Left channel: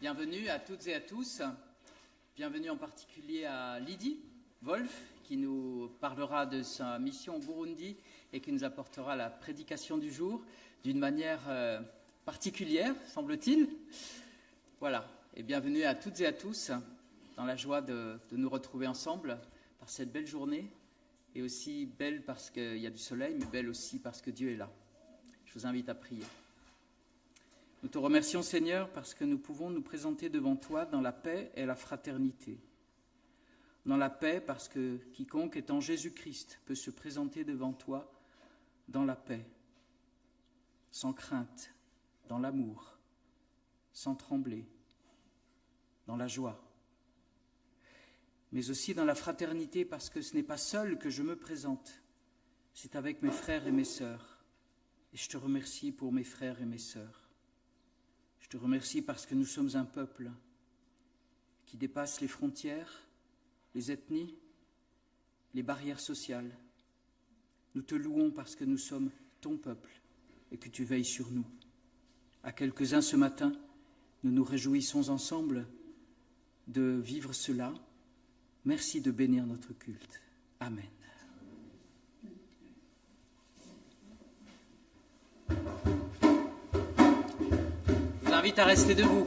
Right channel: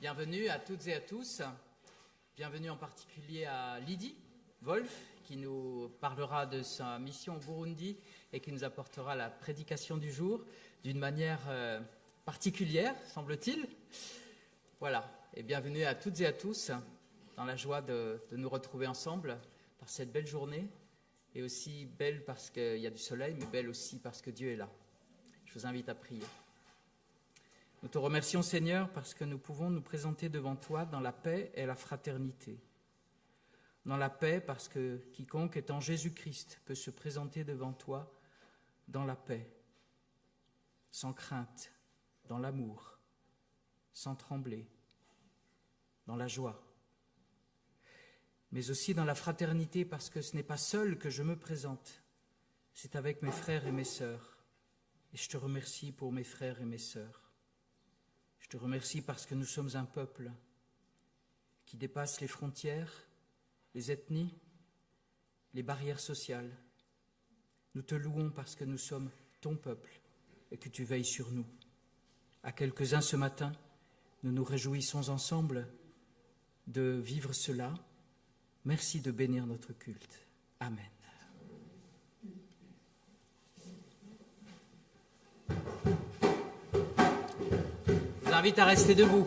Bienvenue à toutes et à tous. Bienvenue en particulier à Lydie Wolf, qui nous parlera de sa mission au Burundi et qui nous apportera la prédication du jour d'une manière particulière, semble-t-il. Voilà, et bienvenue à toutes et à tous dans la joie de nous retrouver ensemble par cette belle journée, et aussi belle parce qu'il y a du soleil, mais belle aussi parce que Dieu est là. Je vous invite à prier. Nous te remercions, Seigneur, parce que nous pouvons nous présenter devant toi dans la paix et la fraternité. Dans la paix, parce que quiconque est en Jésus-Christ peut se présenter devant toi dans la paix, sans crainte, dans l'amour, sans trembler, dans la joie. Mais aussi dans la fraternité, parce que ce n'est pas seul que je me présente, c'est avec mes frères et mes sœurs. Et je te remercie pour mes frères et mes sœurs. Je te remercie parce que nous sommes un peuple qui dépasse les frontières, les ethnies, les barrières sociales. Nous te louons parce que nous sommes ton peuple et que tu veilles sur nous. À quelques-uns ce matin, nous nous réjouissons ensemble de vivre cela. Merci de bénir notre culte. Amen. Je vous invite à rester debout.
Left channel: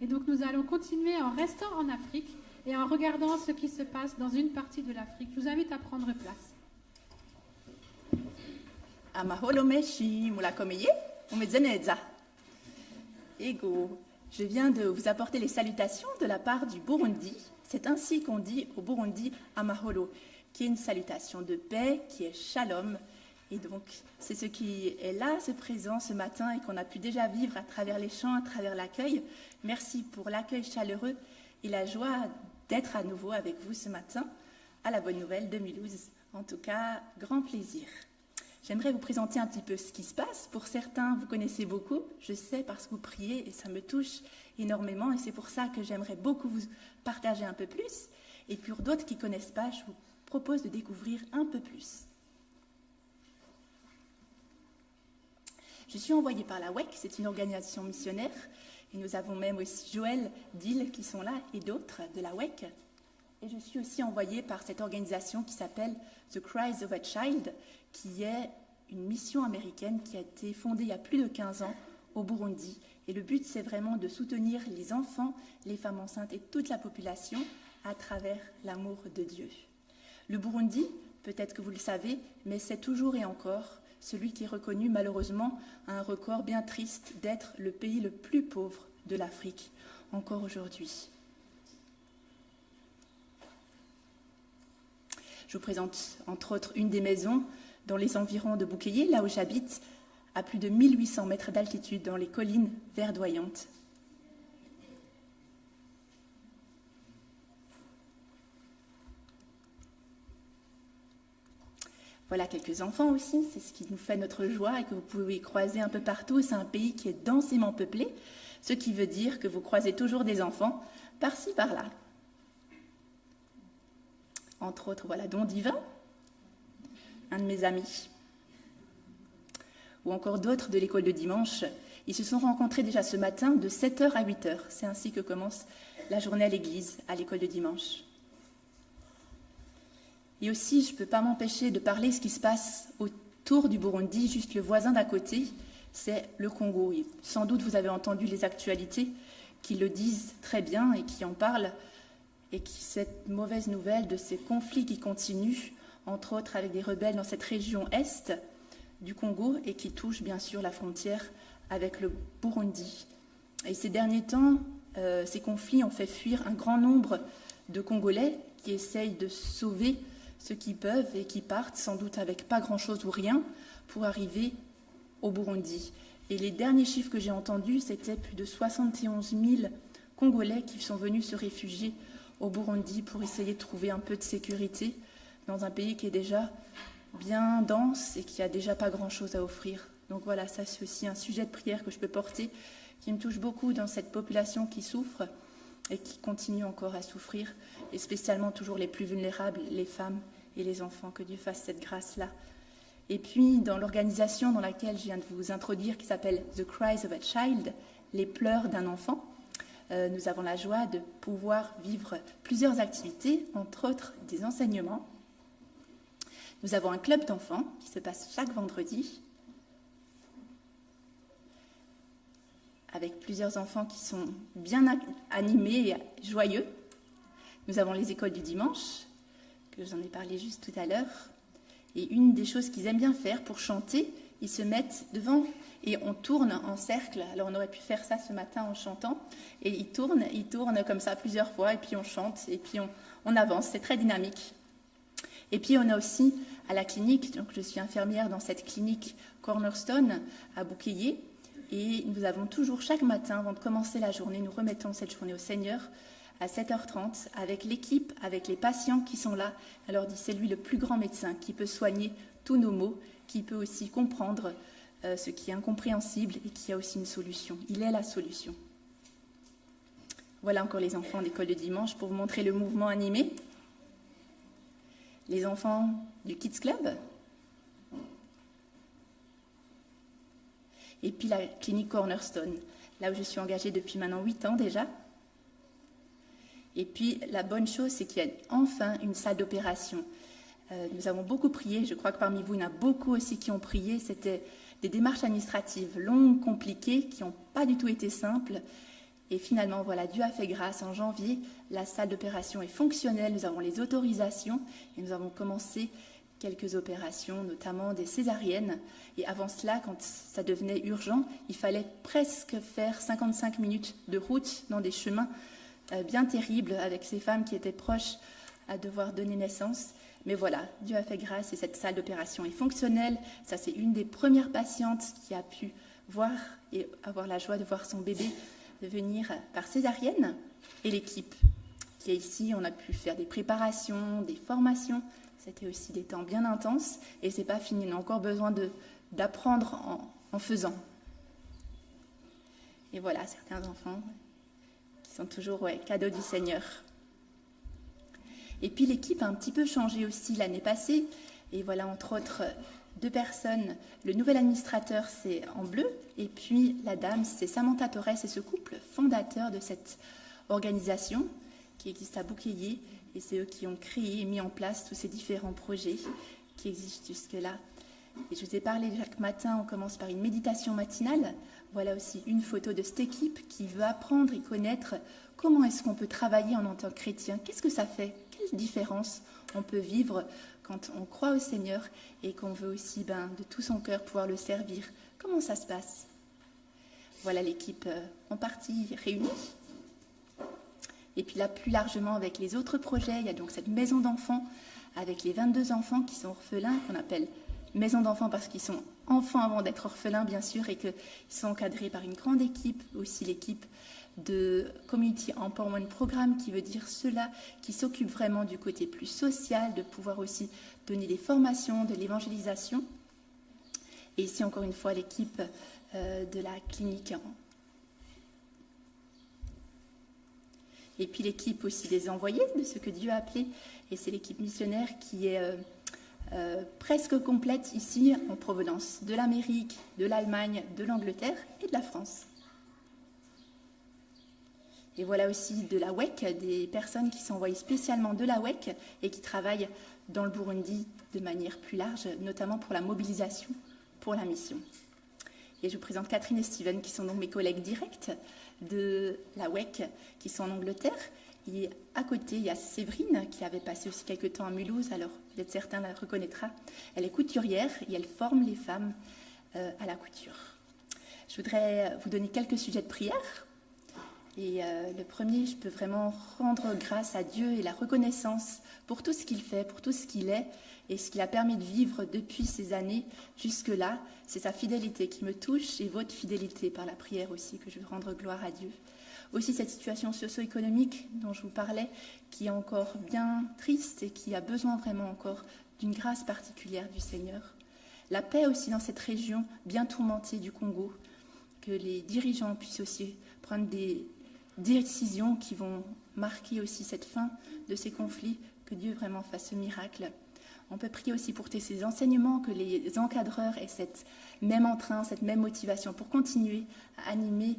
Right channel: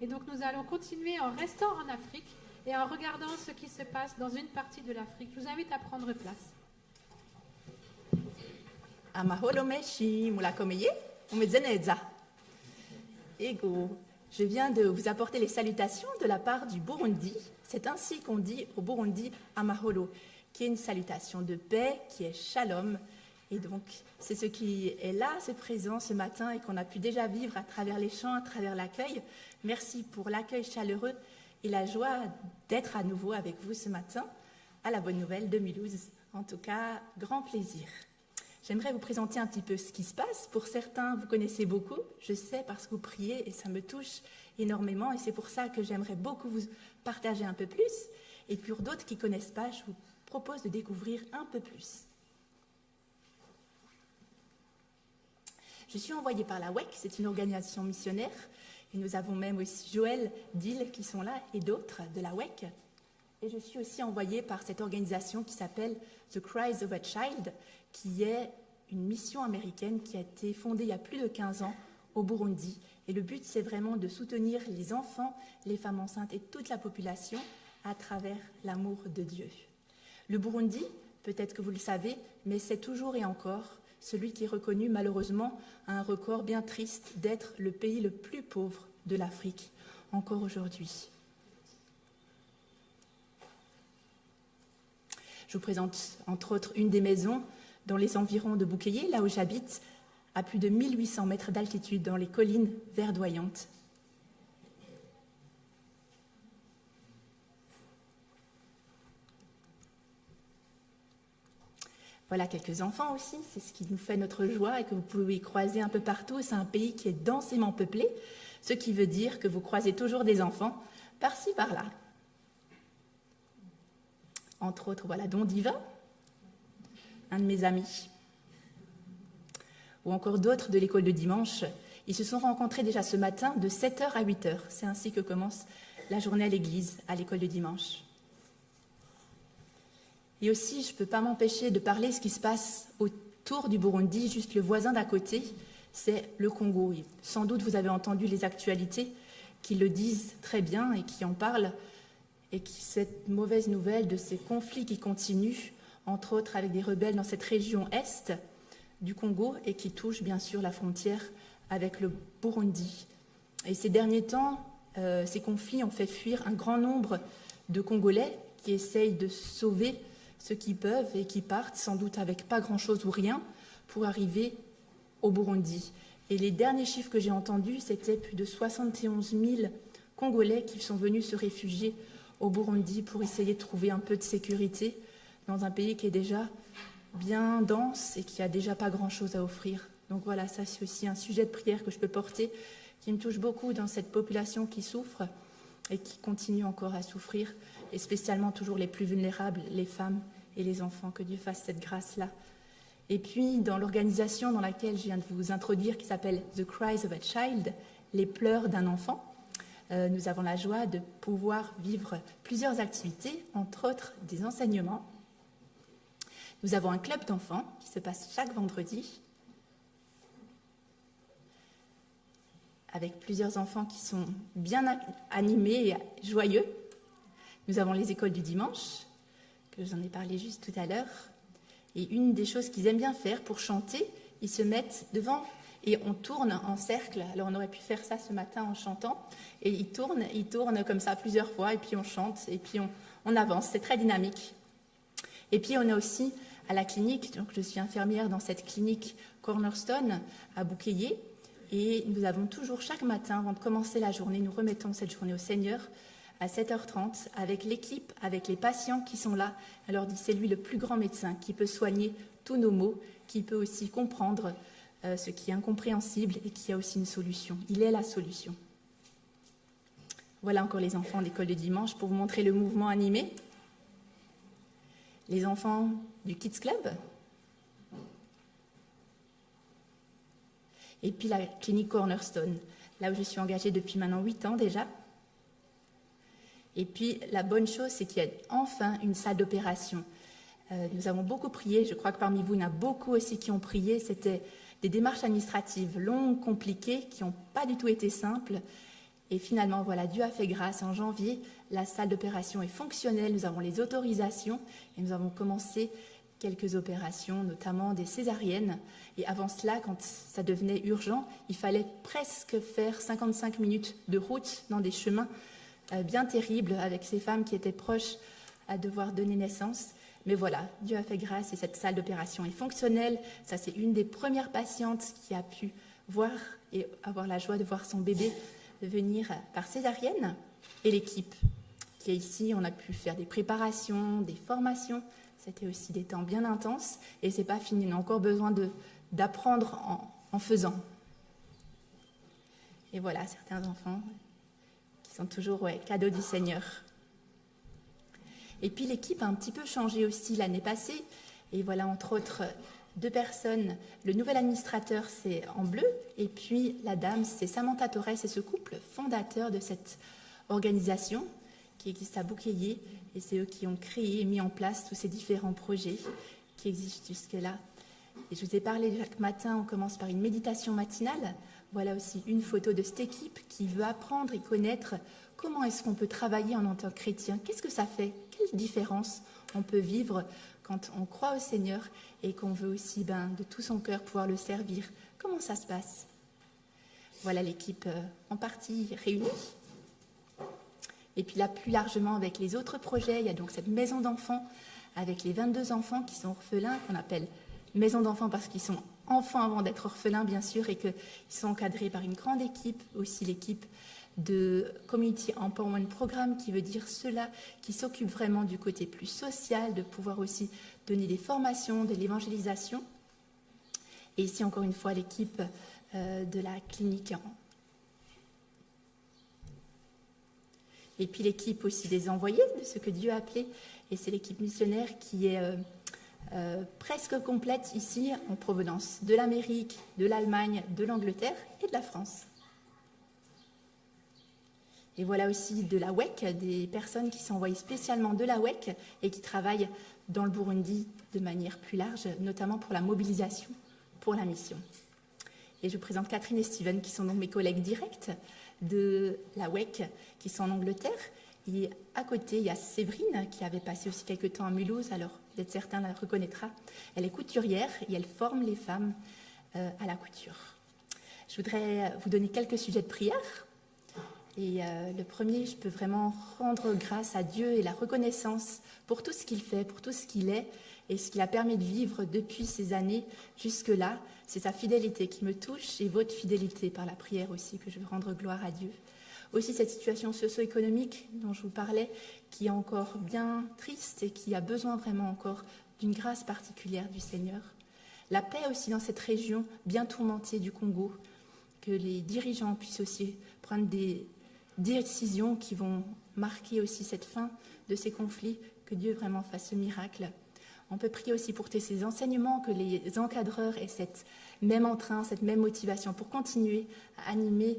Et donc nous allons continuer en restant en Afrique et en regardant ce qui se passe dans une partie de l'Afrique. Je vous invite à prendre place. Amaholo meshi mulakomeye umezeneza. Ego, je viens de vous apporter les salutations de la part du Burundi. C'est ainsi qu'on dit au Burundi Amaholo, qui est une salutation de paix, qui est shalom. Et donc, c'est ce qui est là, ce présent, ce matin, et qu'on a pu déjà vivre à travers les chants, à travers l'accueil. Merci pour l'accueil chaleureux et la joie d'être à nouveau avec vous ce matin, à la Bonne Nouvelle 2012. En tout cas, grand plaisir. J'aimerais vous présenter un petit peu ce qui se passe. Pour certains, vous connaissez beaucoup, je sais, parce que vous priez, et ça me touche énormément, et c'est pour ça que j'aimerais beaucoup vous partager un peu plus. Et pour d'autres qui ne connaissent pas, je vous propose de découvrir un peu plus. Je suis envoyée par la WEC, c'est une organisation missionnaire, et nous avons même aussi Joël, Dil qui sont là, et d'autres de la WEC. Et je suis aussi envoyée par cette organisation qui s'appelle The Cries of a Child, qui est une mission américaine qui a été fondée il y a plus de 15 ans au Burundi. Et le but, c'est vraiment de soutenir les enfants, les femmes enceintes et toute la population à travers l'amour de Dieu. Le Burundi, peut-être que vous le savez, mais c'est toujours et encore celui qui est reconnu malheureusement à un record bien triste d'être le pays le plus pauvre de l'Afrique, encore aujourd'hui. Je vous présente entre autres une des maisons dans les environs de Bukeye, là où j'habite, à plus de 1800 mètres d'altitude dans les collines verdoyantes. Voilà quelques enfants aussi, c'est ce qui nous fait notre joie et que vous pouvez croiser un peu partout. C'est un pays qui est densément peuplé, ce qui veut dire que vous croisez toujours des enfants par-ci, par-là. Entre autres, voilà, Don Divin, un de mes amis, ou encore d'autres de l'école de dimanche. Ils se sont rencontrés déjà ce matin de 7h à 8h. C'est ainsi que commence la journée à l'église, à l'école de dimanche. Et aussi, je ne peux pas m'empêcher de parler de ce qui se passe autour du Burundi, juste le voisin d'à côté, c'est le Congo. Et sans doute, vous avez entendu les actualités qui le disent très bien et qui en parlent, et qui cette mauvaise nouvelle de ces conflits qui continuent, entre autres avec des rebelles dans cette région est du Congo et qui touchent bien sûr la frontière avec le Burundi. Et ces derniers temps, ces conflits ont fait fuir un grand nombre de Congolais qui essayent de sauver ceux qui peuvent et qui partent, sans doute avec pas grand-chose ou rien, pour arriver au Burundi. Et les derniers chiffres que j'ai entendus, c'était plus de 71 000 Congolais qui sont venus se réfugier au Burundi pour essayer de trouver un peu de sécurité dans un pays qui est déjà bien dense et qui a déjà pas grand-chose à offrir. Donc voilà, ça c'est aussi un sujet de prière que je peux porter, qui me touche beaucoup dans cette population qui souffre et qui continue encore à souffrir, et spécialement toujours les plus vulnérables, les femmes et les enfants. Que Dieu fasse cette grâce-là. Et puis, dans l'organisation dans laquelle je viens de vous introduire, qui s'appelle The Cries of a Child, les pleurs d'un enfant, nous avons la joie de pouvoir vivre plusieurs activités, entre autres des enseignements. Nous avons un club d'enfants qui se passe chaque vendredi, avec plusieurs enfants qui sont bien animés et joyeux. Nous avons les écoles du dimanche, que j'en ai parlé juste tout à l'heure. Et une des choses qu'ils aiment bien faire pour chanter, ils se mettent devant et on tourne en cercle. Alors on aurait pu faire ça ce matin en chantant. Et ils tournent comme ça plusieurs fois, et puis on chante, et puis on avance. C'est très dynamique. Et puis on a aussi à la clinique, donc je suis infirmière dans cette clinique Cornerstone à Bukeye, et nous avons toujours chaque matin, avant de commencer la journée, nous remettons cette journée au Seigneur à 7h30 avec l'équipe, avec les patients qui sont là. On leur dit c'est lui le plus grand médecin qui peut soigner tous nos maux, qui peut aussi comprendre ce qui est incompréhensible et qui a aussi une solution. Il est la solution. Voilà encore les enfants d'école de dimanche pour vous montrer le mouvement animé. Les enfants du Kids Club. Et puis la clinique Cornerstone, là où je suis engagée depuis maintenant 8 ans déjà. Et puis la bonne chose, c'est qu'il y a enfin une salle d'opération. Nous avons beaucoup prié, je crois que parmi vous, il y en a beaucoup aussi qui ont prié. C'était des démarches administratives longues, compliquées, qui n'ont pas du tout été simples. Et finalement, voilà, Dieu a fait grâce. En janvier, la salle d'opération est fonctionnelle. Nous avons les autorisations et nous avons commencé quelques opérations, notamment des césariennes. Et avant cela, quand ça devenait urgent, il fallait presque faire 55 minutes de route dans des chemins bien terribles avec ces femmes qui étaient proches à devoir donner naissance. Mais voilà, Dieu a fait grâce et cette salle d'opération est fonctionnelle. Ça, c'est une des premières patientes qui a pu voir et avoir la joie de voir son bébé venir par césarienne. Et l'équipe qui est ici, on a pu faire des préparations, des formations. C'était aussi des temps bien intenses et c'est pas fini. On a encore besoin d'apprendre en faisant. Et voilà, certains enfants qui sont toujours cadeaux du Seigneur. Et puis l'équipe a un petit peu changé aussi l'année passée. Et voilà, entre autres, 2 personnes. Le nouvel administrateur, c'est en bleu. Et puis la dame, c'est Samantha Torres. C'est ce couple fondateur de cette organisation qui existe à Bukeye. Et c'est eux qui ont créé et mis en place tous ces différents projets qui existent jusque-là. Et je vous ai parlé chaque matin, on commence par une méditation matinale. Voilà aussi une photo de cette équipe qui veut apprendre et connaître comment est-ce qu'on peut travailler en tant que chrétien. Qu'est-ce que ça fait? Quelle différence on peut vivre quand on croit au Seigneur et qu'on veut aussi de tout son cœur pouvoir le servir? Comment ça se passe? Voilà l'équipe en partie réunie. Et puis là, plus largement, avec les autres projets, il y a donc cette maison d'enfants avec les 22 enfants qui sont orphelins, qu'on appelle maison d'enfants parce qu'ils sont enfants avant d'être orphelins, bien sûr, et qu'ils sont encadrés par une grande équipe, aussi l'équipe de Community Empowerment Programme, qui veut dire ceux-là qui s'occupent vraiment du côté plus social, de pouvoir aussi donner des formations, de l'évangélisation. Et ici, encore une fois, l'équipe de la clinique. Et puis l'équipe aussi des envoyés, de ce que Dieu a appelé, et c'est l'équipe missionnaire qui est presque complète ici en provenance de l'Amérique, de l'Allemagne, de l'Angleterre et de la France. Et voilà aussi de la WEC, des personnes qui sont envoyées spécialement de la WEC et qui travaillent dans le Burundi de manière plus large, notamment pour la mobilisation, pour la mission. Et je vous présente Catherine et Steven, qui sont donc mes collègues directs de la WEC, qui sont en Angleterre. Et à côté, il y a Séverine, qui avait passé aussi quelques temps à Mulhouse, alors peut-être certains la reconnaîtra. Elle est couturière et elle forme les femmes à la couture. Je voudrais vous donner quelques sujets de prière. Et le premier, je peux vraiment rendre grâce à Dieu et la reconnaissance pour tout ce qu'il fait, pour tout ce qu'il est et ce qu'il a permis de vivre depuis ces années jusque-là. C'est sa fidélité qui me touche et votre fidélité par la prière aussi, que je veux rendre gloire à Dieu. Aussi cette situation socio-économique dont je vous parlais, qui est encore bien triste et qui a besoin vraiment encore d'une grâce particulière du Seigneur. La paix aussi dans cette région bien tourmentée du Congo, que les dirigeants puissent aussi prendre des décisions qui vont marquer aussi cette fin de ces conflits, que Dieu vraiment fasse ce miracle. On peut prier aussi pour ces enseignements, que les encadreurs aient cette même entrain, cette même motivation pour continuer à animer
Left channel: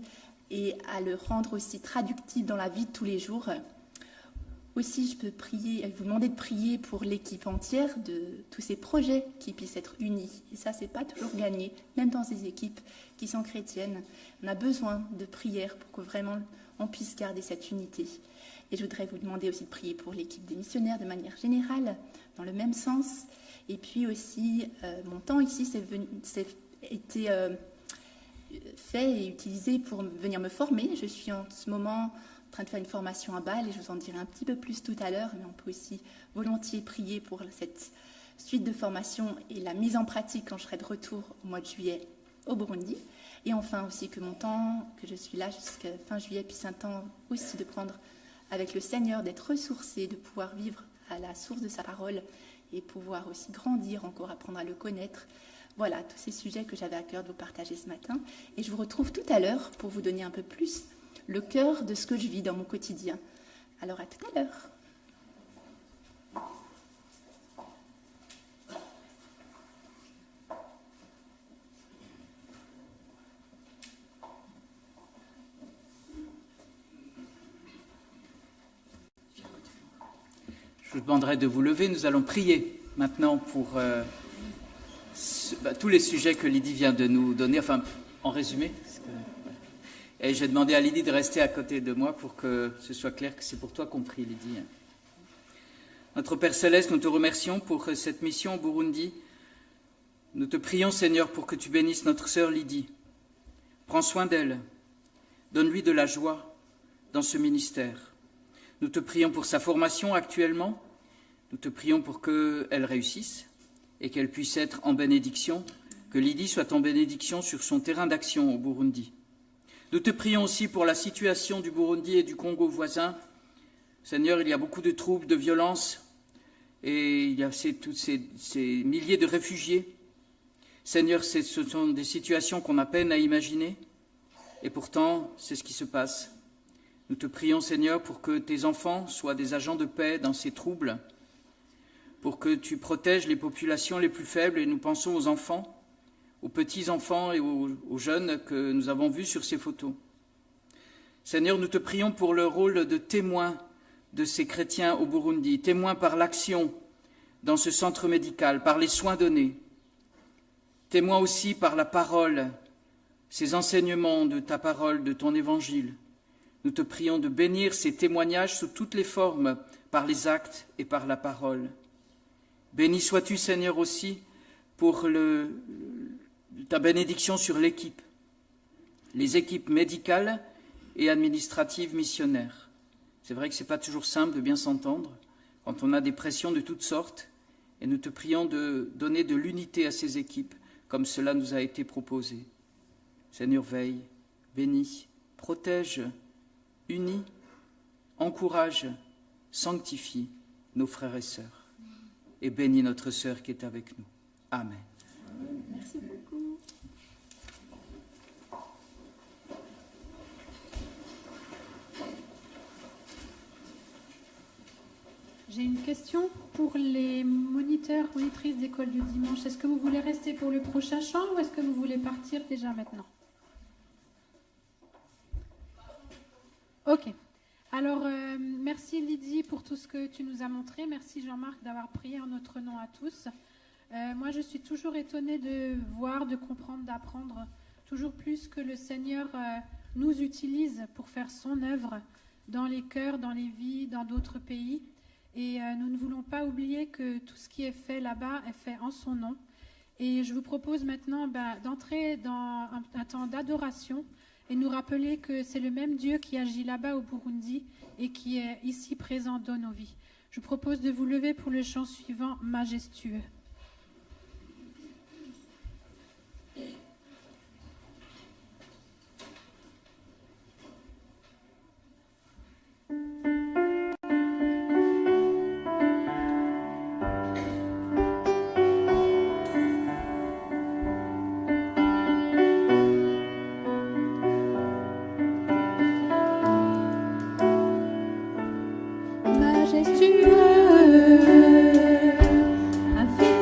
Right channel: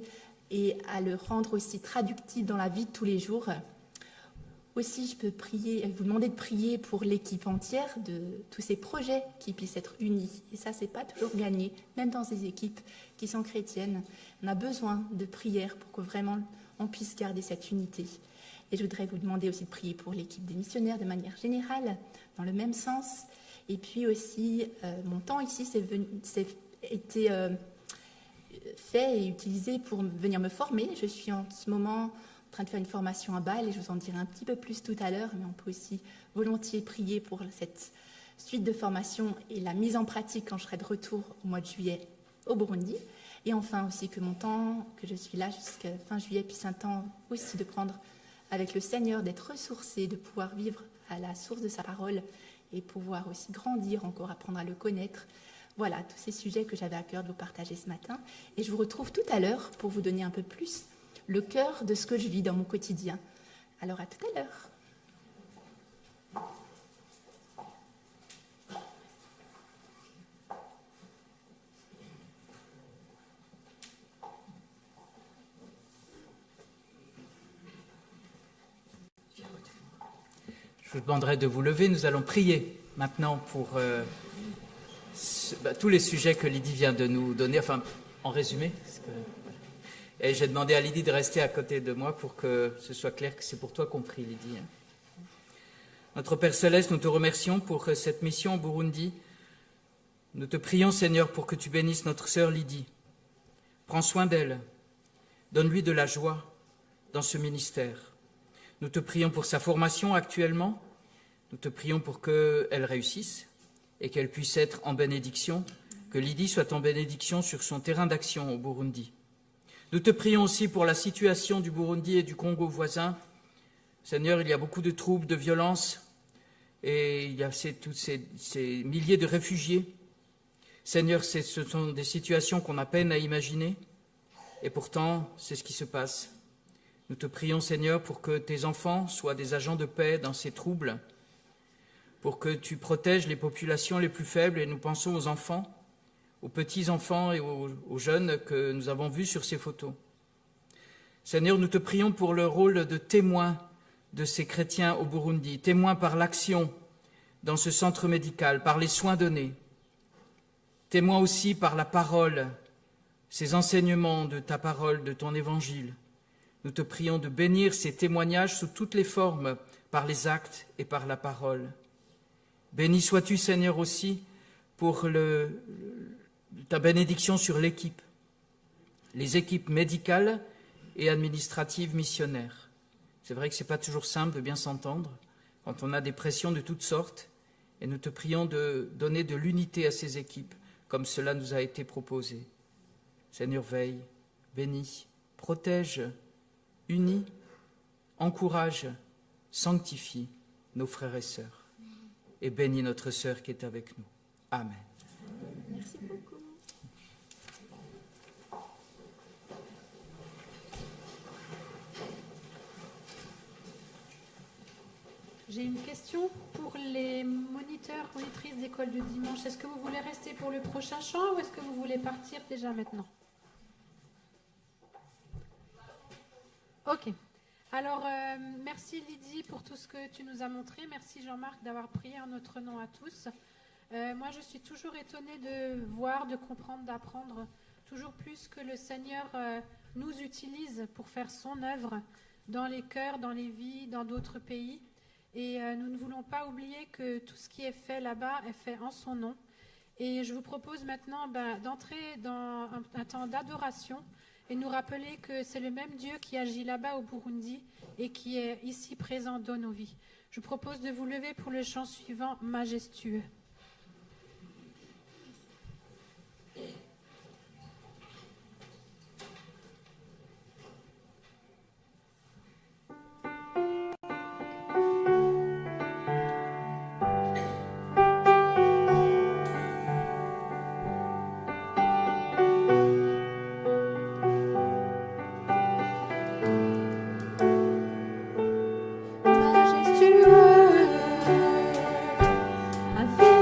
et à le rendre aussi traductible dans la vie de tous les jours. Aussi, je peux vous demander de prier pour l'équipe entière de tous ces projets qui puissent être unis. Et ça, c'est pas toujours gagné, même dans ces équipes qui sont chrétiennes. On a besoin de prière pour que vraiment on puisse garder cette unité. Et je voudrais vous demander aussi de prier pour l'équipe des missionnaires de manière générale, dans le même sens. Et puis aussi, mon temps ici c'est été fait et utilisé pour venir me former. Je suis en ce moment en train de faire une formation à Bâle et je vous en dirai un petit peu plus tout à l'heure, mais on peut aussi volontiers prier pour cette suite de formation et la mise en pratique quand je serai de retour au mois de juillet au Burundi. Et enfin aussi que mon temps, que je suis là jusqu'à fin juillet, puisse un temps aussi de prendre avec le Seigneur, d'être ressourcé, de pouvoir vivre à la source de sa parole et pouvoir aussi grandir encore, apprendre à le connaître. Voilà, tous ces sujets que j'avais à cœur de vous partager ce matin. Et je vous retrouve tout à l'heure pour vous donner un peu plus le cœur de ce que je vis dans mon quotidien. Alors à tout à l'heure. Je vous demanderai de vous lever. Nous allons prier maintenant pour tous les sujets que Lydie vient de nous donner, enfin, en résumé. Et j'ai demandé à Lydie de rester à côté de moi pour que ce soit clair que c'est pour toi qu'on prie, Lydie. Notre Père Céleste, nous te remercions pour cette mission au Burundi. Nous te prions, Seigneur, pour que tu bénisses notre sœur Lydie. Prends soin d'elle. Donne-lui de la joie dans ce ministère. Nous te prions pour sa formation actuellement. Nous te prions pour qu'elle réussisse et qu'elle puisse être en bénédiction, que Lydie soit en bénédiction sur son terrain d'action au Burundi. Nous te prions aussi pour la situation du Burundi et du Congo voisin. Seigneur, il y a beaucoup de troubles, de violences, et il y a tous ces milliers de réfugiés. Seigneur, ce sont des situations qu'on a peine à imaginer, et pourtant, c'est ce qui se passe. Nous te prions, Seigneur, pour que tes enfants soient des agents de paix dans ces troubles, pour que tu protèges les populations les plus faibles, et nous pensons aux enfants, aux petits-enfants et aux jeunes que nous avons vus sur ces photos. Seigneur, nous te prions pour le rôle de témoin de ces chrétiens au Burundi, témoin par l'action dans ce centre médical, par les soins donnés, témoin aussi par la parole, ces enseignements de ta parole, de ton évangile. Nous te prions de bénir ces témoignages sous toutes les formes, par les actes et par la parole. Béni sois-tu, Seigneur, aussi pour ta bénédiction sur l'équipe, les équipes médicales et administratives missionnaires. C'est vrai que ce n'est pas toujours simple de bien s'entendre quand on a des pressions de toutes sortes, et nous te prions de donner de l'unité à ces équipes, comme cela nous a été proposé. Seigneur, veille, bénis, protège, unis, encourage, sanctifie nos frères et sœurs, et bénis notre sœur qui est avec nous. Amen. Merci beaucoup. J'ai une question pour les moniteurs, monitrices d'école de dimanche. Est-ce que vous voulez rester pour le prochain chant ou est-ce que vous voulez partir déjà maintenant? Ok. Alors, merci Lydie pour tout ce que tu nous as montré. Merci Jean-Marc d'avoir prié en notre nom à tous. Moi, je suis toujours étonnée de voir, de comprendre, d'apprendre toujours plus que le Seigneur nous utilise pour faire son œuvre dans les cœurs, dans les vies, dans d'autres pays. Et nous ne voulons pas oublier que tout ce qui est fait là-bas est fait en son nom. Et je vous propose maintenant d'entrer dans un temps d'adoration et nous rappeler que c'est le même Dieu qui agit là-bas au Burundi et qui est ici présent dans nos vies. Je vous propose de vous lever pour le chant suivant, majestueux. Majestueux, infini.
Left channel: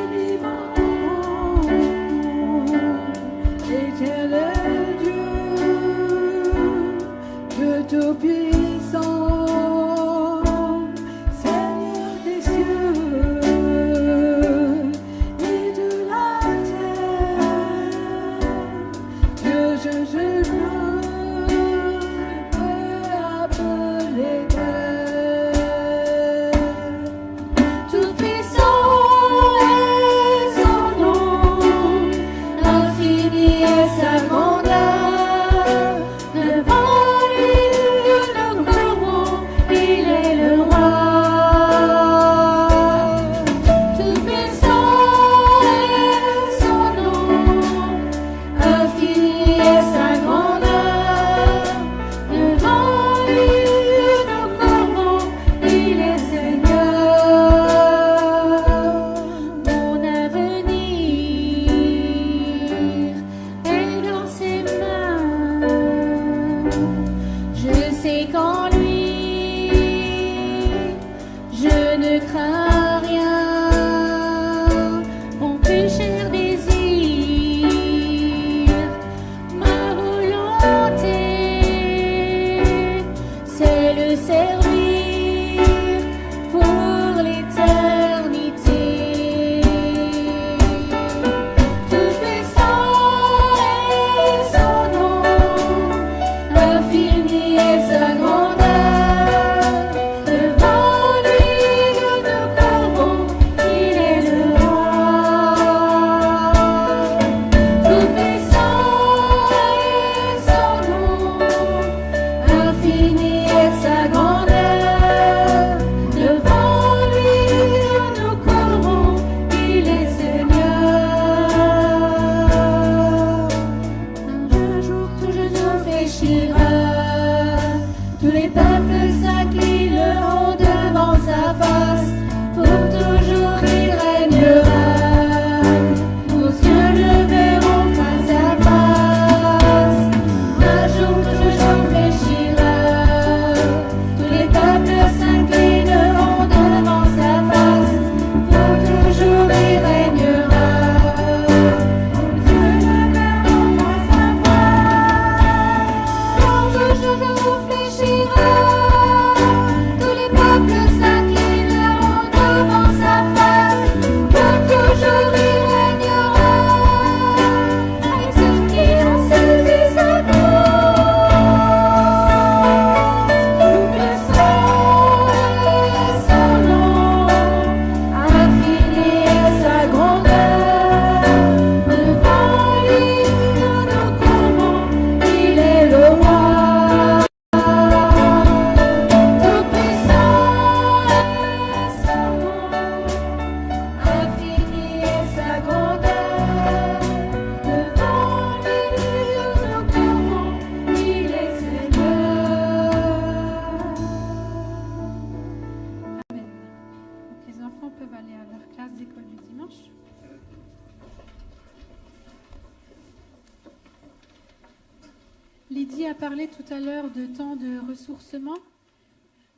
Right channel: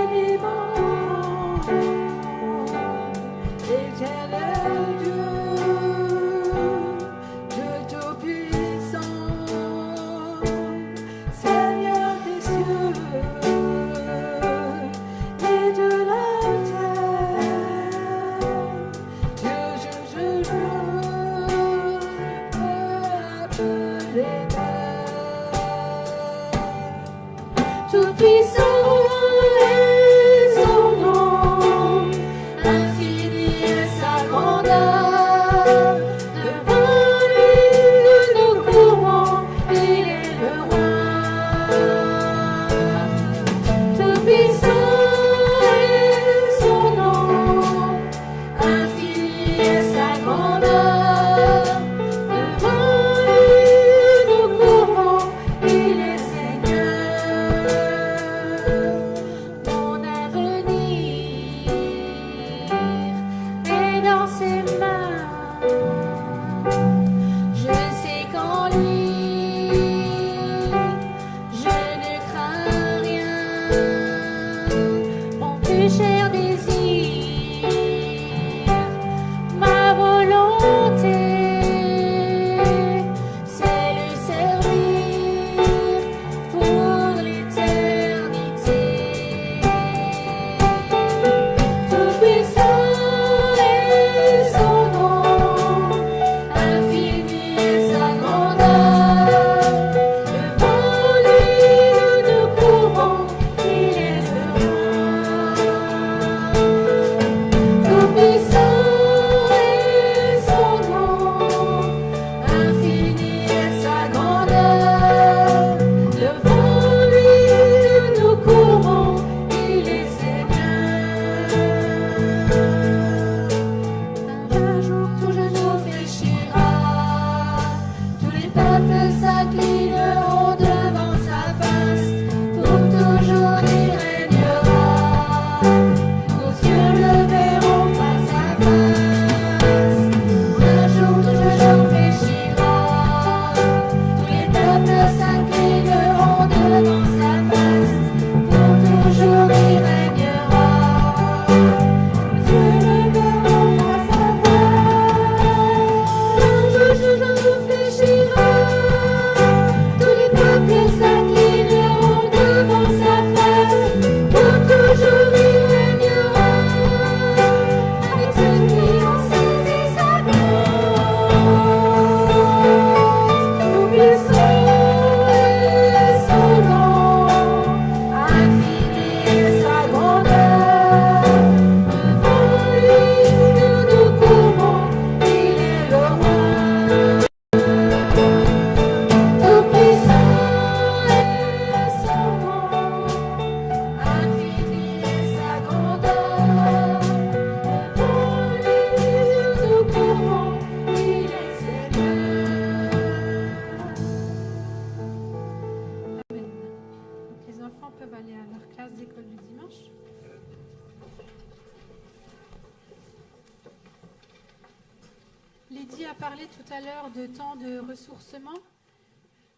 Lydie a parlé tout à l'heure de temps de ressourcement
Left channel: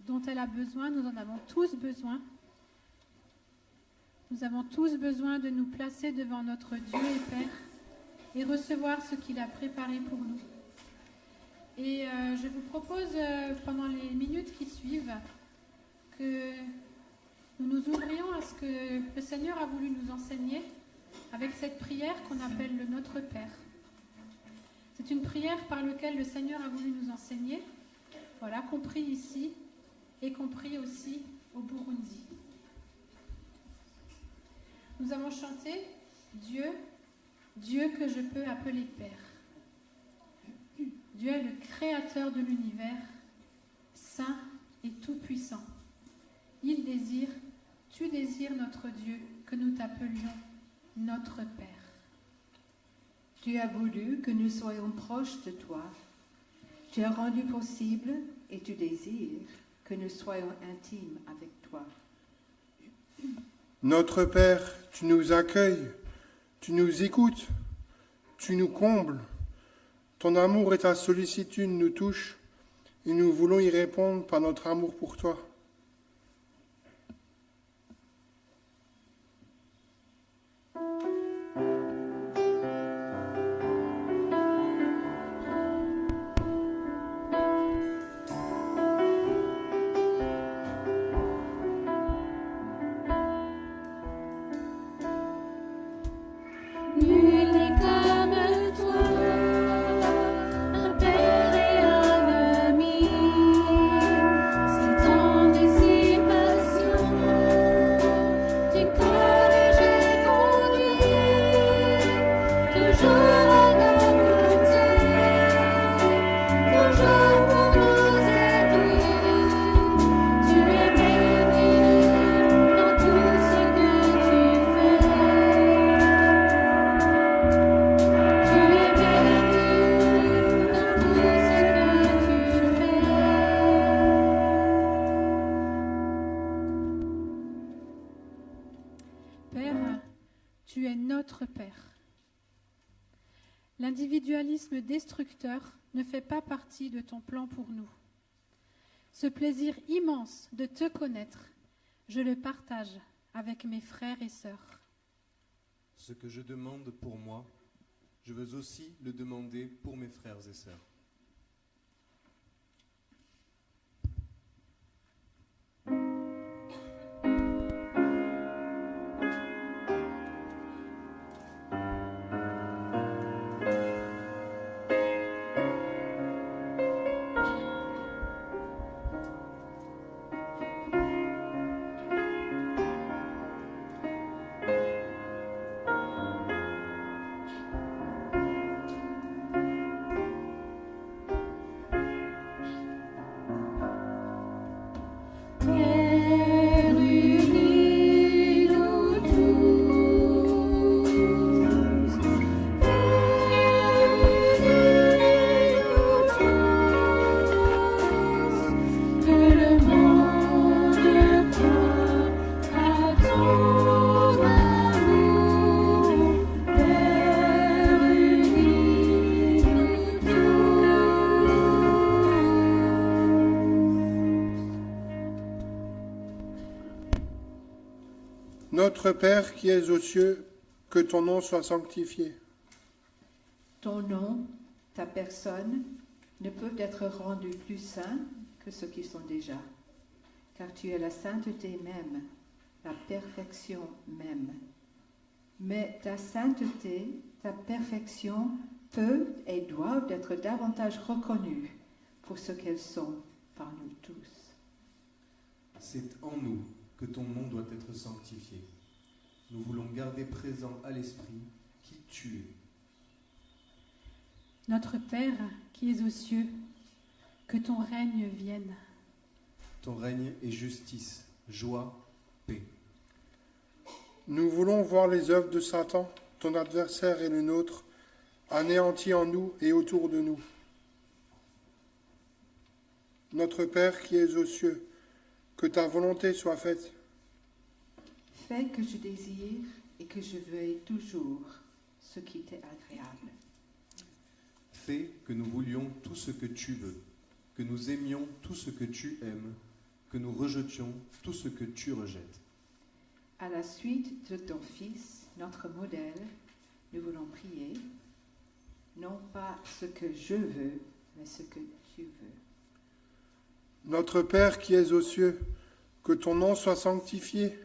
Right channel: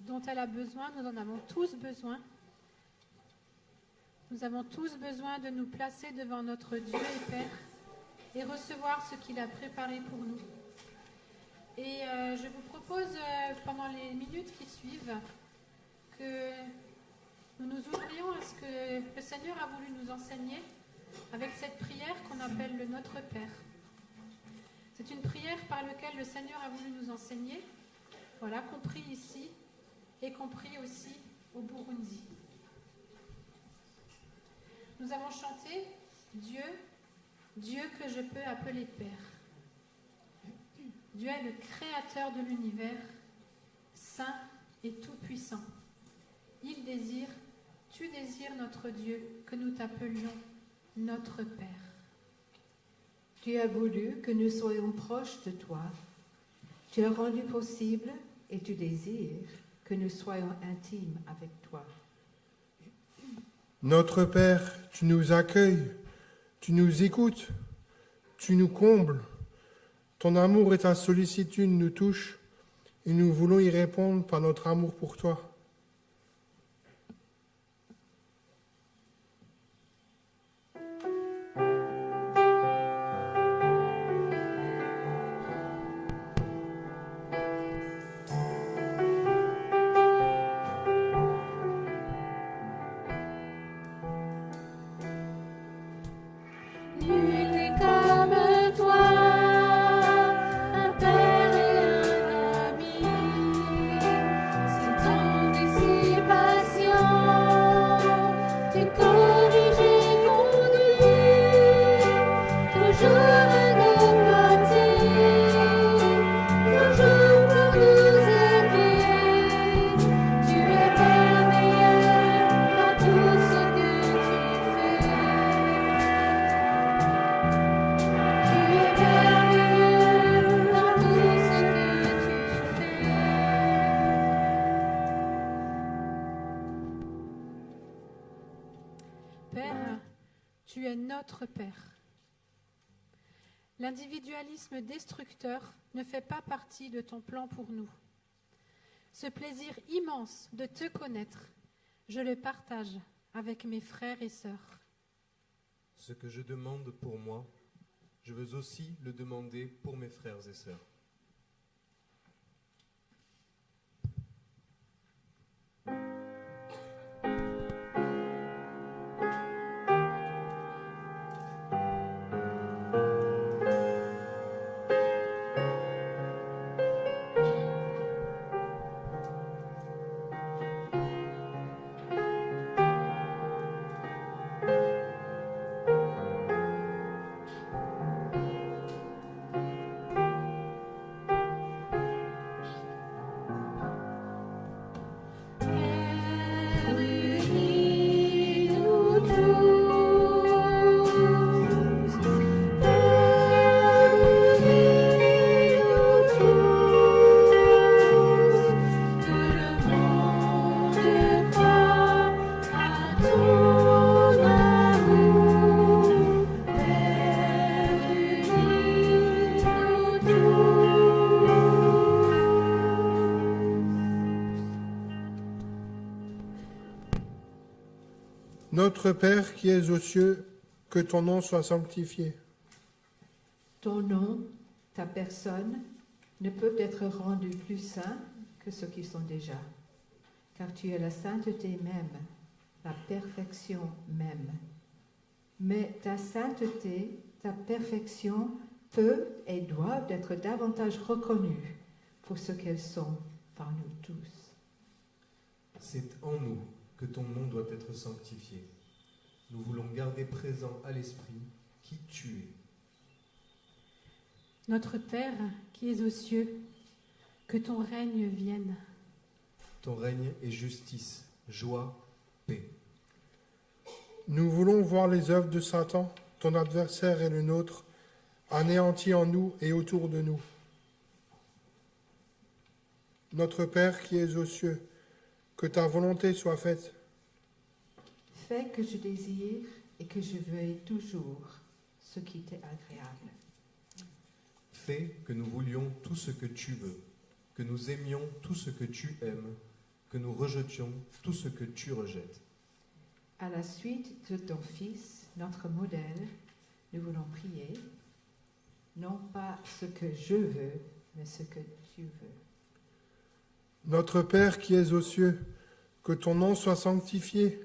dont elle a besoin. Nous en avons tous besoin. Nous avons tous besoin de nous placer devant notre Dieu et Père et recevoir ce qu'il a préparé pour nous. Et je vous propose, pendant les minutes qui suivent, que nous nous ouvrions à ce que le Seigneur a voulu nous enseigner avec cette prière qu'on appelle le Notre Père. C'est une prière par laquelle le Seigneur a voulu nous enseigner, voilà, compris ici et compris aussi au Burundi. Nous avons chanté « Dieu, Dieu que je peux appeler Père ». Dieu est le créateur de l'univers, saint et tout-puissant. Il désire, tu désires notre Dieu, que nous t'appelions notre Père. Tu as voulu que nous soyons proches de toi. Tu as rendu possible et tu désires que nous soyons intimes avec toi. Notre Père, tu nous accueilles, tu nous écoutes, tu nous combles. Ton amour et ta sollicitude nous touchent et nous voulons y répondre par notre amour pour toi. Nul n'est comme toi, un père et un ami. C'est ton dissipation, tu corriges et conduis, toujours à nos côtés, toujours pour nous aider. Tu es merveilleux dans tout ce que tu fais. Tu es merveilleux dans tout ce que tu fais. Père, tu es notre Père. L'individualisme destructeur ne fait pas partie de ton plan pour nous. Ce plaisir immense de te connaître, je le partage avec mes frères et sœurs. Ce que je demande pour moi, je veux aussi le demander pour mes frères et sœurs. Père uni, nous tous. Père uni, nous tous. Que le monde croie à ton amour. Père uni, nous tous. Notre Père qui es aux cieux, que ton nom soit sanctifié. Ton nom, ta personne, ne peuvent être rendus plus saints que ceux qui sont déjà, car tu es la sainteté même, la perfection même. Mais ta sainteté, ta perfection peuvent et doivent être davantage reconnues pour ce qu'elles sont par nous tous. C'est en nous que ton nom doit être sanctifié. Nous voulons garder présent à l'esprit qui tu es. Notre Père qui es aux cieux, que ton règne vienne. Ton règne est justice, joie, paix. Nous voulons voir les œuvres de Satan, ton adversaire et le nôtre, anéantis en nous et autour de nous. Notre Père qui es aux cieux, que ta volonté soit faite. Fais que je désire et que je veuille toujours ce qui t'est agréable. Fais que nous voulions tout ce que tu veux, que nous aimions tout ce que tu aimes, que nous rejetions tout ce que tu rejettes. À la suite de ton Fils, notre modèle, nous voulons prier, non pas ce que je veux, mais ce que tu veux. Notre Père qui es aux cieux, que ton nom soit sanctifié,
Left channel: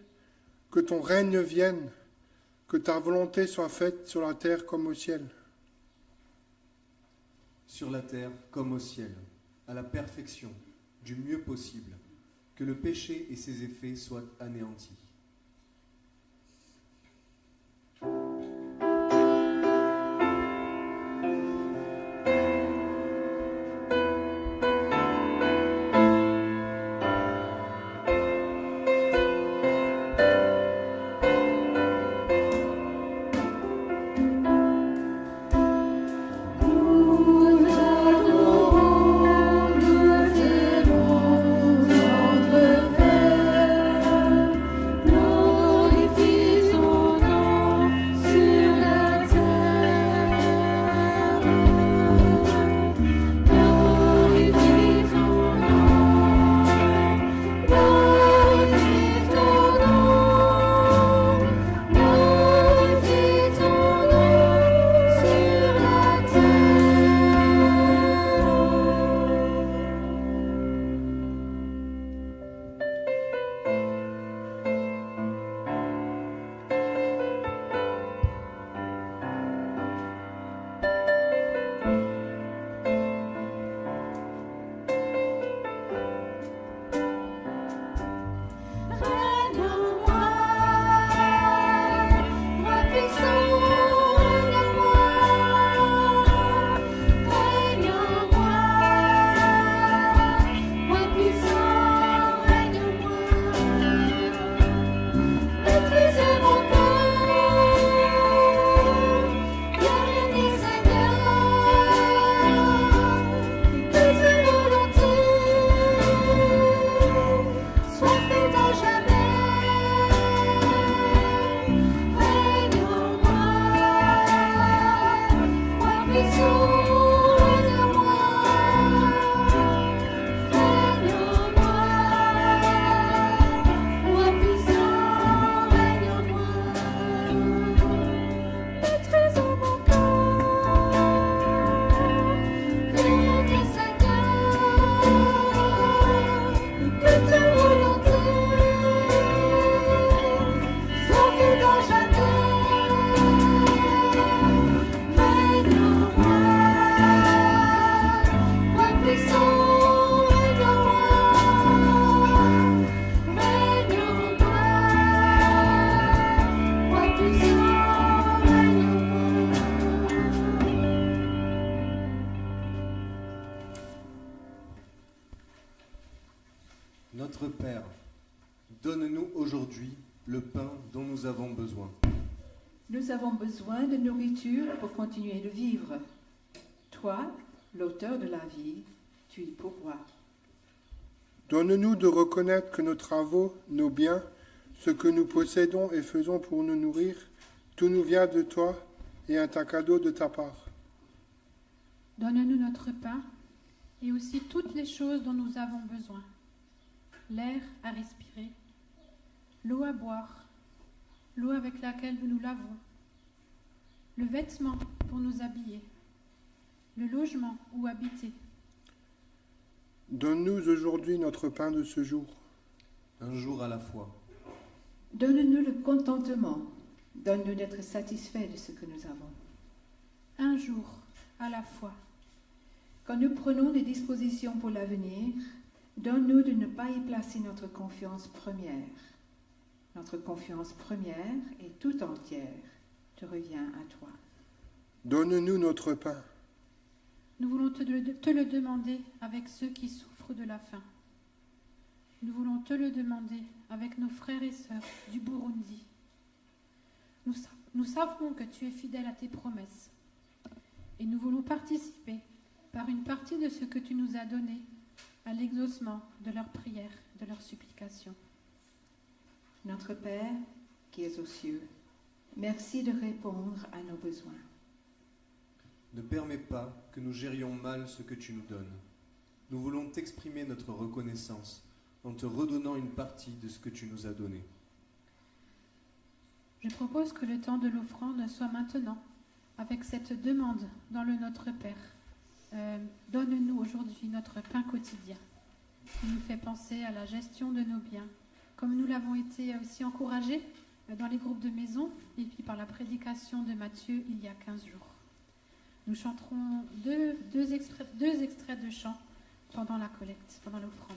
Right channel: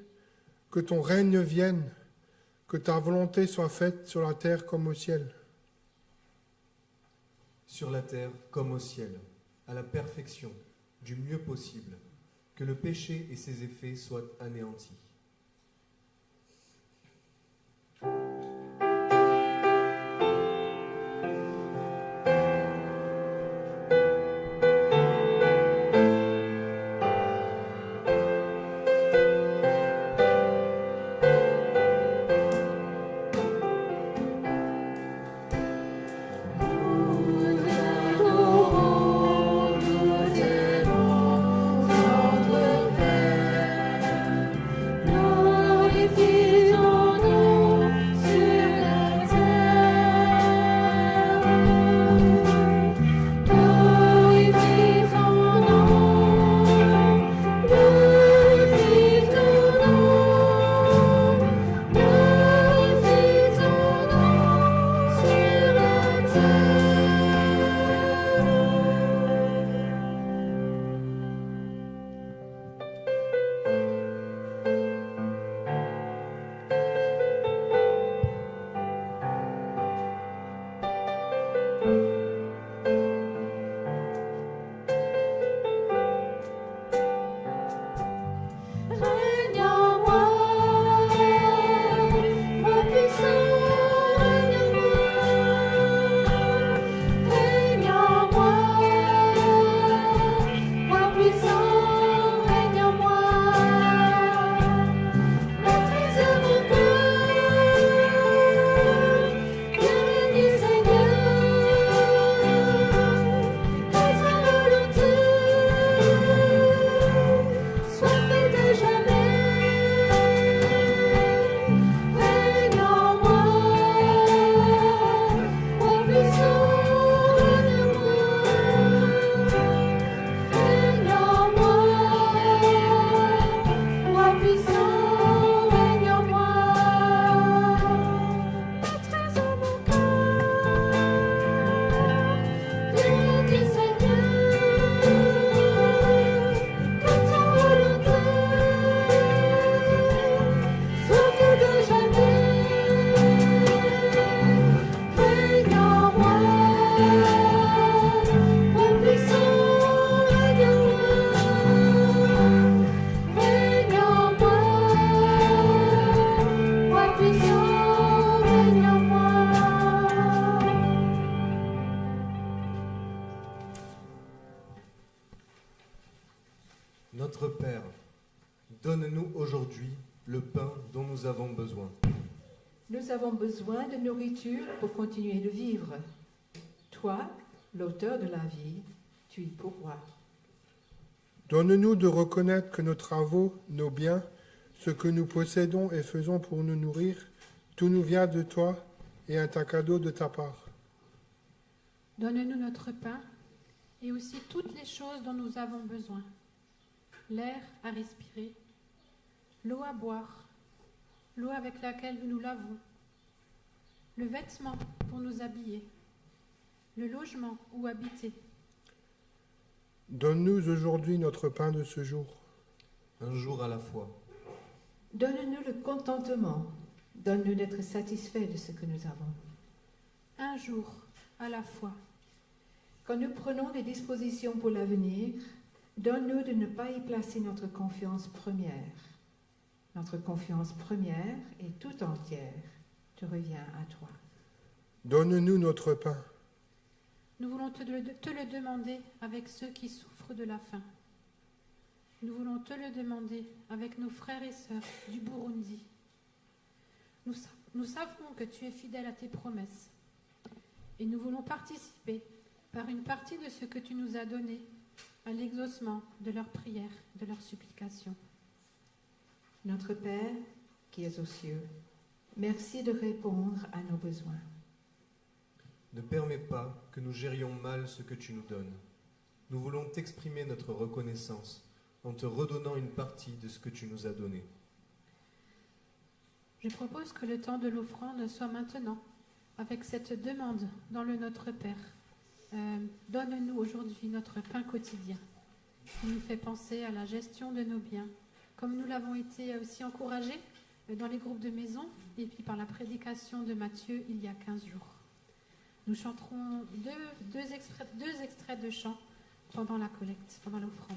que ton règne vienne, que ta volonté soit faite sur la terre comme au ciel. Sur la terre comme au ciel, à la perfection, du mieux possible, que le péché et ses effets soient anéantis. Nous adorons, nous aimons notre Père. Glorifie ton nom sur la terre. Glorifie ton nom. Glorifie ton nom. Glorifie ton nom sur la terre. Règne en moi, roi puissant, règne en moi. Règne en moi, roi puissant, règne en moi. Maîtrise mon cœur, viens régner Seigneur. Que ta volonté soit faite à jamais. Règne en moi, roi puissant, règne en moi. Règne en moi, roi puissant, règne en moi. Maîtrise mon cœur, viens régner Seigneur. Que ta volonté soit faite à jamais. Règne en moi, roi puissant, règne en moi. Règne en moi, roi puissant, règne en moi. Notre Père, donne-nous aujourd'hui le pain dont nous avons besoin. Nous avons besoin de nourriture pour continuer de vivre. Toi, l'auteur de la vie, tu y pourvois. Donne-nous de reconnaître que nos travaux, nos biens, ce que nous possédons et faisons pour nous nourrir, tout nous vient de toi et est un cadeau de ta part. Donne-nous notre pain et aussi toutes les choses dont nous avons besoin. L'air à respirer, l'eau à boire, l'eau avec laquelle nous nous lavons, le vêtement pour nous habiller, le logement où habiter. Donne-nous aujourd'hui notre pain de ce jour. Un jour à la fois. Donne-nous le contentement. Donne-nous d'être satisfaits de ce que nous avons. Un jour à la fois. Quand nous prenons des dispositions pour l'avenir, donne-nous de ne pas y placer notre confiance première. Notre confiance première et tout entière te revient à toi. Donne-nous notre pain. Nous voulons te le demander avec ceux qui souffrent de la faim. Nous voulons te le demander avec nos frères et sœurs du Burundi. Nous savons que tu es fidèle à tes promesses et nous voulons participer par une partie de ce que tu nous as donné à l'exaucement de leurs prières, de leurs supplications. Notre Père, qui es aux cieux, merci de répondre à nos besoins. Ne permets pas que nous gérions mal ce que tu nous donnes. Nous voulons t'exprimer notre reconnaissance en te redonnant une partie de ce que tu nous as donné. Je propose que le temps de l'offrande soit maintenant, avec cette demande dans le Notre Père. Donne-nous aujourd'hui notre pain quotidien, qui nous fait penser à la gestion de nos biens, comme nous l'avons été aussi encouragés dans les groupes de maison et puis par la prédication de Matthieu il y a 15 jours. Nous chanterons deux extraits de chants pendant la collecte, pendant l'offrande.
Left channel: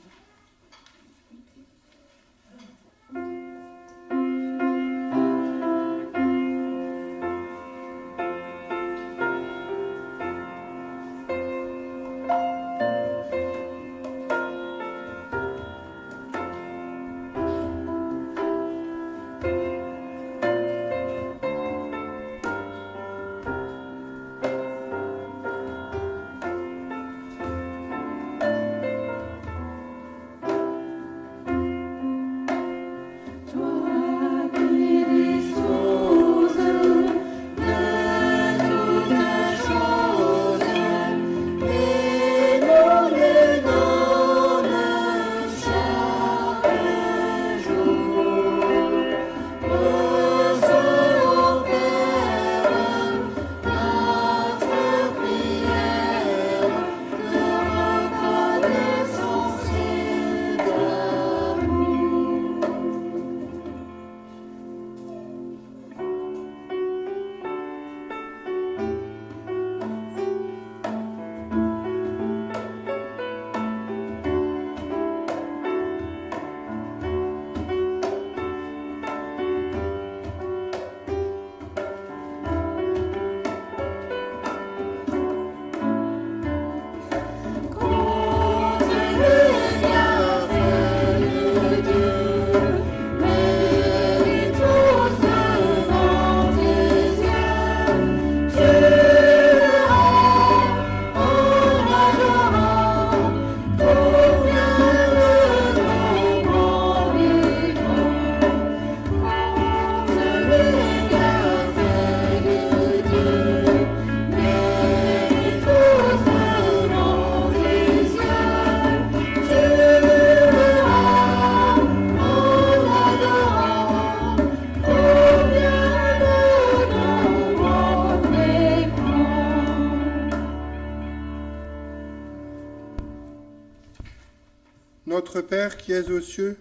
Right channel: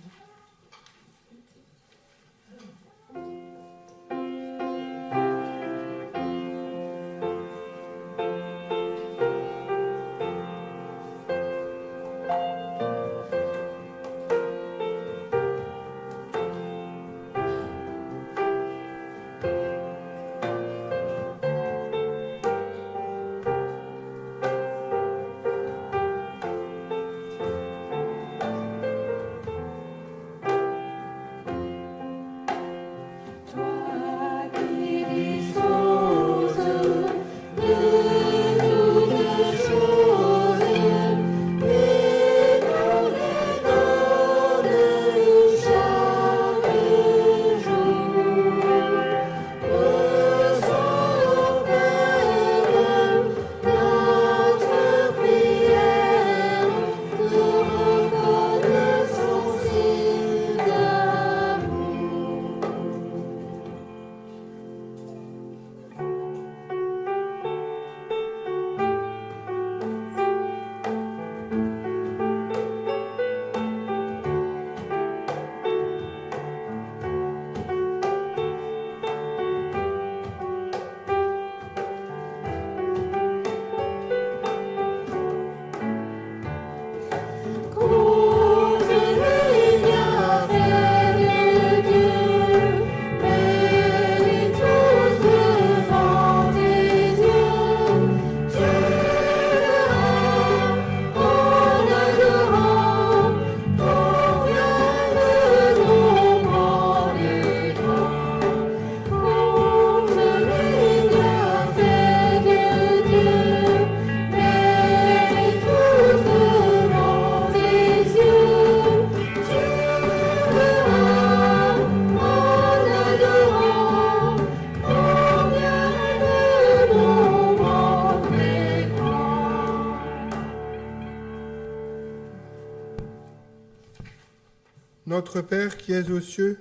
Notre Père qui es aux cieux,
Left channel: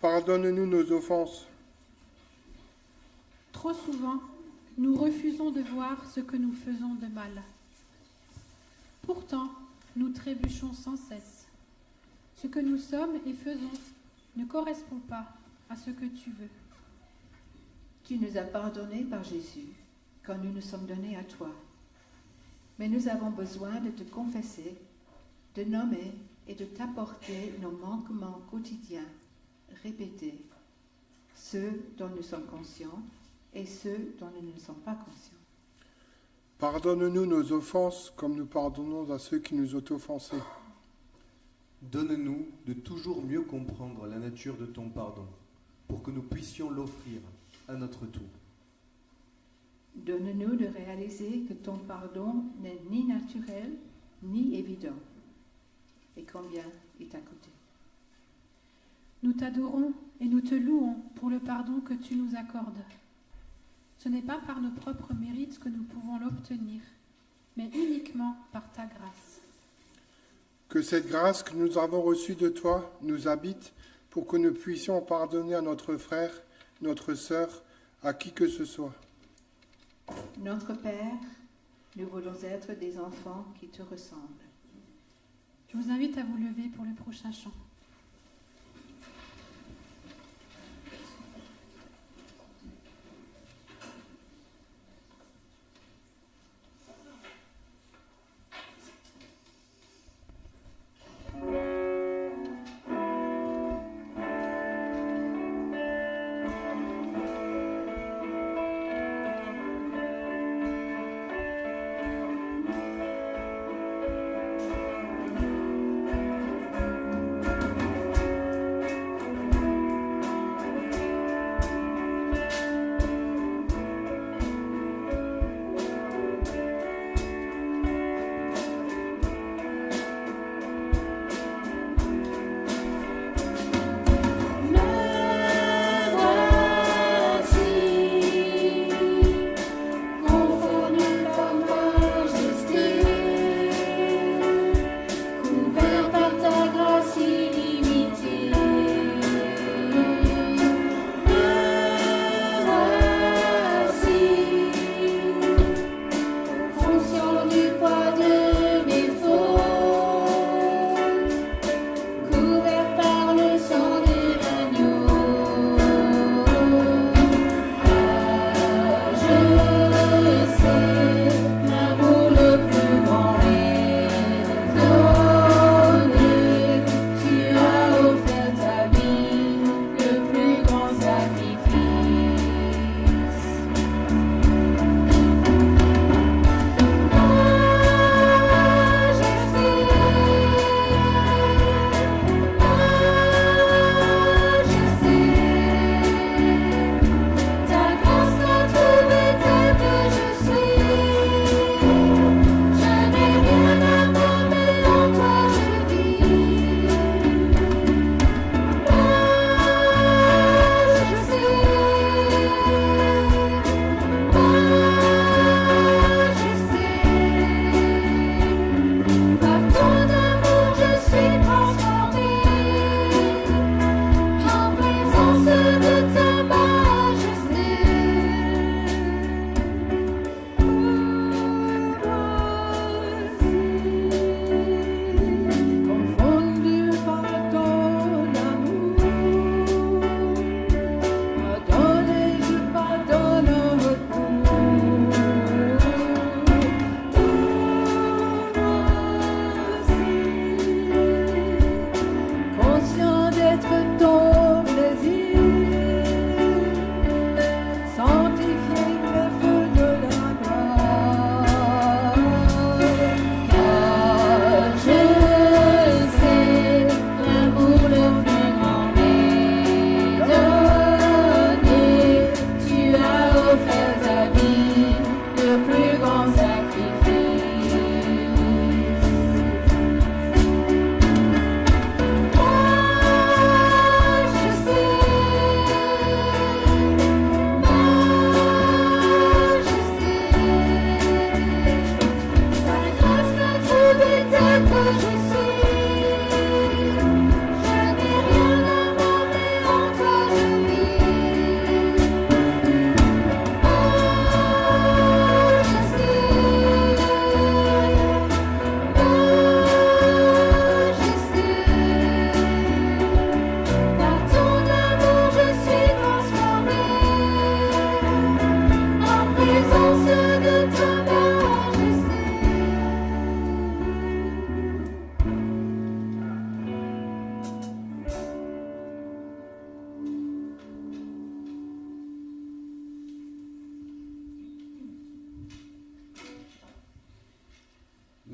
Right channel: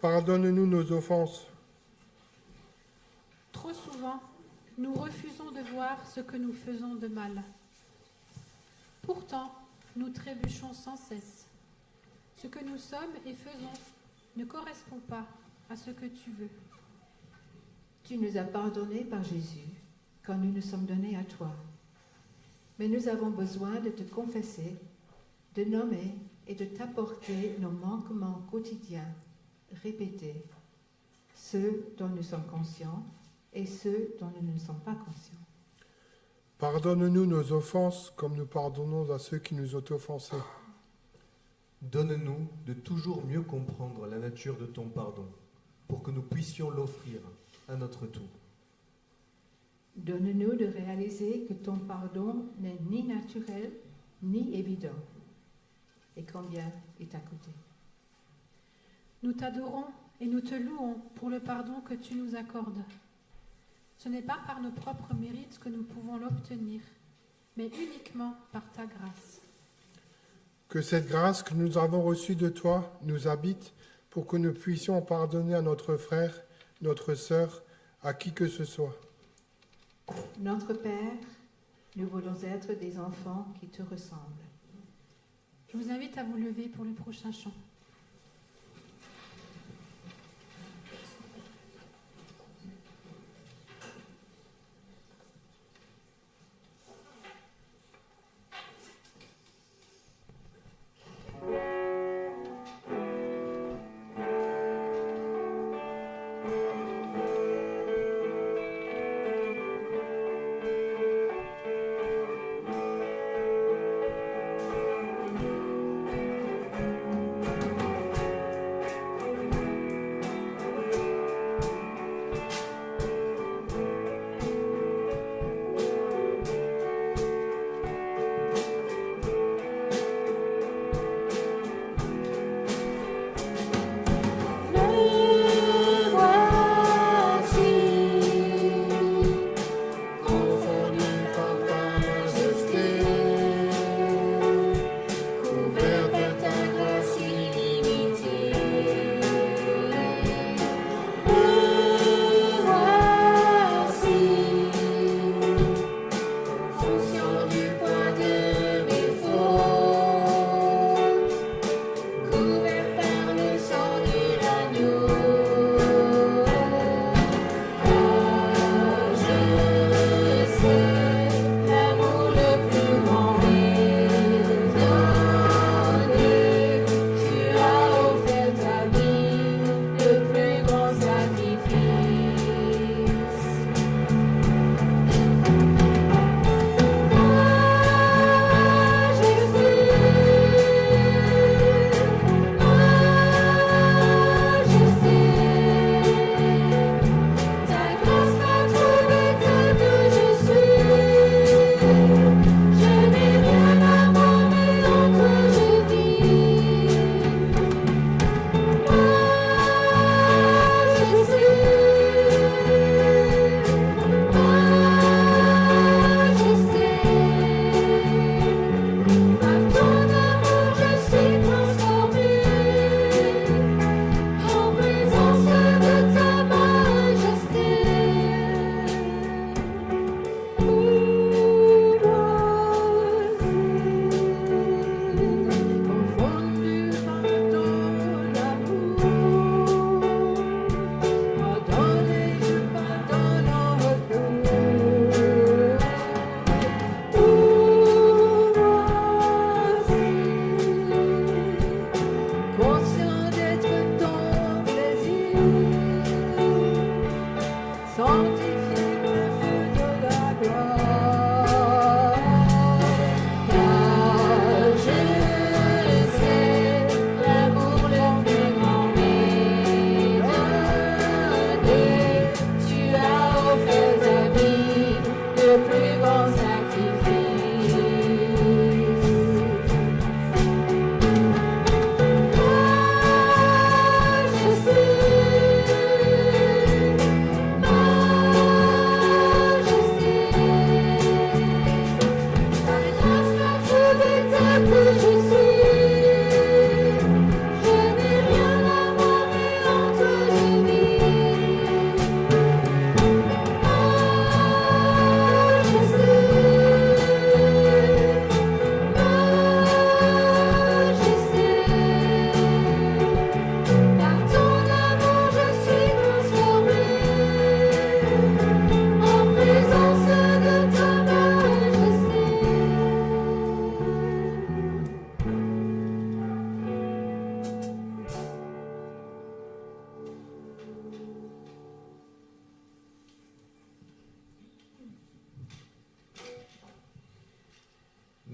pardonne-nous nos offenses. Trop souvent, nous refusons de voir ce que nous faisons de mal. Pourtant, nous trébuchons sans cesse. Ce que nous sommes et faisons ne correspond pas à ce que tu veux. Tu nous as pardonnés par Jésus quand nous nous sommes donnés à toi. Mais nous avons besoin de te confesser, de nommer et de t'apporter nos manquements quotidiens, répétés, ceux dont nous sommes conscients et ceux dont nous ne sommes pas conscients. Pardonne-nous nos offenses comme nous pardonnons à ceux qui nous ont offensés. Donne-nous de toujours mieux comprendre la nature de ton pardon, pour que nous puissions l'offrir à notre tour. Donne-nous de réaliser que ton pardon n'est ni naturel ni évident, et combien il t'a coûté. Nous t'adorons et nous te louons pour le pardon que tu nous accordes. Ce n'est pas par nos propres mérites que nous pouvons l'obtenir, mais uniquement par ta grâce. Que cette grâce que nous avons reçue de toi nous habite pour que nous puissions pardonner à notre frère, notre sœur, à qui que ce soit. Notre Père, nous voulons être des enfants qui te ressemblent. Je vous invite à vous lever pour le prochain chant.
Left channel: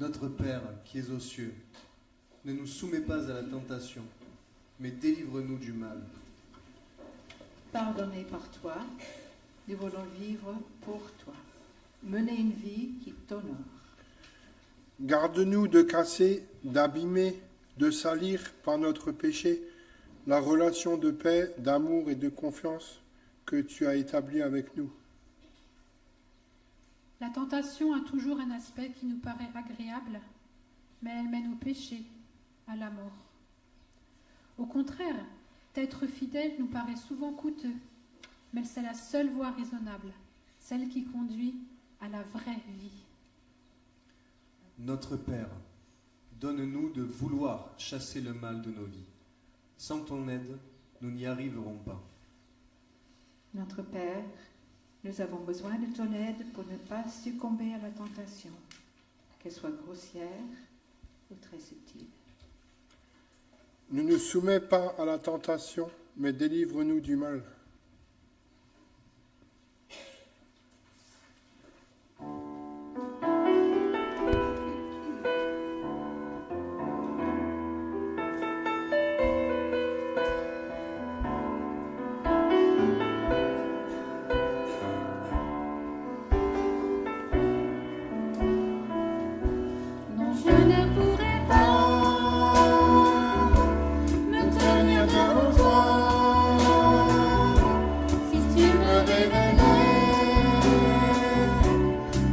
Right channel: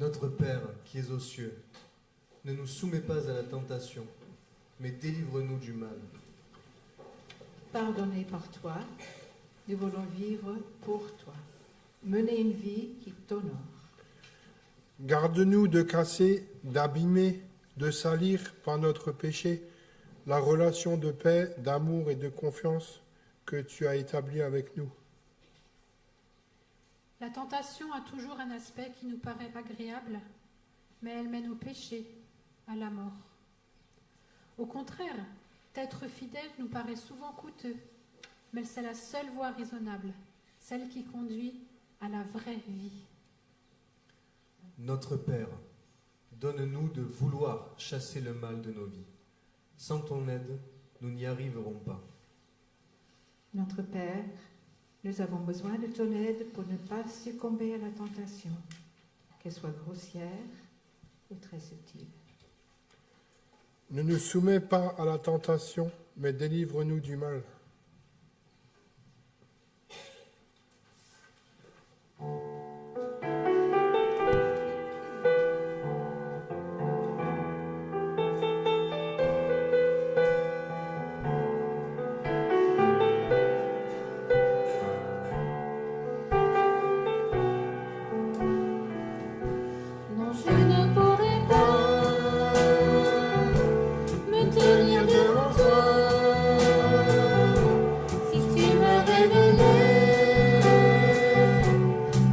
Notre Père qui es aux cieux, ne nous soumets pas à la tentation, mais délivre-nous du mal. Pardonné par toi, nous voulons vivre pour toi, mener une vie qui t'honore. Garde-nous de casser, d'abîmer, de salir par notre péché la relation de paix, d'amour et de confiance que tu as établie avec nous. La tentation a toujours un aspect qui nous paraît agréable, mais elle mène au péché, à la mort. Au contraire, d'être fidèle nous paraît souvent coûteux, mais c'est la seule voie raisonnable, celle qui conduit à la vraie vie. Notre Père, donne-nous de vouloir chasser le mal de nos vies. Sans ton aide, nous n'y arriverons pas. Notre Père, nous avons besoin de ton aide pour ne pas succomber à la tentation, qu'elle soit grossière ou très subtile. Ne nous soumets pas à la tentation, mais délivre-nous du mal. Non, je ne pourrai pas me tenir devant toi si tu me révélais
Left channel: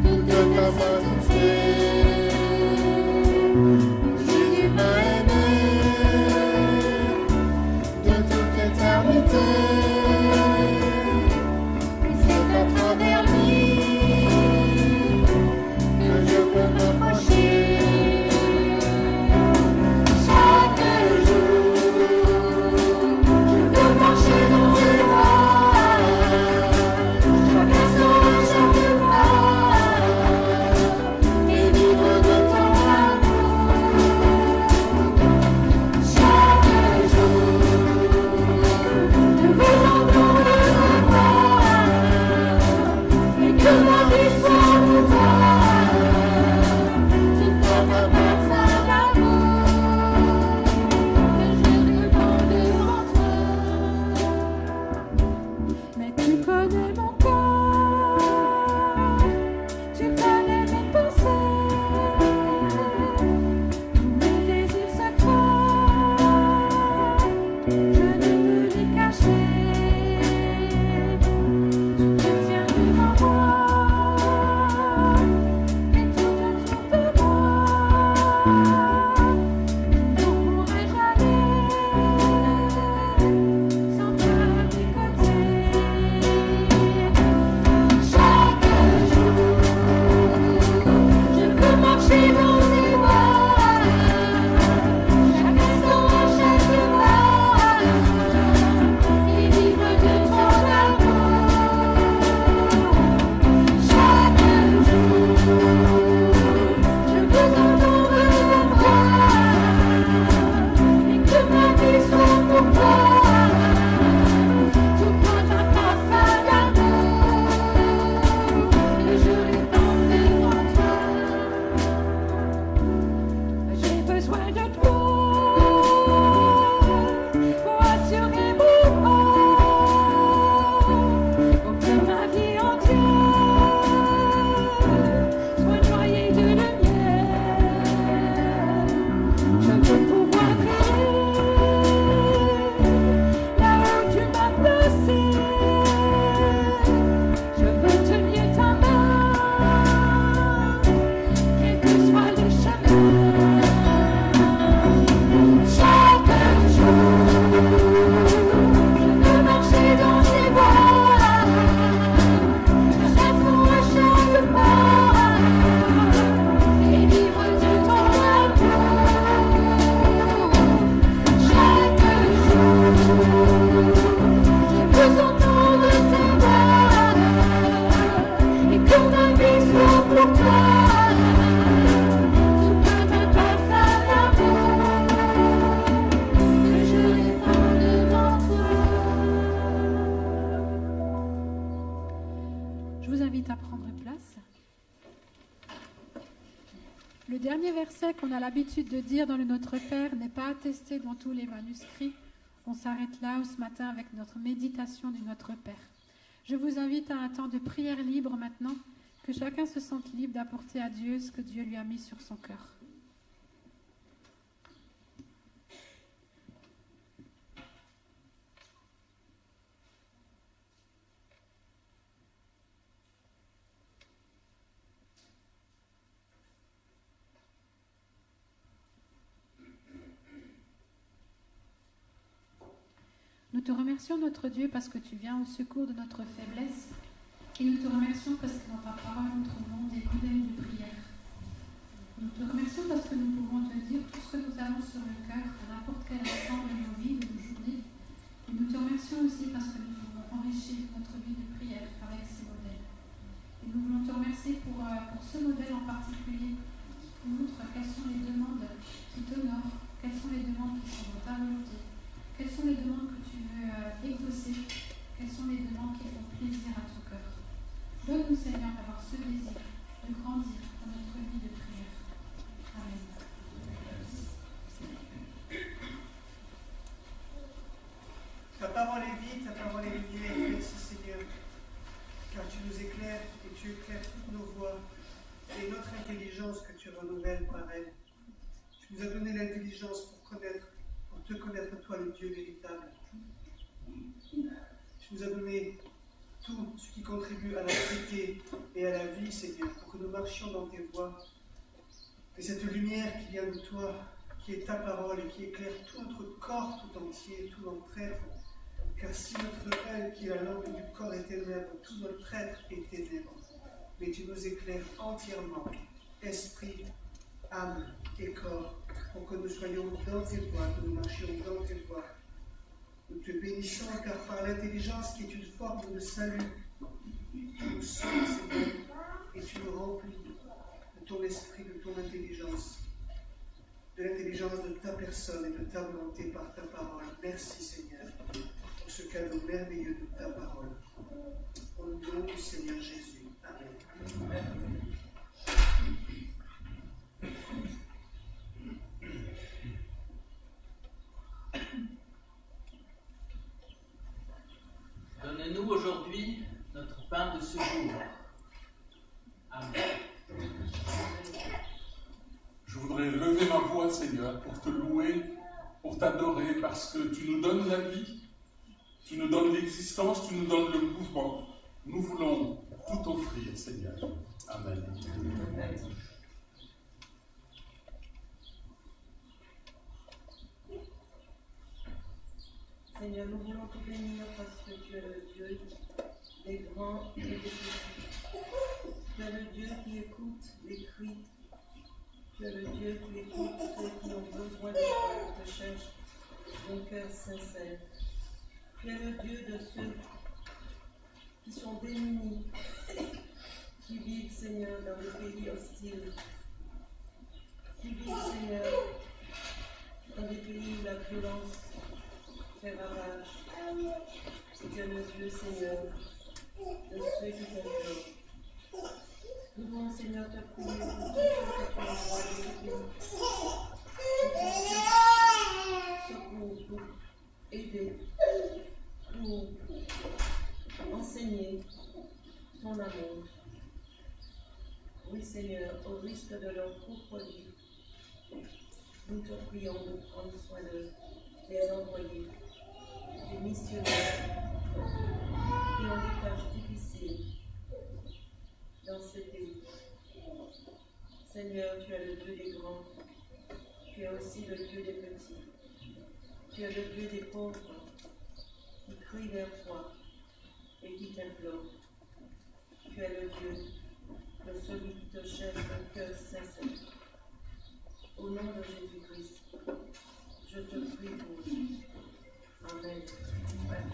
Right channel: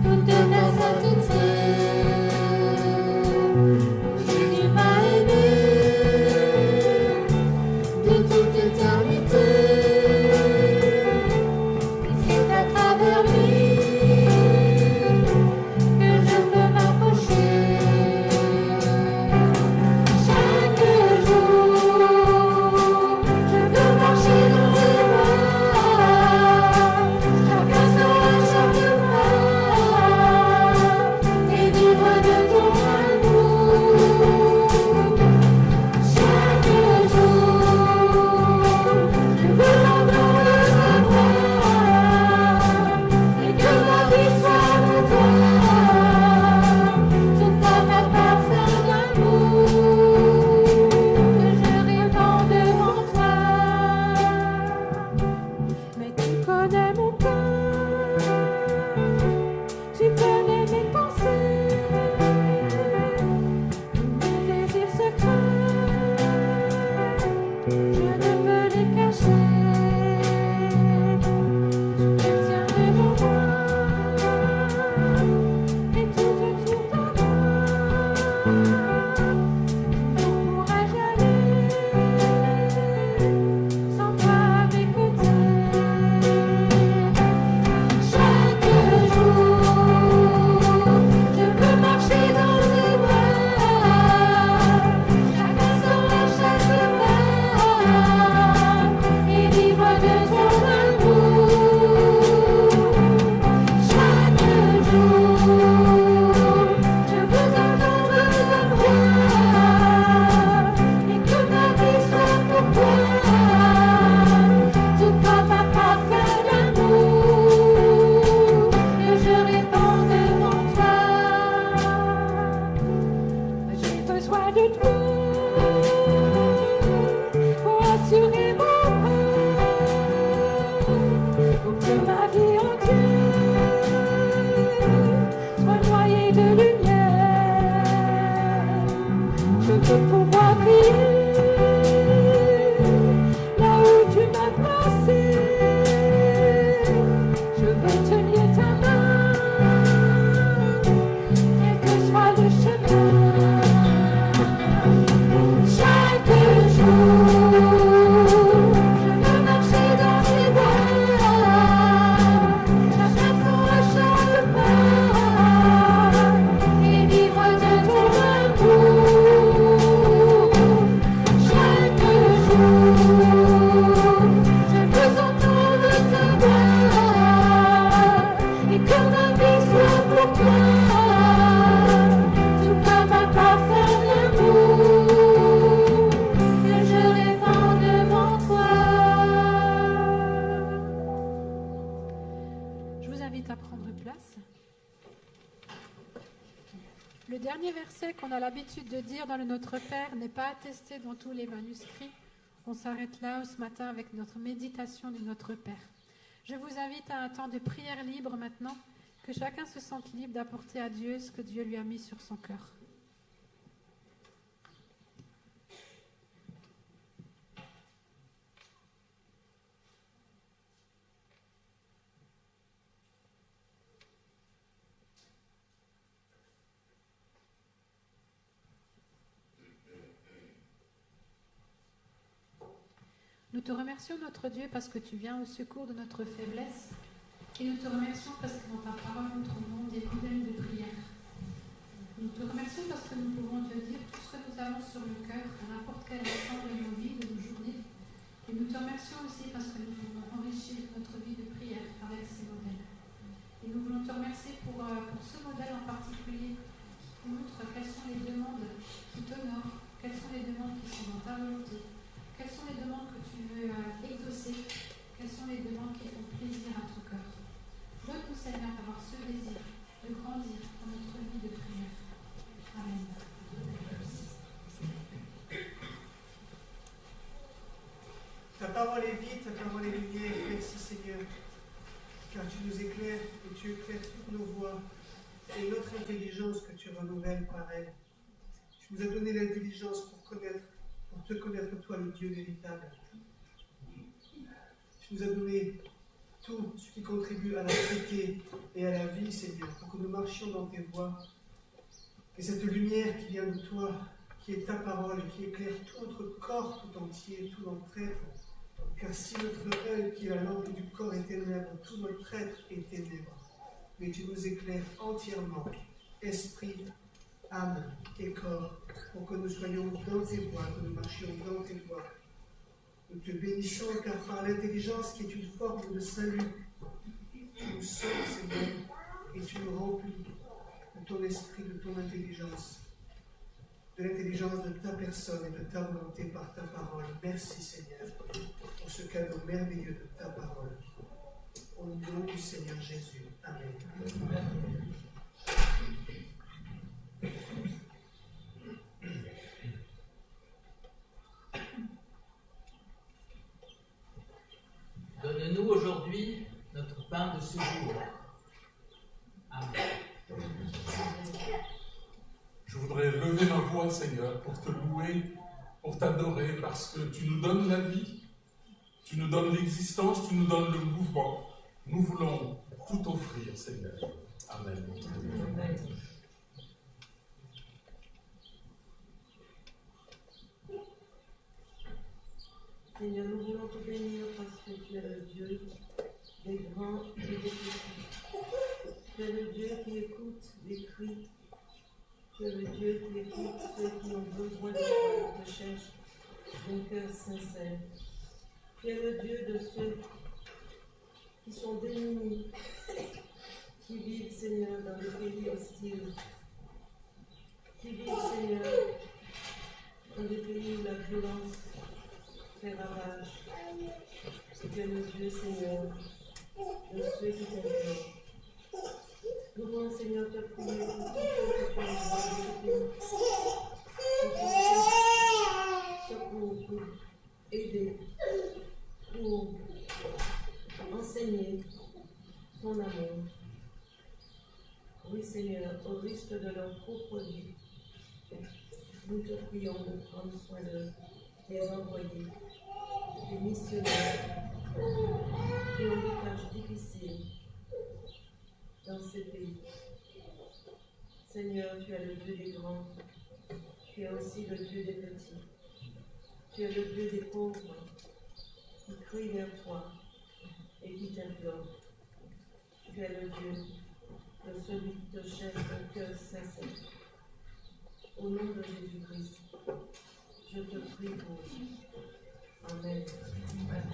toute ta sainteté. Jésus m'a aimé de toute éternité, et c'est à travers lui que je peux m'approcher. Chaque jour, je veux marcher dans tes voies, chaque instant, chaque pas, et vivre de ton amour. Chaque jour, je veux entendre ta voix, et que ma vie soit pour toi. Tout comme un parfum d'amour que je répand devant toi. Mais tu connais mon cœur, tu connais mes pensées, tous mes désirs secrets, je ne peux les cacher. Tu te tiens devant moi et tout autour de moi. Où pourrais-je aller sans toi à mes côtés? Chaque jour, je veux marcher dans tes voies, chaque instant, chaque pas, et vivre de ton amour. Chaque jour, je veux entendre ta voix, et que ma vie soit pour toi, tout comme un parfum d'amour que je répands devant toi. J'ai besoin de toi pour assurer mon corps, pour que ma vie entière soit noyée de lumière. Je veux pouvoir briller là où tu m'as placé. Je veux tenir ta main, quel que soit le chemin. Chaque jour, je veux marcher dans tes voies, chaque instant, chaque pas, et vivre de ton amour. Chaque jour, je veux entendre ta voix, et que ma vie soit pour toi, tout comme un parfum d'amour que je répands devant toi. Je vous invite à prendre place. Le dernier verset qu'on a l'habitude de dire dans le Notre Père n'est pas attesté dans tous les manuscrits. On s'arrête là ce matin avec notre méditation du Notre Père. Je vous invite à un temps de prière libre maintenant, que chacun se sente libre d'apporter à Dieu ce que Dieu lui a mis sur son cœur. Nous te remercions, notre Dieu, parce que tu viens au secours de notre faiblesse. Et nous te remercions parce que dans ta parole, nous trouvons des modèles de prière. Nous te remercions parce que nous pouvons te dire tout ce que nous avons sur le cœur à n'importe quel instant de nos vies, de nos journées. Et nous te remercions aussi parce que nous pouvons enrichir notre vie de prière avec ces modèles. Et nous voulons te remercier pour ce modèle en particulier qui montre quelles sont les demandes qui t'honorent, quelles sont les demandes qui sont dans ta volonté. Quelles sont les demandes que tu veux exaucer? Quelles sont les demandes qui font plaisir à ton cœur? Donne-nous, Seigneur, d'avoir ce désir de grandir dans notre vie de prière. Amen. Ta parole est vie, ta parole est lumière. Merci, Seigneur, car tu nous éclaires et tu éclaires toutes nos voies. C'est notre intelligence que tu renouvelles par elle. Tu nous as donné l'intelligence pour te connaître toi, le Dieu véritable. Tu nous as donné tout ce qui contribue à la vérité et à la vie, Seigneur, pour que nous marchions dans tes voies. Et cette lumière qui vient de toi, qui est ta parole et qui éclaire tout notre corps tout entier, tout notre être. Car si notre œil, qui est la lampe du corps, est ténèbre, tout notre être est ténèbre. Mais tu nous éclaires entièrement, esprit, âme et corps, pour que nous soyons dans tes voies, que nous marchions dans tes voies. Nous te bénissons car par l'intelligence qui est une forme de salut, tu nous sauves, Seigneur, et tu nous remplis de ton esprit, de ton intelligence, de l'intelligence de ta personne et de ta volonté par ta parole. Merci, Seigneur, pour ce cadeau merveilleux de ta parole. Au nom du Seigneur Jésus. Amen. Amen. Donne-nous aujourd'hui notre pain de ce jour. Amen. Je voudrais lever ma voix, Seigneur, pour te louer, pour t'adorer, parce que tu nous donnes la vie, tu nous donnes l'existence, tu nous donnes le mouvement. Nous voulons tout offrir, Seigneur. Amen. Amen. Seigneur, nous voulons te bénir parce que tu es le Dieu des grands et des petits. Tu es le Dieu qui écoute les cris. Tu es le Dieu qui écoute ceux qui ont besoin de toi et te cherchent d'un cœur sincère. Tu es le Dieu de ceux qui sont démunis, qui vivent, Seigneur, dans des pays hostiles, qui vivent, Seigneur, dans des pays où la violence fait ravage. Tu es le Dieu, Seigneur, de ceux qui t'implorent. Nous voulons, Seigneur, te prier pour tous ceux que tu envoies de ce pays, pour secours, pour aider, pour enseigner ton amour. Oui, Seigneur, au risque de leur propre vie, nous te prions de prendre soin de les envoyer, des missionnaires qui ont des tâches difficiles dans ces pays. Seigneur, tu es le Dieu des grands, tu es aussi le Dieu des petits, tu es le Dieu des pauvres qui crient vers toi et qui t'implorent. Tu es le Dieu de celui qui te cherche d'un cœur sincère. Au nom de Jésus-Christ, je te prie pour eux. Amen. Amen.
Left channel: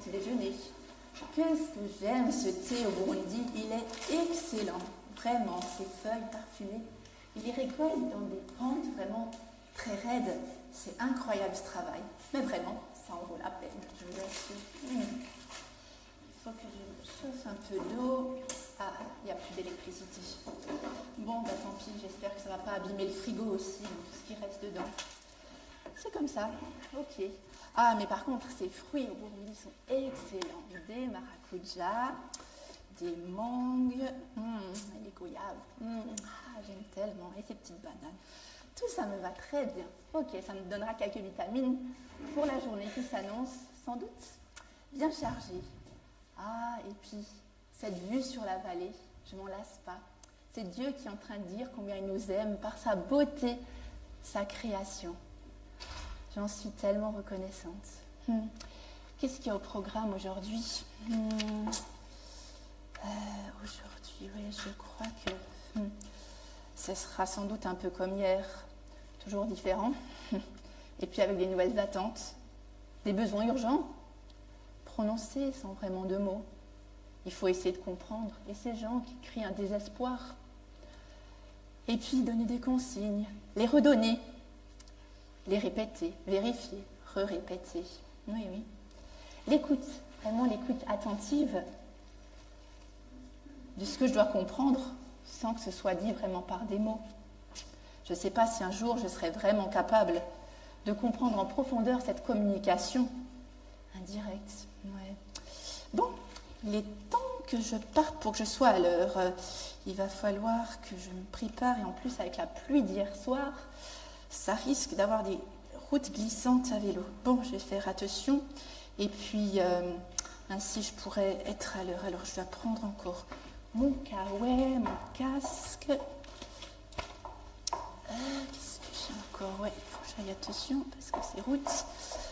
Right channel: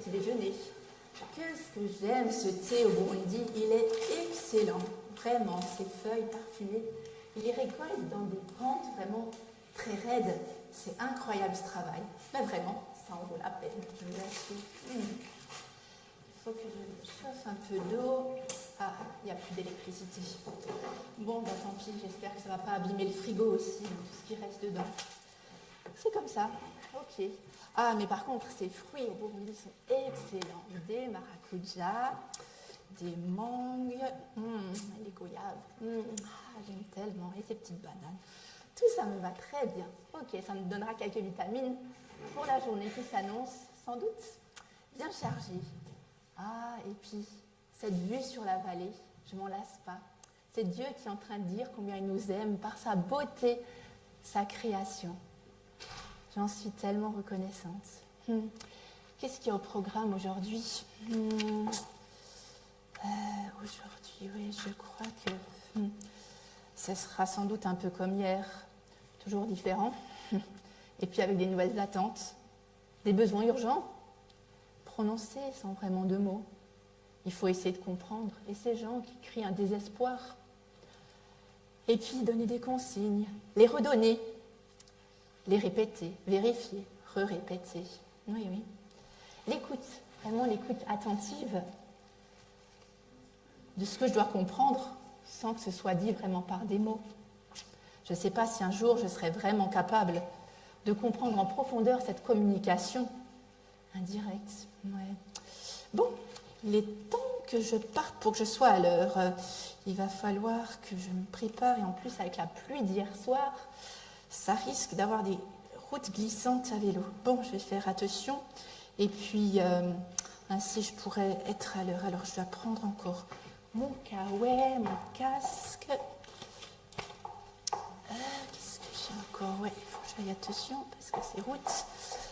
petit déjeuner. Qu'est-ce que j'aime ce thé au Burundi, il est excellent, vraiment, ces feuilles parfumées. Il les récolte dans des pentes vraiment très raides. C'est incroyable ce travail, mais vraiment, ça en vaut la peine, je vous assure. Il faut que je chauffe un peu d'eau. Ah, il n'y a plus d'électricité. Bon, bah tant pis, j'espère que ça ne va pas abîmer le frigo aussi, donc tout ce qui reste dedans. C'est comme ça, ok. Ah, mais par contre, ces fruits au Burundi sont excellents. Des maracujas, des mangues, les goyaves. Ah, j'aime tellement. Et ces petites bananes. Tout ça me va très bien. Ok, ça me donnera quelques vitamines pour la journée qui s'annonce, sans doute bien chargée. Ah, et puis, cette vue sur la vallée, je m'en lasse pas. C'est Dieu qui est en train de dire combien il nous aime par sa beauté, sa création. J'en suis tellement reconnaissante. Qu'est-ce qu'il y a au programme aujourd'hui? Aujourd'hui, oui, je crois que ce sera sans doute un peu comme hier, toujours différent. Et puis avec des nouvelles attentes, des besoins urgents, prononcés sans vraiment de mots. Il faut essayer de comprendre. Et ces gens qui crient un désespoir. Et puis donner des consignes, les redonner, les répéter, vérifier, re-répéter. Oui, oui. L'écoute, vraiment l'écoute attentive de ce que je dois comprendre sans que ce soit dit vraiment par des mots. Je ne sais pas si un jour je serai vraiment capable de comprendre en profondeur cette communication indirecte. Ouais. Bon, il est temps que je parte pour que je sois à l'heure. Il va falloir que je me prépare et en plus avec la pluie d'hier soir, ça risque d'avoir des routes glissantes à vélo. Bon, je vais faire attention et puis ainsi je pourrais être à l'heure. Alors je dois prendre encore mon caouet, mon casque. Qu'est-ce que j'ai encore? Ouais, il faut que j'aille attention parce que ces routes,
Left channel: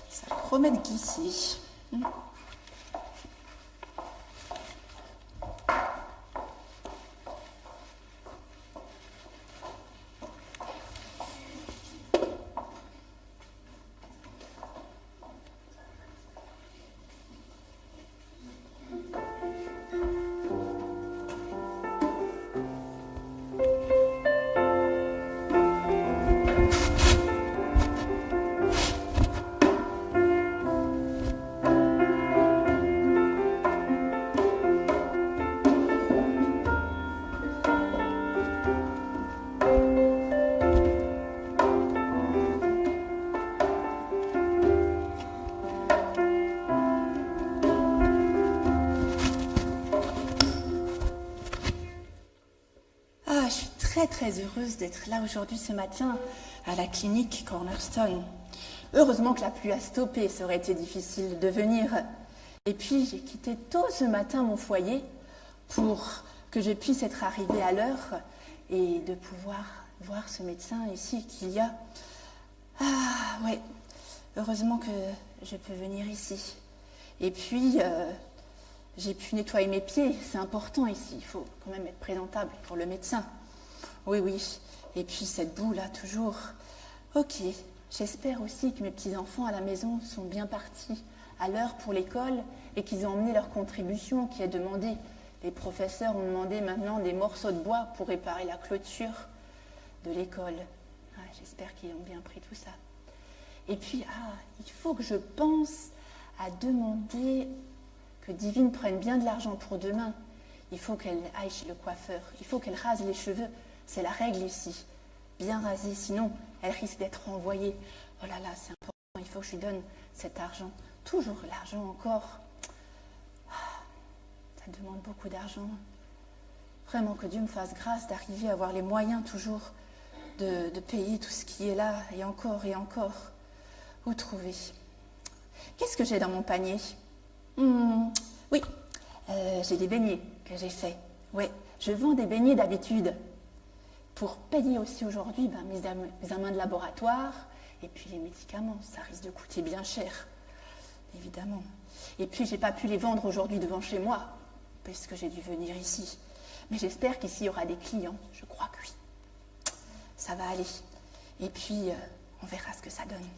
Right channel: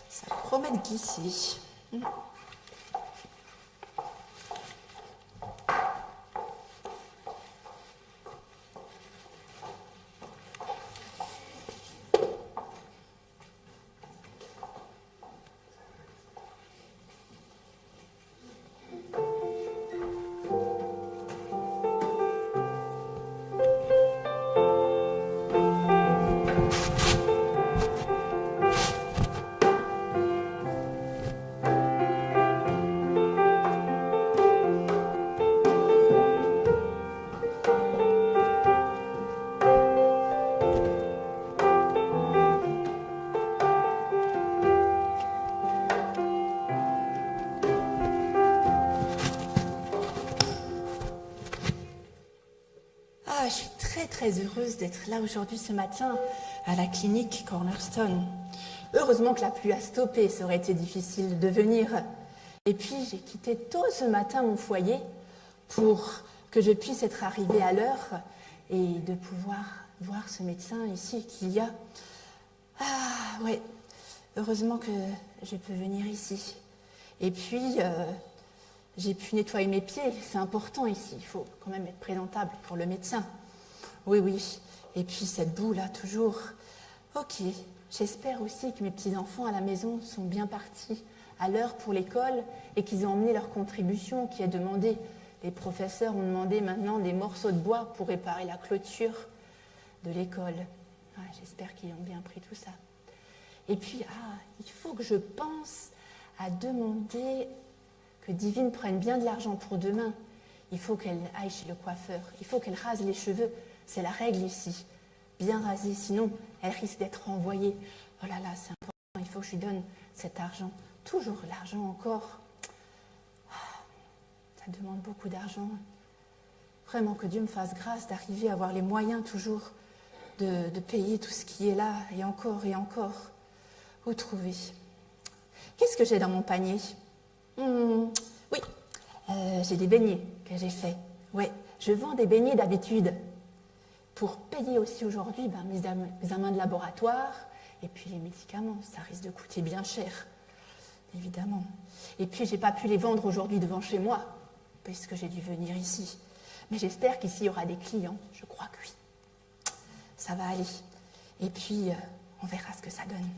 ça promet de glisser. Très heureuse d'être là aujourd'hui ce matin à la clinique Cornerstone. Heureusement que la pluie a stoppé, ça aurait été difficile de venir. Et puis j'ai quitté tôt ce matin mon foyer pour que je puisse être arrivée à l'heure et de pouvoir voir ce médecin ici qu'il y a. Ah ouais, heureusement que je peux venir ici. Et puis j'ai pu nettoyer mes pieds, c'est important ici, il faut quand même être présentable pour le médecin. Oui, oui. Et puis cette boue là, toujours. Ok. J'espère aussi que mes petits-enfants à la maison sont bien partis à l'heure pour l'école et qu'ils ont emmené leur contribution qui est demandée. Les professeurs ont demandé maintenant des morceaux de bois pour réparer la clôture de l'école. Ah, j'espère qu'ils ont bien pris tout ça. Et puis, il faut que je pense à demander que Divine prenne bien de l'argent pour demain. Il faut qu'elle aille chez le coiffeur. Il faut qu'elle rase les cheveux. C'est la règle ici. Bien rasée, sinon elle risque d'être renvoyée. Oh là là, c'est important, il faut que je lui donne cet argent. Toujours l'argent encore. Ça demande beaucoup d'argent. Vraiment que Dieu me fasse grâce d'arriver à avoir les moyens toujours de payer tout ce qui est là, et encore et encore. Où trouver? Qu'est-ce que j'ai dans mon panier? Oui, j'ai des beignets que j'ai faits. Ouais, je vends des beignets d'habitude. Pour payer aussi aujourd'hui mes examens de laboratoire et puis les médicaments. Ça risque de coûter bien cher, évidemment. Et puis, je n'ai pas pu les vendre aujourd'hui devant chez moi, parce que j'ai dû venir ici. Mais j'espère qu'ici, il y aura des clients. Je crois que oui. Ça va aller. Et puis, on verra ce que ça donne.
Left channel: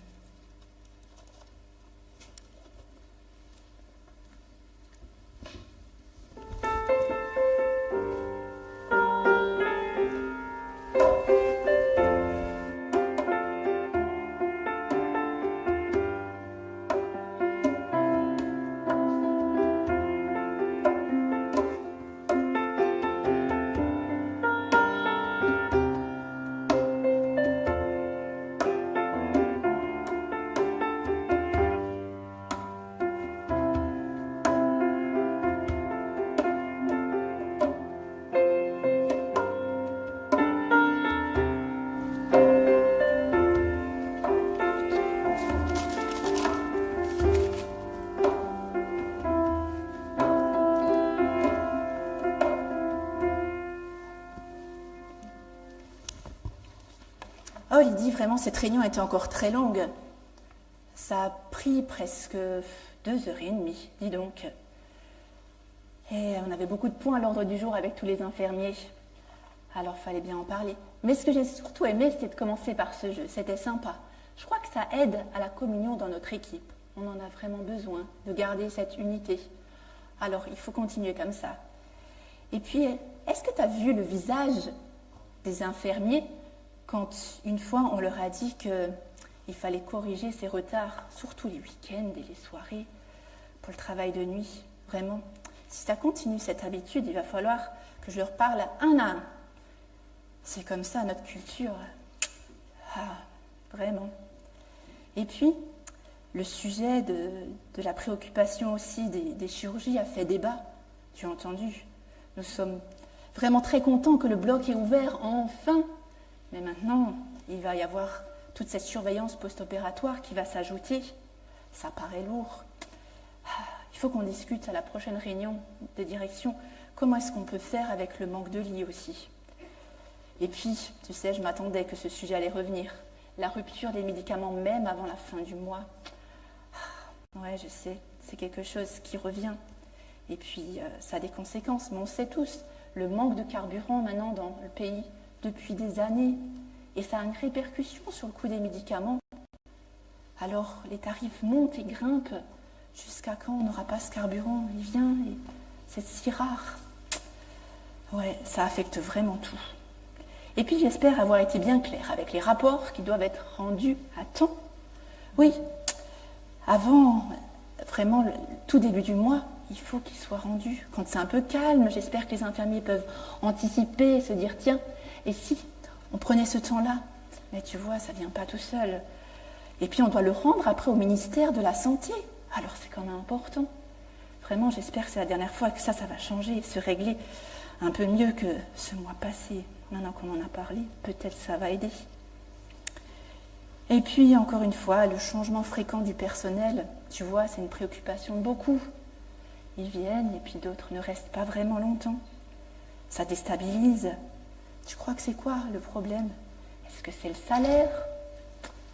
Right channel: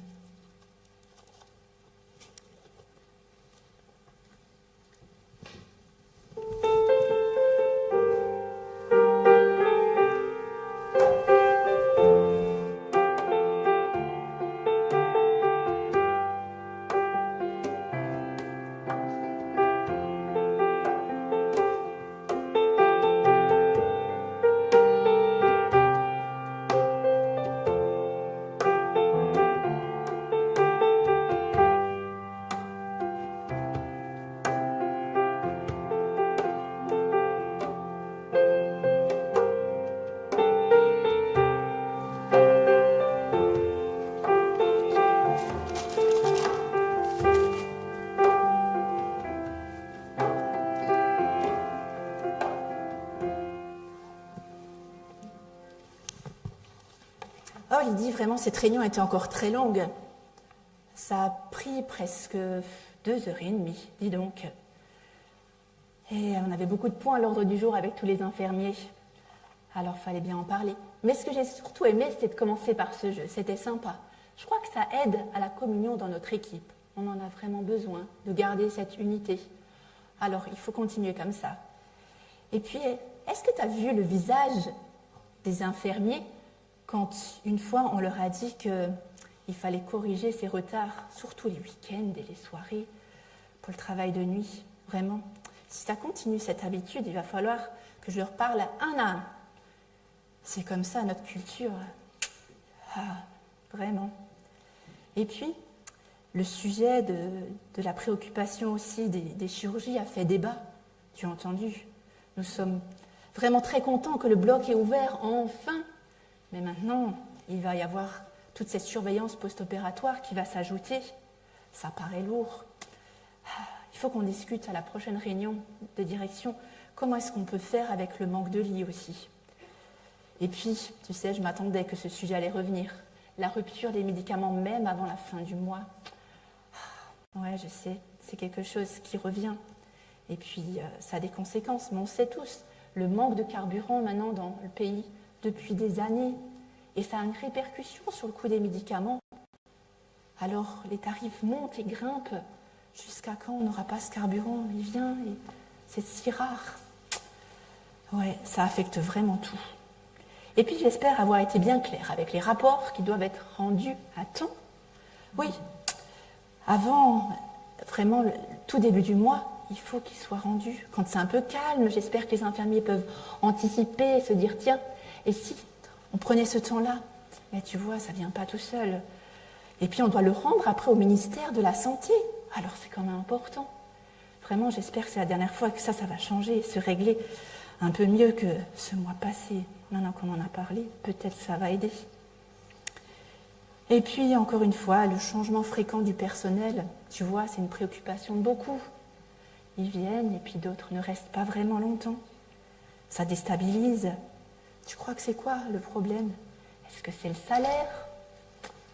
Oh Lydie, vraiment, cette réunion était encore très longue. Ça a pris presque 2h30, dis donc. Et on avait beaucoup de points à l'ordre du jour avec tous les infirmiers. Alors, fallait bien en parler. Mais ce que j'ai surtout aimé, c'était de commencer par ce jeu. C'était sympa. Je crois que ça aide à la communion dans notre équipe. On en a vraiment besoin de garder cette unité. Alors, il faut continuer comme ça. Et puis, est-ce que tu as vu le visage des infirmiers quand, une fois, on leur a dit qu'il fallait corriger ces retards, surtout les week-ends et les soirées, pour le travail de nuit? Vraiment, si ça continue cette habitude, il va falloir que je leur parle un à un. C'est comme ça notre culture. Ah, vraiment. Et puis, le sujet de la préoccupation aussi des chirurgies a fait débat, tu as entendu. Nous sommes vraiment très contents que le bloc est ouvert, enfin. Mais maintenant, il va y avoir toute cette surveillance post-opératoire qui va s'ajouter. Ça paraît lourd. Il faut qu'on discute à la prochaine réunion de direction comment est-ce qu'on peut faire avec le manque de lits aussi. Et puis, tu sais, je m'attendais que ce sujet allait revenir. La rupture des médicaments même avant la fin du mois. Ouais, je sais, c'est quelque chose qui revient. Et puis, ça a des conséquences, mais on sait tous, le manque de carburant maintenant dans le pays depuis des années. Et ça a une répercussion sur le coût des médicaments. Alors, les tarifs montent et grimpent. Jusqu'à quand on n'aura pas ce carburant? Il vient et c'est si rare. Ouais, ça affecte vraiment tout. Et puis j'espère avoir été bien claire avec les rapports qui doivent être rendus à temps. Oui, avant, vraiment, le tout début du mois, il faut qu'ils soient rendus. Quand c'est un peu calme, j'espère que les infirmiers peuvent anticiper et se dire, tiens, et si on prenait ce temps-là? Mais tu vois, ça ne vient pas tout seul. Et puis on doit le rendre après au ministère de la Santé. Alors c'est quand même important. Vraiment, j'espère que c'est la dernière fois que ça va changer et se régler un peu mieux que ce mois passé. Maintenant qu'on en a parlé, peut-être ça va aider. Et puis, encore une fois, le changement fréquent du personnel, tu vois, c'est une préoccupation de beaucoup. Ils viennent et puis d'autres ne restent pas vraiment longtemps. Ça déstabilise. Tu crois que c'est quoi le problème? Est-ce que c'est le salaire?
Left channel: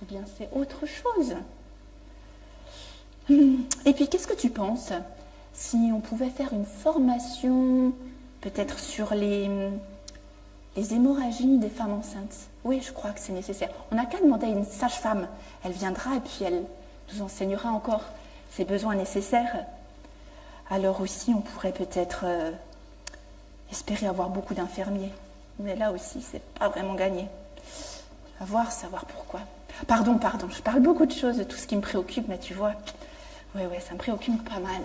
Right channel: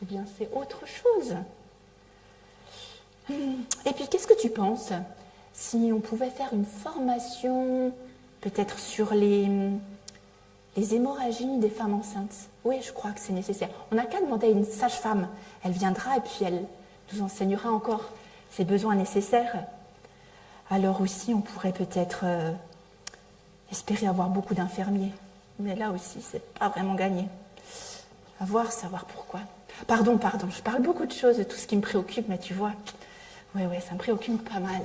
Ou bien c'est autre chose? Et puis, qu'est-ce que tu penses si on pouvait faire une formation, peut-être sur les hémorragies des femmes enceintes? Oui, je crois que c'est nécessaire. On n'a qu'à demander à une sage-femme. Elle viendra et puis elle nous enseignera encore ses besoins nécessaires. Alors aussi, on pourrait peut-être espérer avoir beaucoup d'infirmiers. Mais là aussi, c'est pas vraiment gagné. À voir, savoir pourquoi. Pardon, je parle beaucoup de choses, de tout ce qui me préoccupe, mais tu vois, ouais, ça me préoccupe pas mal.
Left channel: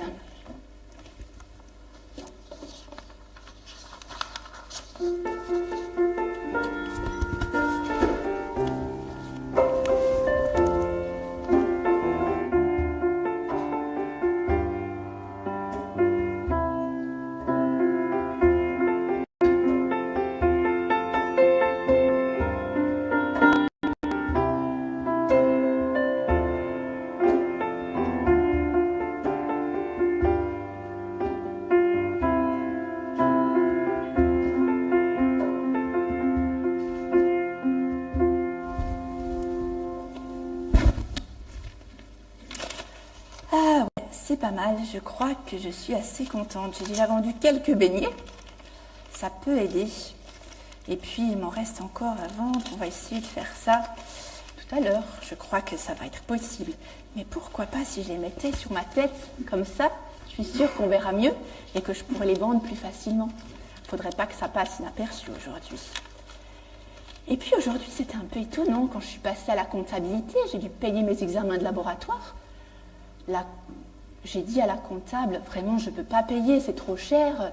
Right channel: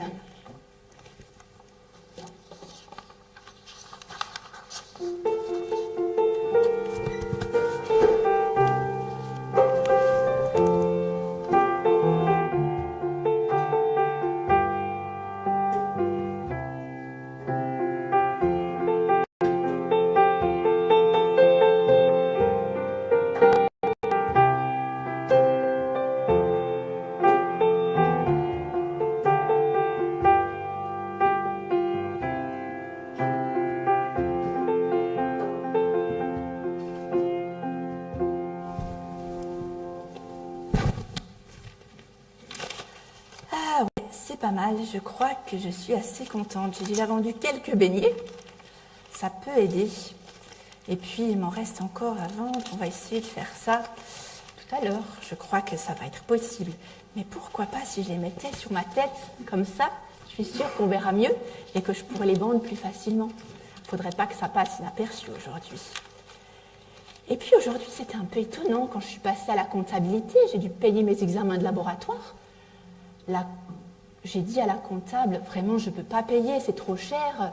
C'est pas mal, je crois que je suis assez contente. J'ai déjà vendu quelques beignets, ça peut aider. Et puis il m'en reste encore à vendre, on va essayer de faire ça tout à l'heure. Je crois que ça va être possible. Mais pourquoi pas si je les mettais sur ma tête, comme ça, je suis sûre qu'on verra mieux et que je pourrais les vendre plus facilement. Il ne faudrait pas que ça passe inaperçu aujourd'hui. Et puis aujourd'hui, c'était un peu étonnant, quand je suis passée à la comptabilité, j'ai dû payer mes examens de laboratoire. J'ai dit à la comptable, vraiment, je ne peux pas payer, c'est trop cher.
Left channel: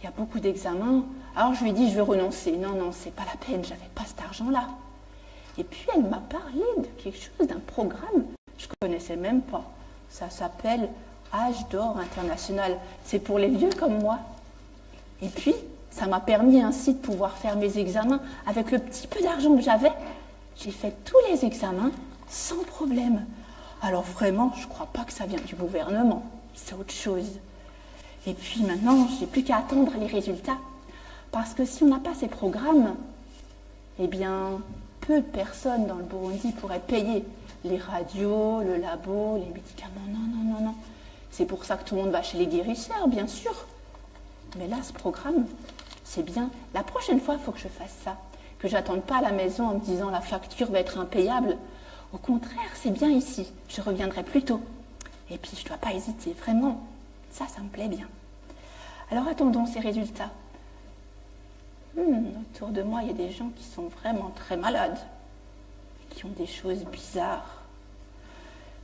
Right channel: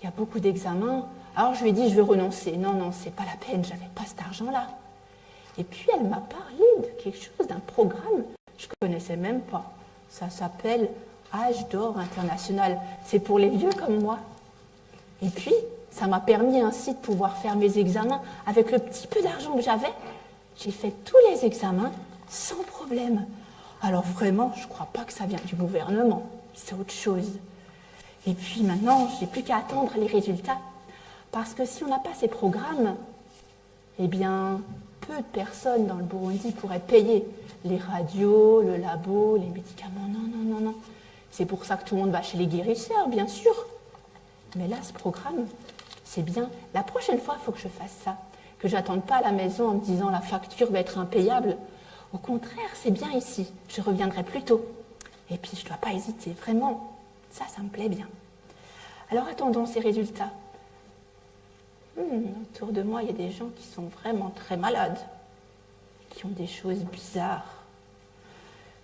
Il y a beaucoup d'examens. Alors je lui ai dit, je vais renoncer. Non, c'est pas la peine, je n'avais pas cet argent-là. Et puis elle m'a parlé de quelque chose, d'un programme, je ne connaissais même pas. Ça s'appelle Âge d'or international. C'est pour les vieux comme moi. Et puis, ça m'a permis ainsi de pouvoir faire mes examens. Avec le petit peu d'argent que j'avais, j'ai fait tous les examens sans problème. Alors vraiment, je ne crois pas que ça vient du gouvernement, c'est autre chose. Et puis maintenant, je n'ai plus qu'à attendre les résultats. Parce que si on n'a pas ces programmes, eh bien, peu de personnes dans le Burundi pourraient payer les radios, le labo, les médicaments. Non, non, non, non. C'est pour ça que tout le monde va chez les guérisseurs, bien sûr. Mais là, ce programme, c'est bien. La prochaine fois, il faut que je fasse ça. Que je n'attende pas à la maison en me disant la facture va être impayable. Au contraire, c'est bien ici. Je reviendrai plus tôt. Et puis, je ne dois pas hésiter. Vraiment, ça me plaît bien. Alors, attendons ces résultats. Autour de moi, il y a des gens qui sont vraiment très malades, qui ont des choses bizarres.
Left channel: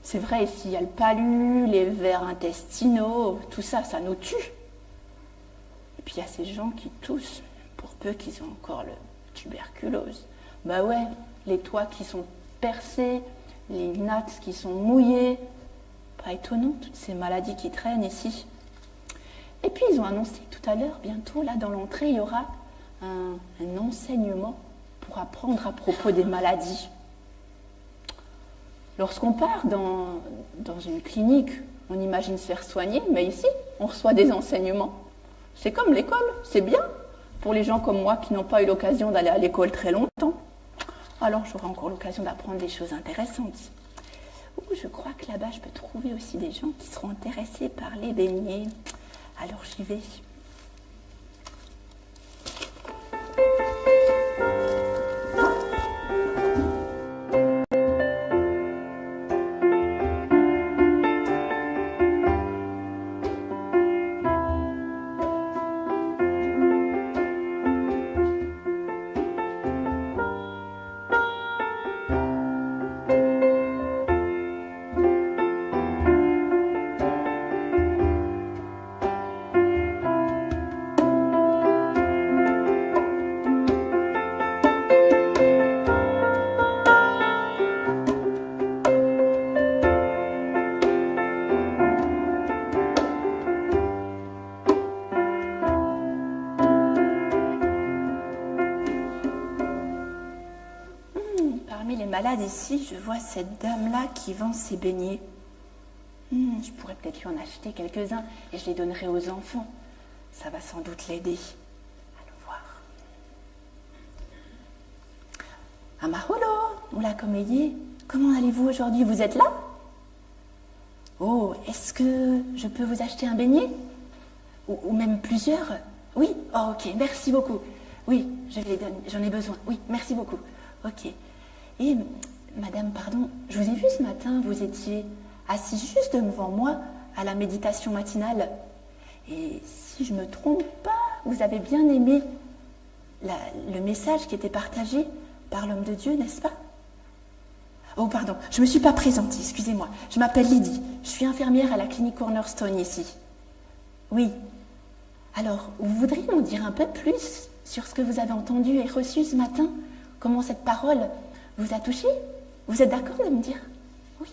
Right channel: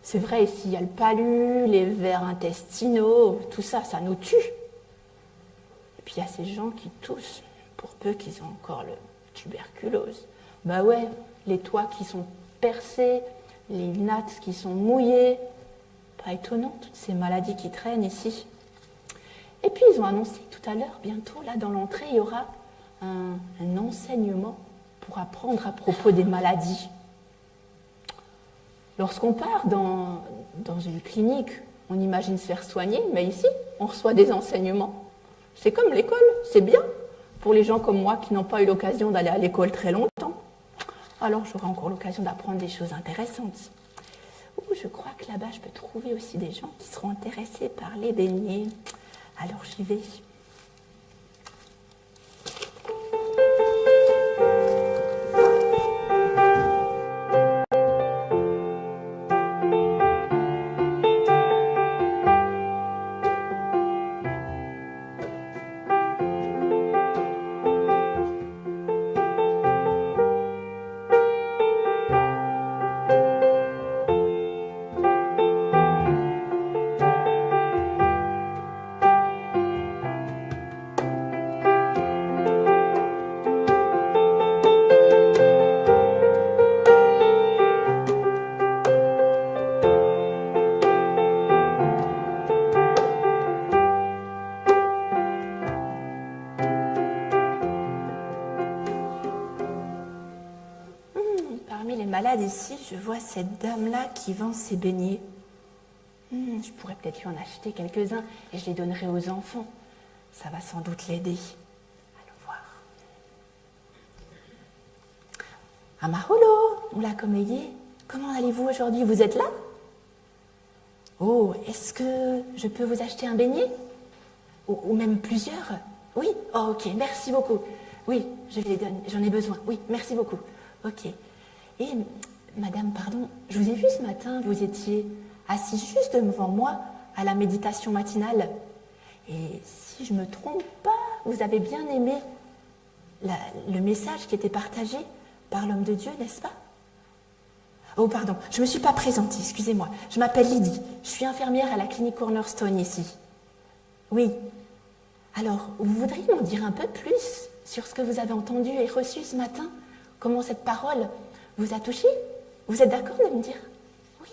C'est vrai, ici, il y a le palu, les vers intestinaux, tout ça, ça nous tue. Et puis, il y a ces gens qui toussent, pour peu qu'ils aient encore le tuberculose. Bah ouais, les toits qui sont percés, les nattes qui sont mouillées. Pas étonnant, toutes ces maladies qui traînent ici. Et puis, ils ont annoncé tout à l'heure, bientôt, là, dans l'entrée, il y aura un enseignement pour apprendre à propos des maladies. Lorsqu'on part dans une clinique, on imagine se faire soigner, mais ici, on reçoit des enseignements. C'est comme l'école, c'est bien pour les gens comme moi qui n'ont pas eu l'occasion d'aller à l'école très longtemps. Alors, j'aurai encore l'occasion d'apprendre des choses intéressantes. Je crois que là-bas, je peux trouver aussi des gens qui seront intéressés par les beignets. Alors, j'y vais. Malade ici, je vois cette dame-là qui vend ses beignets. Je pourrais peut-être lui en acheter quelques-uns et je les donnerai aux enfants. Ça va sans doute l'aider. Allons voir. Amaholo, Mulakomeye, comment allez-vous aujourd'hui? Vous êtes là? Oh, est-ce que je peux vous acheter un beignet? Ou même plusieurs? Oui? Oh, ok, merci beaucoup. Oui, je vais les donner, j'en ai besoin. Oui, merci beaucoup. Ok. Et, madame, pardon, je vous ai vu ce matin, vous étiez assise juste devant moi à la méditation matinale. Et si je ne me trompe pas, vous avez bien aimé le message qui était partagé par l'homme de Dieu, n'est-ce pas? Oh, pardon, je ne me suis pas présentée, excusez-moi. Je m'appelle Lydie, je suis infirmière à la clinique Cornerstone ici. Oui. Alors, vous voudriez m'en dire un peu plus sur ce que vous avez entendu et reçu ce matin? Comment cette parole vous a touché? Vous êtes d'accord de me dire? Oui.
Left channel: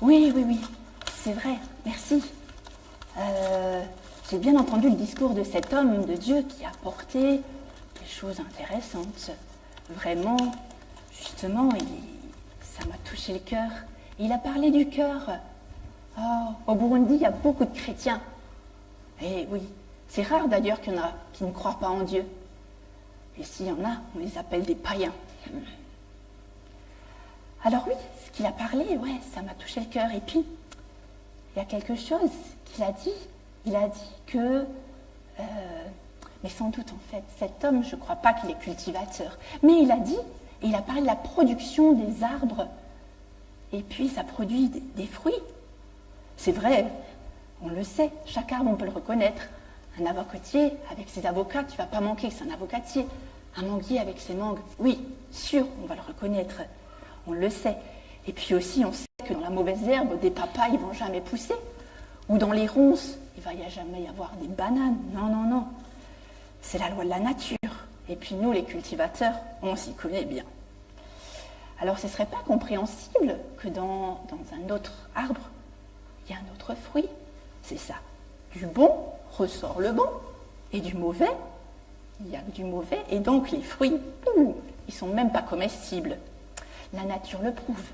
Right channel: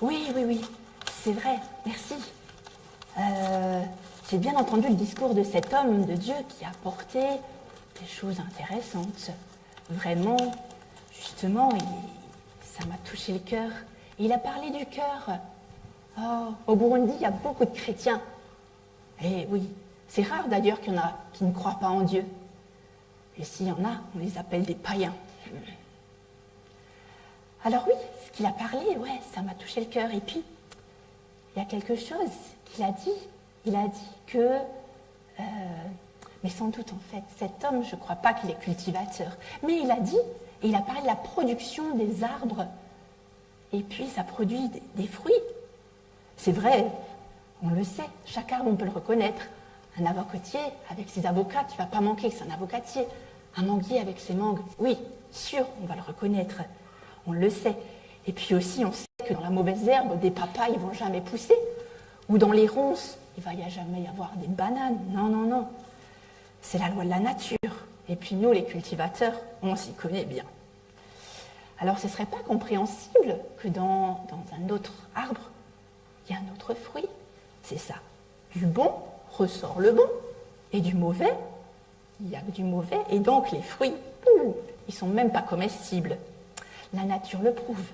Oui, c'est vrai, merci. J'ai bien entendu le discours de cet homme de Dieu qui a apporté des choses intéressantes. Vraiment, justement, ça m'a touché le cœur. Il a parlé du cœur. Oh, au Burundi, il y a beaucoup de chrétiens. Et oui, c'est rare d'ailleurs qu'il y en a qui ne croient pas en Dieu. Et s'il y en a, on les appelle des païens. Alors oui, ce qu'il a parlé, ouais, ça m'a touché le cœur. Et puis, il y a quelque chose qu'il a dit. Il a dit que, mais sans doute en fait, cet homme, je ne crois pas qu'il est cultivateur, mais il a dit, et il a parlé de la production des arbres, et puis ça produit des fruits. C'est vrai, on le sait, chaque arbre, on peut le reconnaître. Un avocotier avec ses avocats, tu ne vas pas manquer que c'est un avocatier. Un manguier avec ses mangues, oui, sûr, on va le reconnaître. On le sait. Et puis aussi, on sait que dans la mauvaise herbe, des papayes ne vont jamais pousser. Ou dans les ronces, il va jamais y avoir des bananes. Non, non, non. C'est la loi de la nature. Et puis nous, les cultivateurs, on s'y connaît bien. Alors ce ne serait pas compréhensible que dans un autre arbre, il y a un autre fruit. C'est ça. Du bon ressort le bon, et du mauvais, il y a que du mauvais, et donc les fruits, ils ne sont même pas comestibles. La nature le prouve.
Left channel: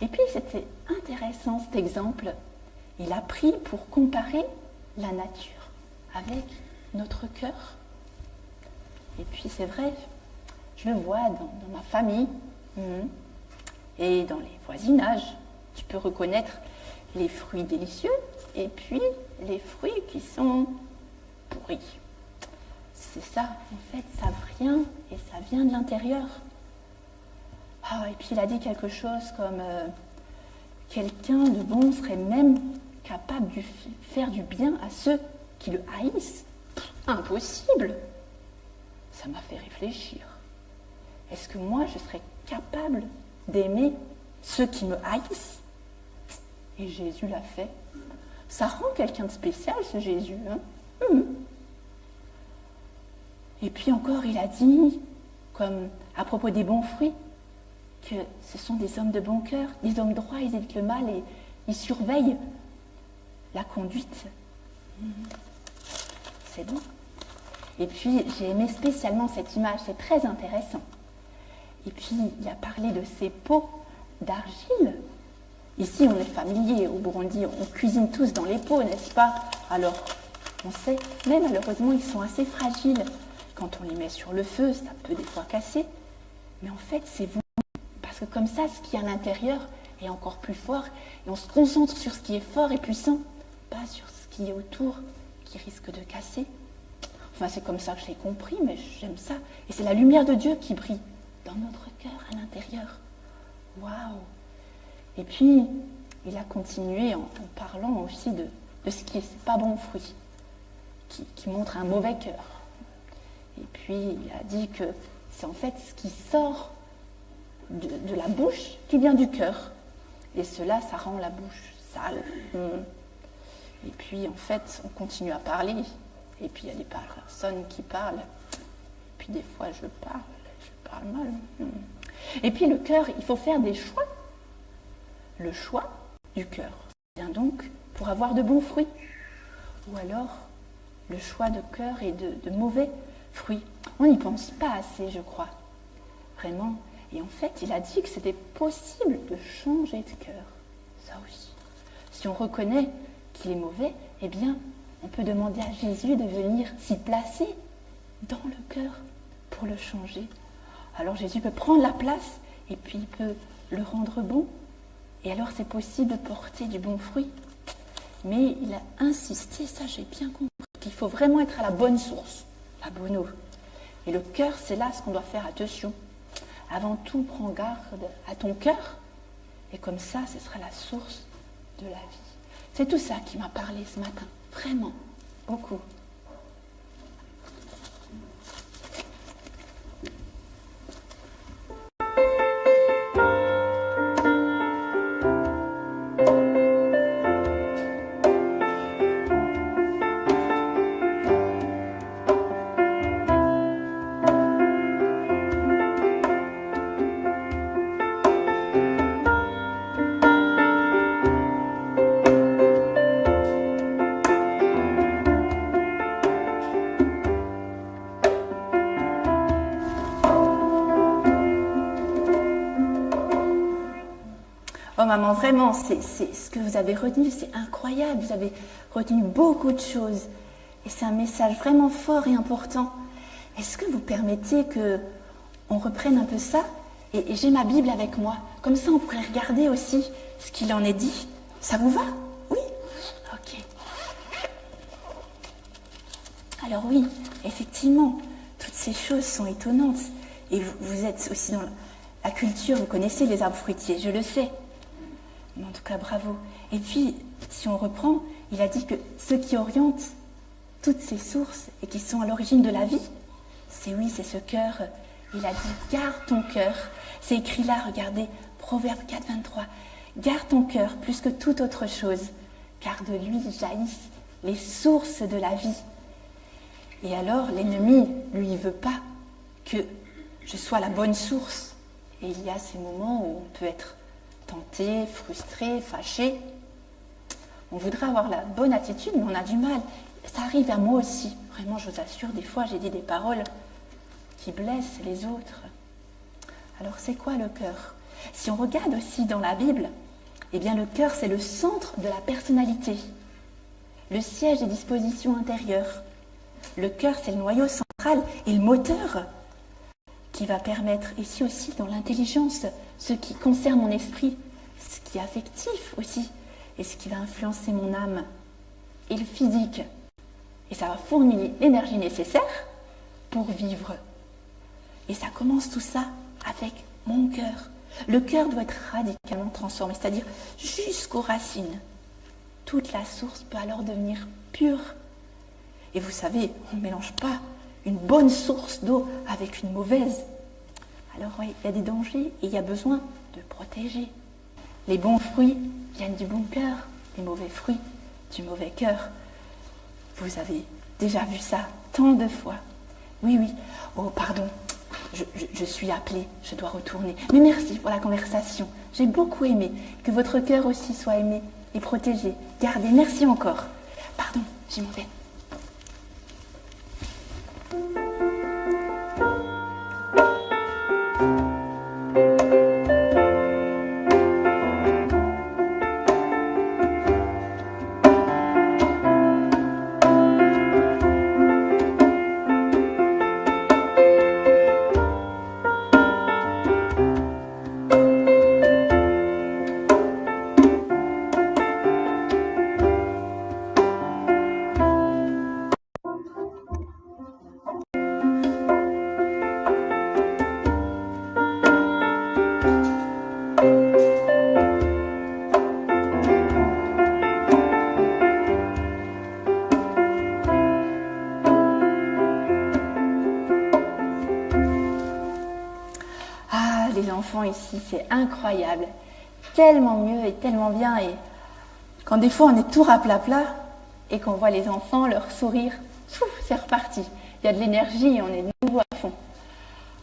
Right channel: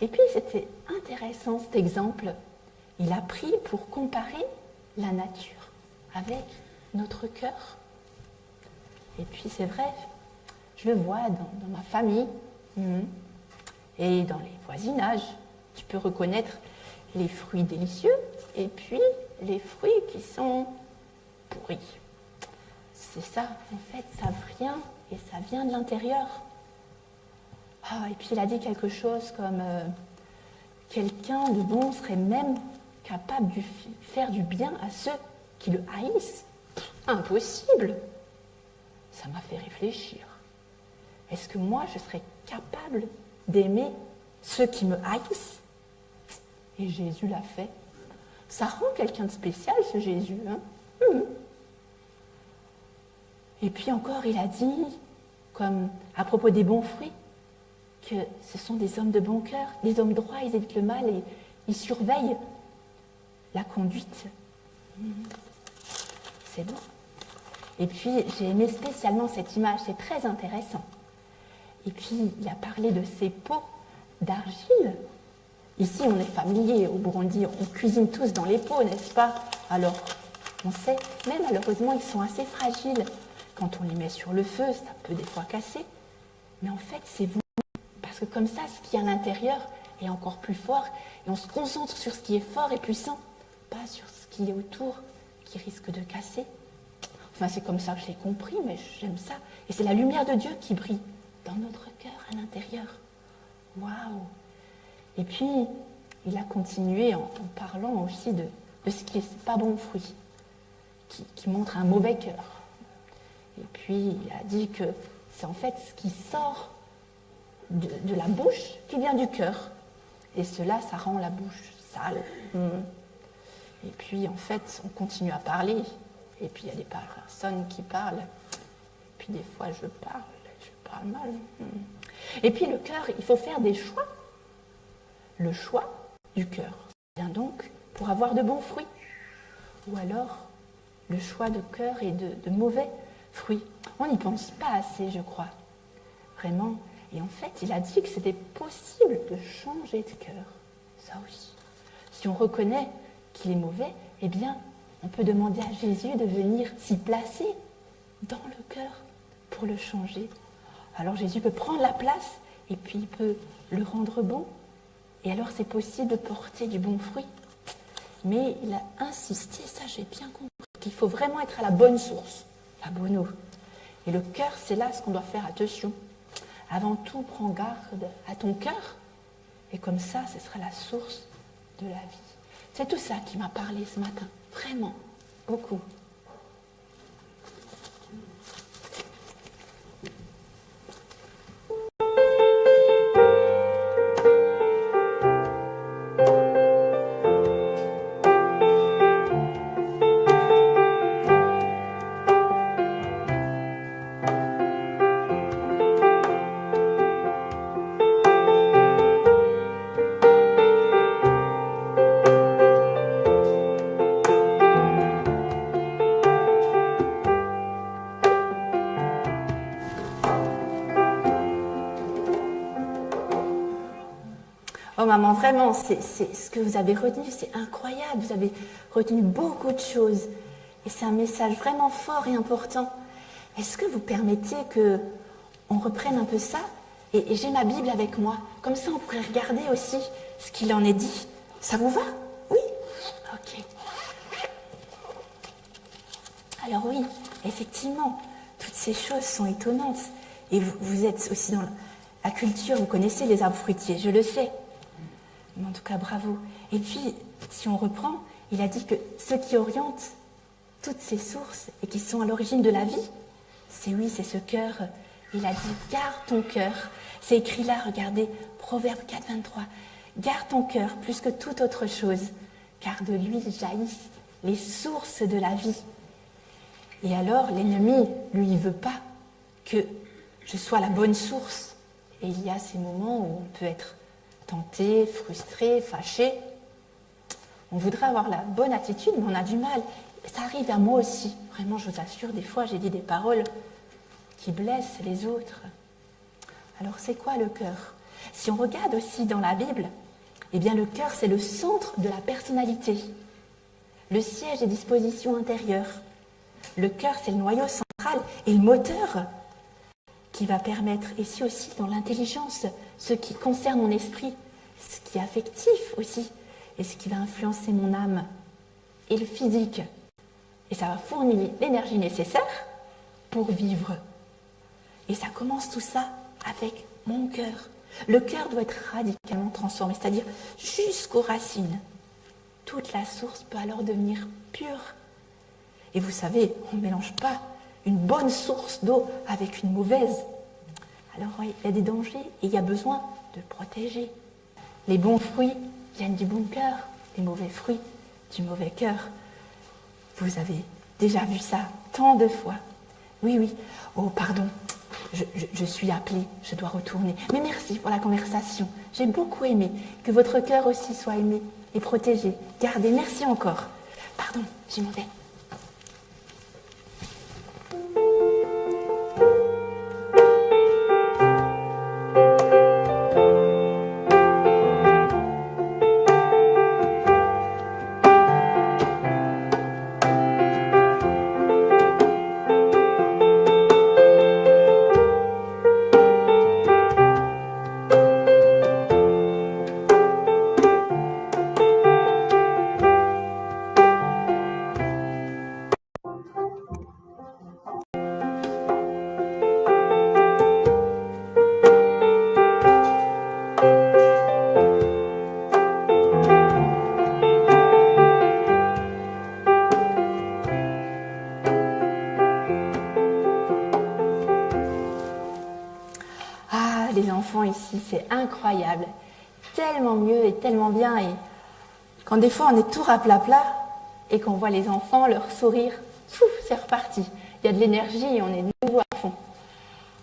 Et puis c'était intéressant cet exemple. Il a pris pour comparer la nature avec notre cœur. Et puis c'est vrai, je le vois dans ma famille et dans les voisinages. Tu peux reconnaître les fruits délicieux et puis les fruits qui sont pourris. C'est ça, en fait, ça vient de l'intérieur. Ah, et puis il a dit quelque chose comme quelqu'un de bon serait même capable de faire du bien à ceux qui le haïssent. Impossible. Ça m'a fait réfléchir. Est-ce que moi, je serais capable d'aimer ceux qui me haïssent? Et Jésus l'a fait. Ça rend quelqu'un de spécial, ce Jésus. Hein? Et puis encore, il a dit, comme à propos des bons fruits, que ce sont des hommes de bon cœur, des hommes droits, ils évitent le mal et ils surveillent la conduite. C'est bon. Et puis, j'ai aimé spécialement cette image, c'est très intéressant. Et puis, il a parlé de ces pots d'argile. Ici, on est familier au Burundi, on cuisine tous dans les pots, n'est-ce pas? Alors, on sait, mais malheureusement, ils sont assez fragiles. Quand on les met sur le feu, ça peut des fois casser. Mais en fait, c'est voulu, parce que comme ça, ce qui est à l'intérieur est encore plus fort, et on se concentre sur ce qui est fort et puissant, pas sur ce qui est autour, qui risque de casser. Enfin, c'est comme ça que je l'ai compris, mais j'aime ça. Et c'est la lumière de Dieu qui brille dans notre cœur, à l'intérieur. Waouh! Et puis, il a continué en parlant aussi de ce qui n'est pas bon fruit, qui montre un mauvais cœur. Et puis, il a dit que c'est en fait ce qui sort de la bouche qui vient du cœur. Et cela, ça rend la bouche sale. Et puis, en fait, on continue à parler. Et puis, il y a des personnes qui parlent. Et puis, des fois, je parle mal. Et puis, le cœur, il faut faire des choix. Le choix du cœur vient donc pour avoir de bons fruits. Ou alors, le choix de cœur est de mauvais fruits. On n'y pense pas assez, je crois. Vraiment. Et en fait, il a dit que c'était possible de changer de cœur. Ça aussi. Si on reconnaît qu'il est mauvais, eh bien, on peut demander à Jésus de venir s'y placer dans le cœur pour le changer. Alors Jésus peut prendre la place et puis il peut le rendre bon. Et alors c'est possible de porter du bon fruit. Mais il a insisté, ça j'ai bien compris, qu'il faut vraiment être à la bonne source, la bonne eau. Et le cœur, c'est là ce qu'on doit faire attention. Avant tout, prends garde à ton cœur. Et comme ça, ce sera la source de la vie. C'est tout ça qui m'a parlé ce matin. Vraiment, beaucoup. Oh maman, vraiment, c'est ce que vous avez retenu, c'est incroyable. Vous avez retenu beaucoup de choses. Et c'est un message vraiment fort et important. Est-ce que vous permettez qu'on reprenne un peu ça? Et j'ai ma Bible avec moi. Comme ça, on pourrait regarder aussi ce qu'il en est dit. Ça vous va? Oui? Ok. Alors oui, effectivement, toutes ces choses sont étonnantes. Et vous êtes aussi dans la culture, vous connaissez les arbres fruitiers, je le sais. Mais en tout cas, bravo. Et puis, si on reprend, il a dit que ceux qui orientent toutes ces sources et qui sont à l'origine de la vie, c'est ce cœur. Il a dit, garde ton cœur. C'est écrit là, regardez, Proverbe 4, 23. Garde ton cœur plus que toute autre chose, car de lui jaillissent les sources de la vie. Et alors, l'ennemi, lui, il veut pas que je sois la bonne source. Et il y a ces moments où on peut être tenté, frustré, fâché. On voudrait avoir la bonne attitude, mais on a du mal. Ça arrive à moi aussi. Vraiment, je vous assure, des fois, j'ai dit des paroles qui blessent les autres. Alors, c'est quoi le cœur? Si on regarde aussi dans la Bible, eh bien, le cœur, c'est le centre de la personnalité, le siège des dispositions intérieures. Le cœur, c'est le noyau central et le moteur qui va permettre, ici aussi dans l'intelligence, ce qui concerne mon esprit, ce qui est affectif aussi, et ce qui va influencer mon âme, et le physique. Et ça va fournir l'énergie nécessaire pour vivre. Et ça commence tout ça avec mon cœur. Le cœur doit être radicalement transformé, c'est-à-dire jusqu'aux racines. Toute la source peut alors devenir pure. Et vous savez, on ne mélange pas une bonne source d'eau avec une mauvaise. Alors oui, il y a des dangers et il y a besoin de protéger. Les bons fruits viennent du bon cœur, les mauvais fruits du mauvais cœur. Vous avez déjà vu ça tant de fois. Oui, oui. Oh, pardon, je suis appelée, je dois retourner. Mais merci pour la conversation. J'ai beaucoup aimé. Que votre cœur aussi soit aimé et protégé. Gardez, merci encore. Pardon, j'y m'en vais. Ici, c'est incroyable, tellement mieux et tellement bien. Et quand des fois on est tout rapla-pla et qu'on voit les enfants, leur sourire, c'est reparti. Il y a de l'énergie et on est de nouveau à fond.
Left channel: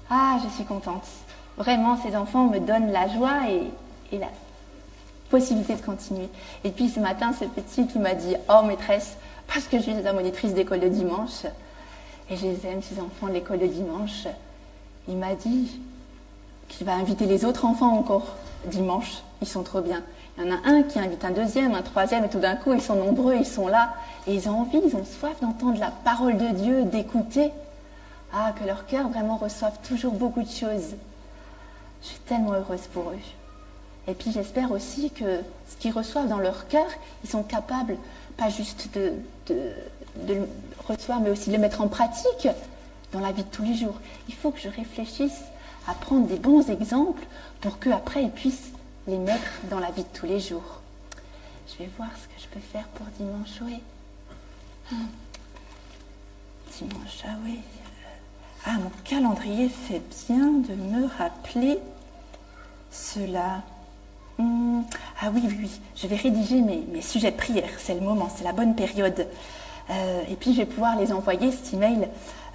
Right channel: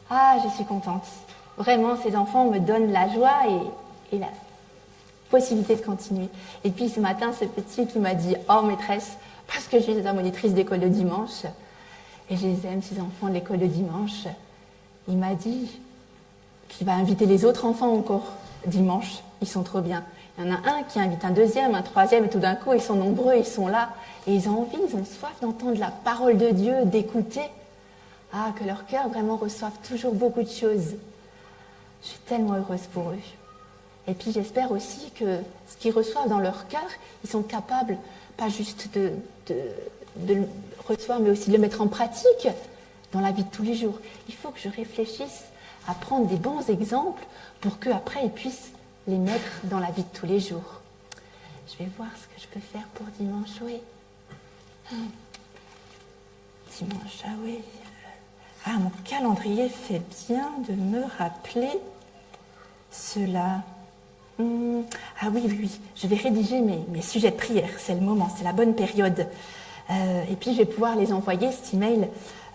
Ah, je suis contente. Vraiment, ces enfants me donnent la joie et la possibilité de continuer. Et puis ce matin, ce petit qui m'a dit « Oh maîtresse, parce que je suis la monitrice d'école de dimanche, et je les aime, ces enfants de l'école de dimanche. » Il m'a dit qu'il va inviter les autres enfants encore dimanche. Ils sont trop bien. Il y en a un qui invite un deuxième, un troisième, et tout d'un coup, ils sont nombreux, ils sont là. Et ils ont envie, ils ont soif d'entendre la parole de Dieu, d'écouter. Ah, que leur cœur vraiment reçoive toujours beaucoup de choses. Je suis tellement heureuse pour eux. Et puis j'espère aussi que ce qu'ils reçoivent dans leur cœur, ils sont capables, pas juste de le recevoir, mais aussi de le mettre en pratique dans la vie de tous les jours. Il faut que je réfléchisse à prendre des bons exemples pour qu'après ils puissent les mettre dans la vie de tous les jours. Je vais voir ce que je peux faire pour dimanche, oui. Dimanche, ah oui. Ah, mon calendrier fait bien de me rappeler cela. Ah oui, oui, oui. Je vais rédiger mes sujets de prière. C'est le moment, c'est la bonne période. Et puis je vais pouvoir les envoyer, cet email,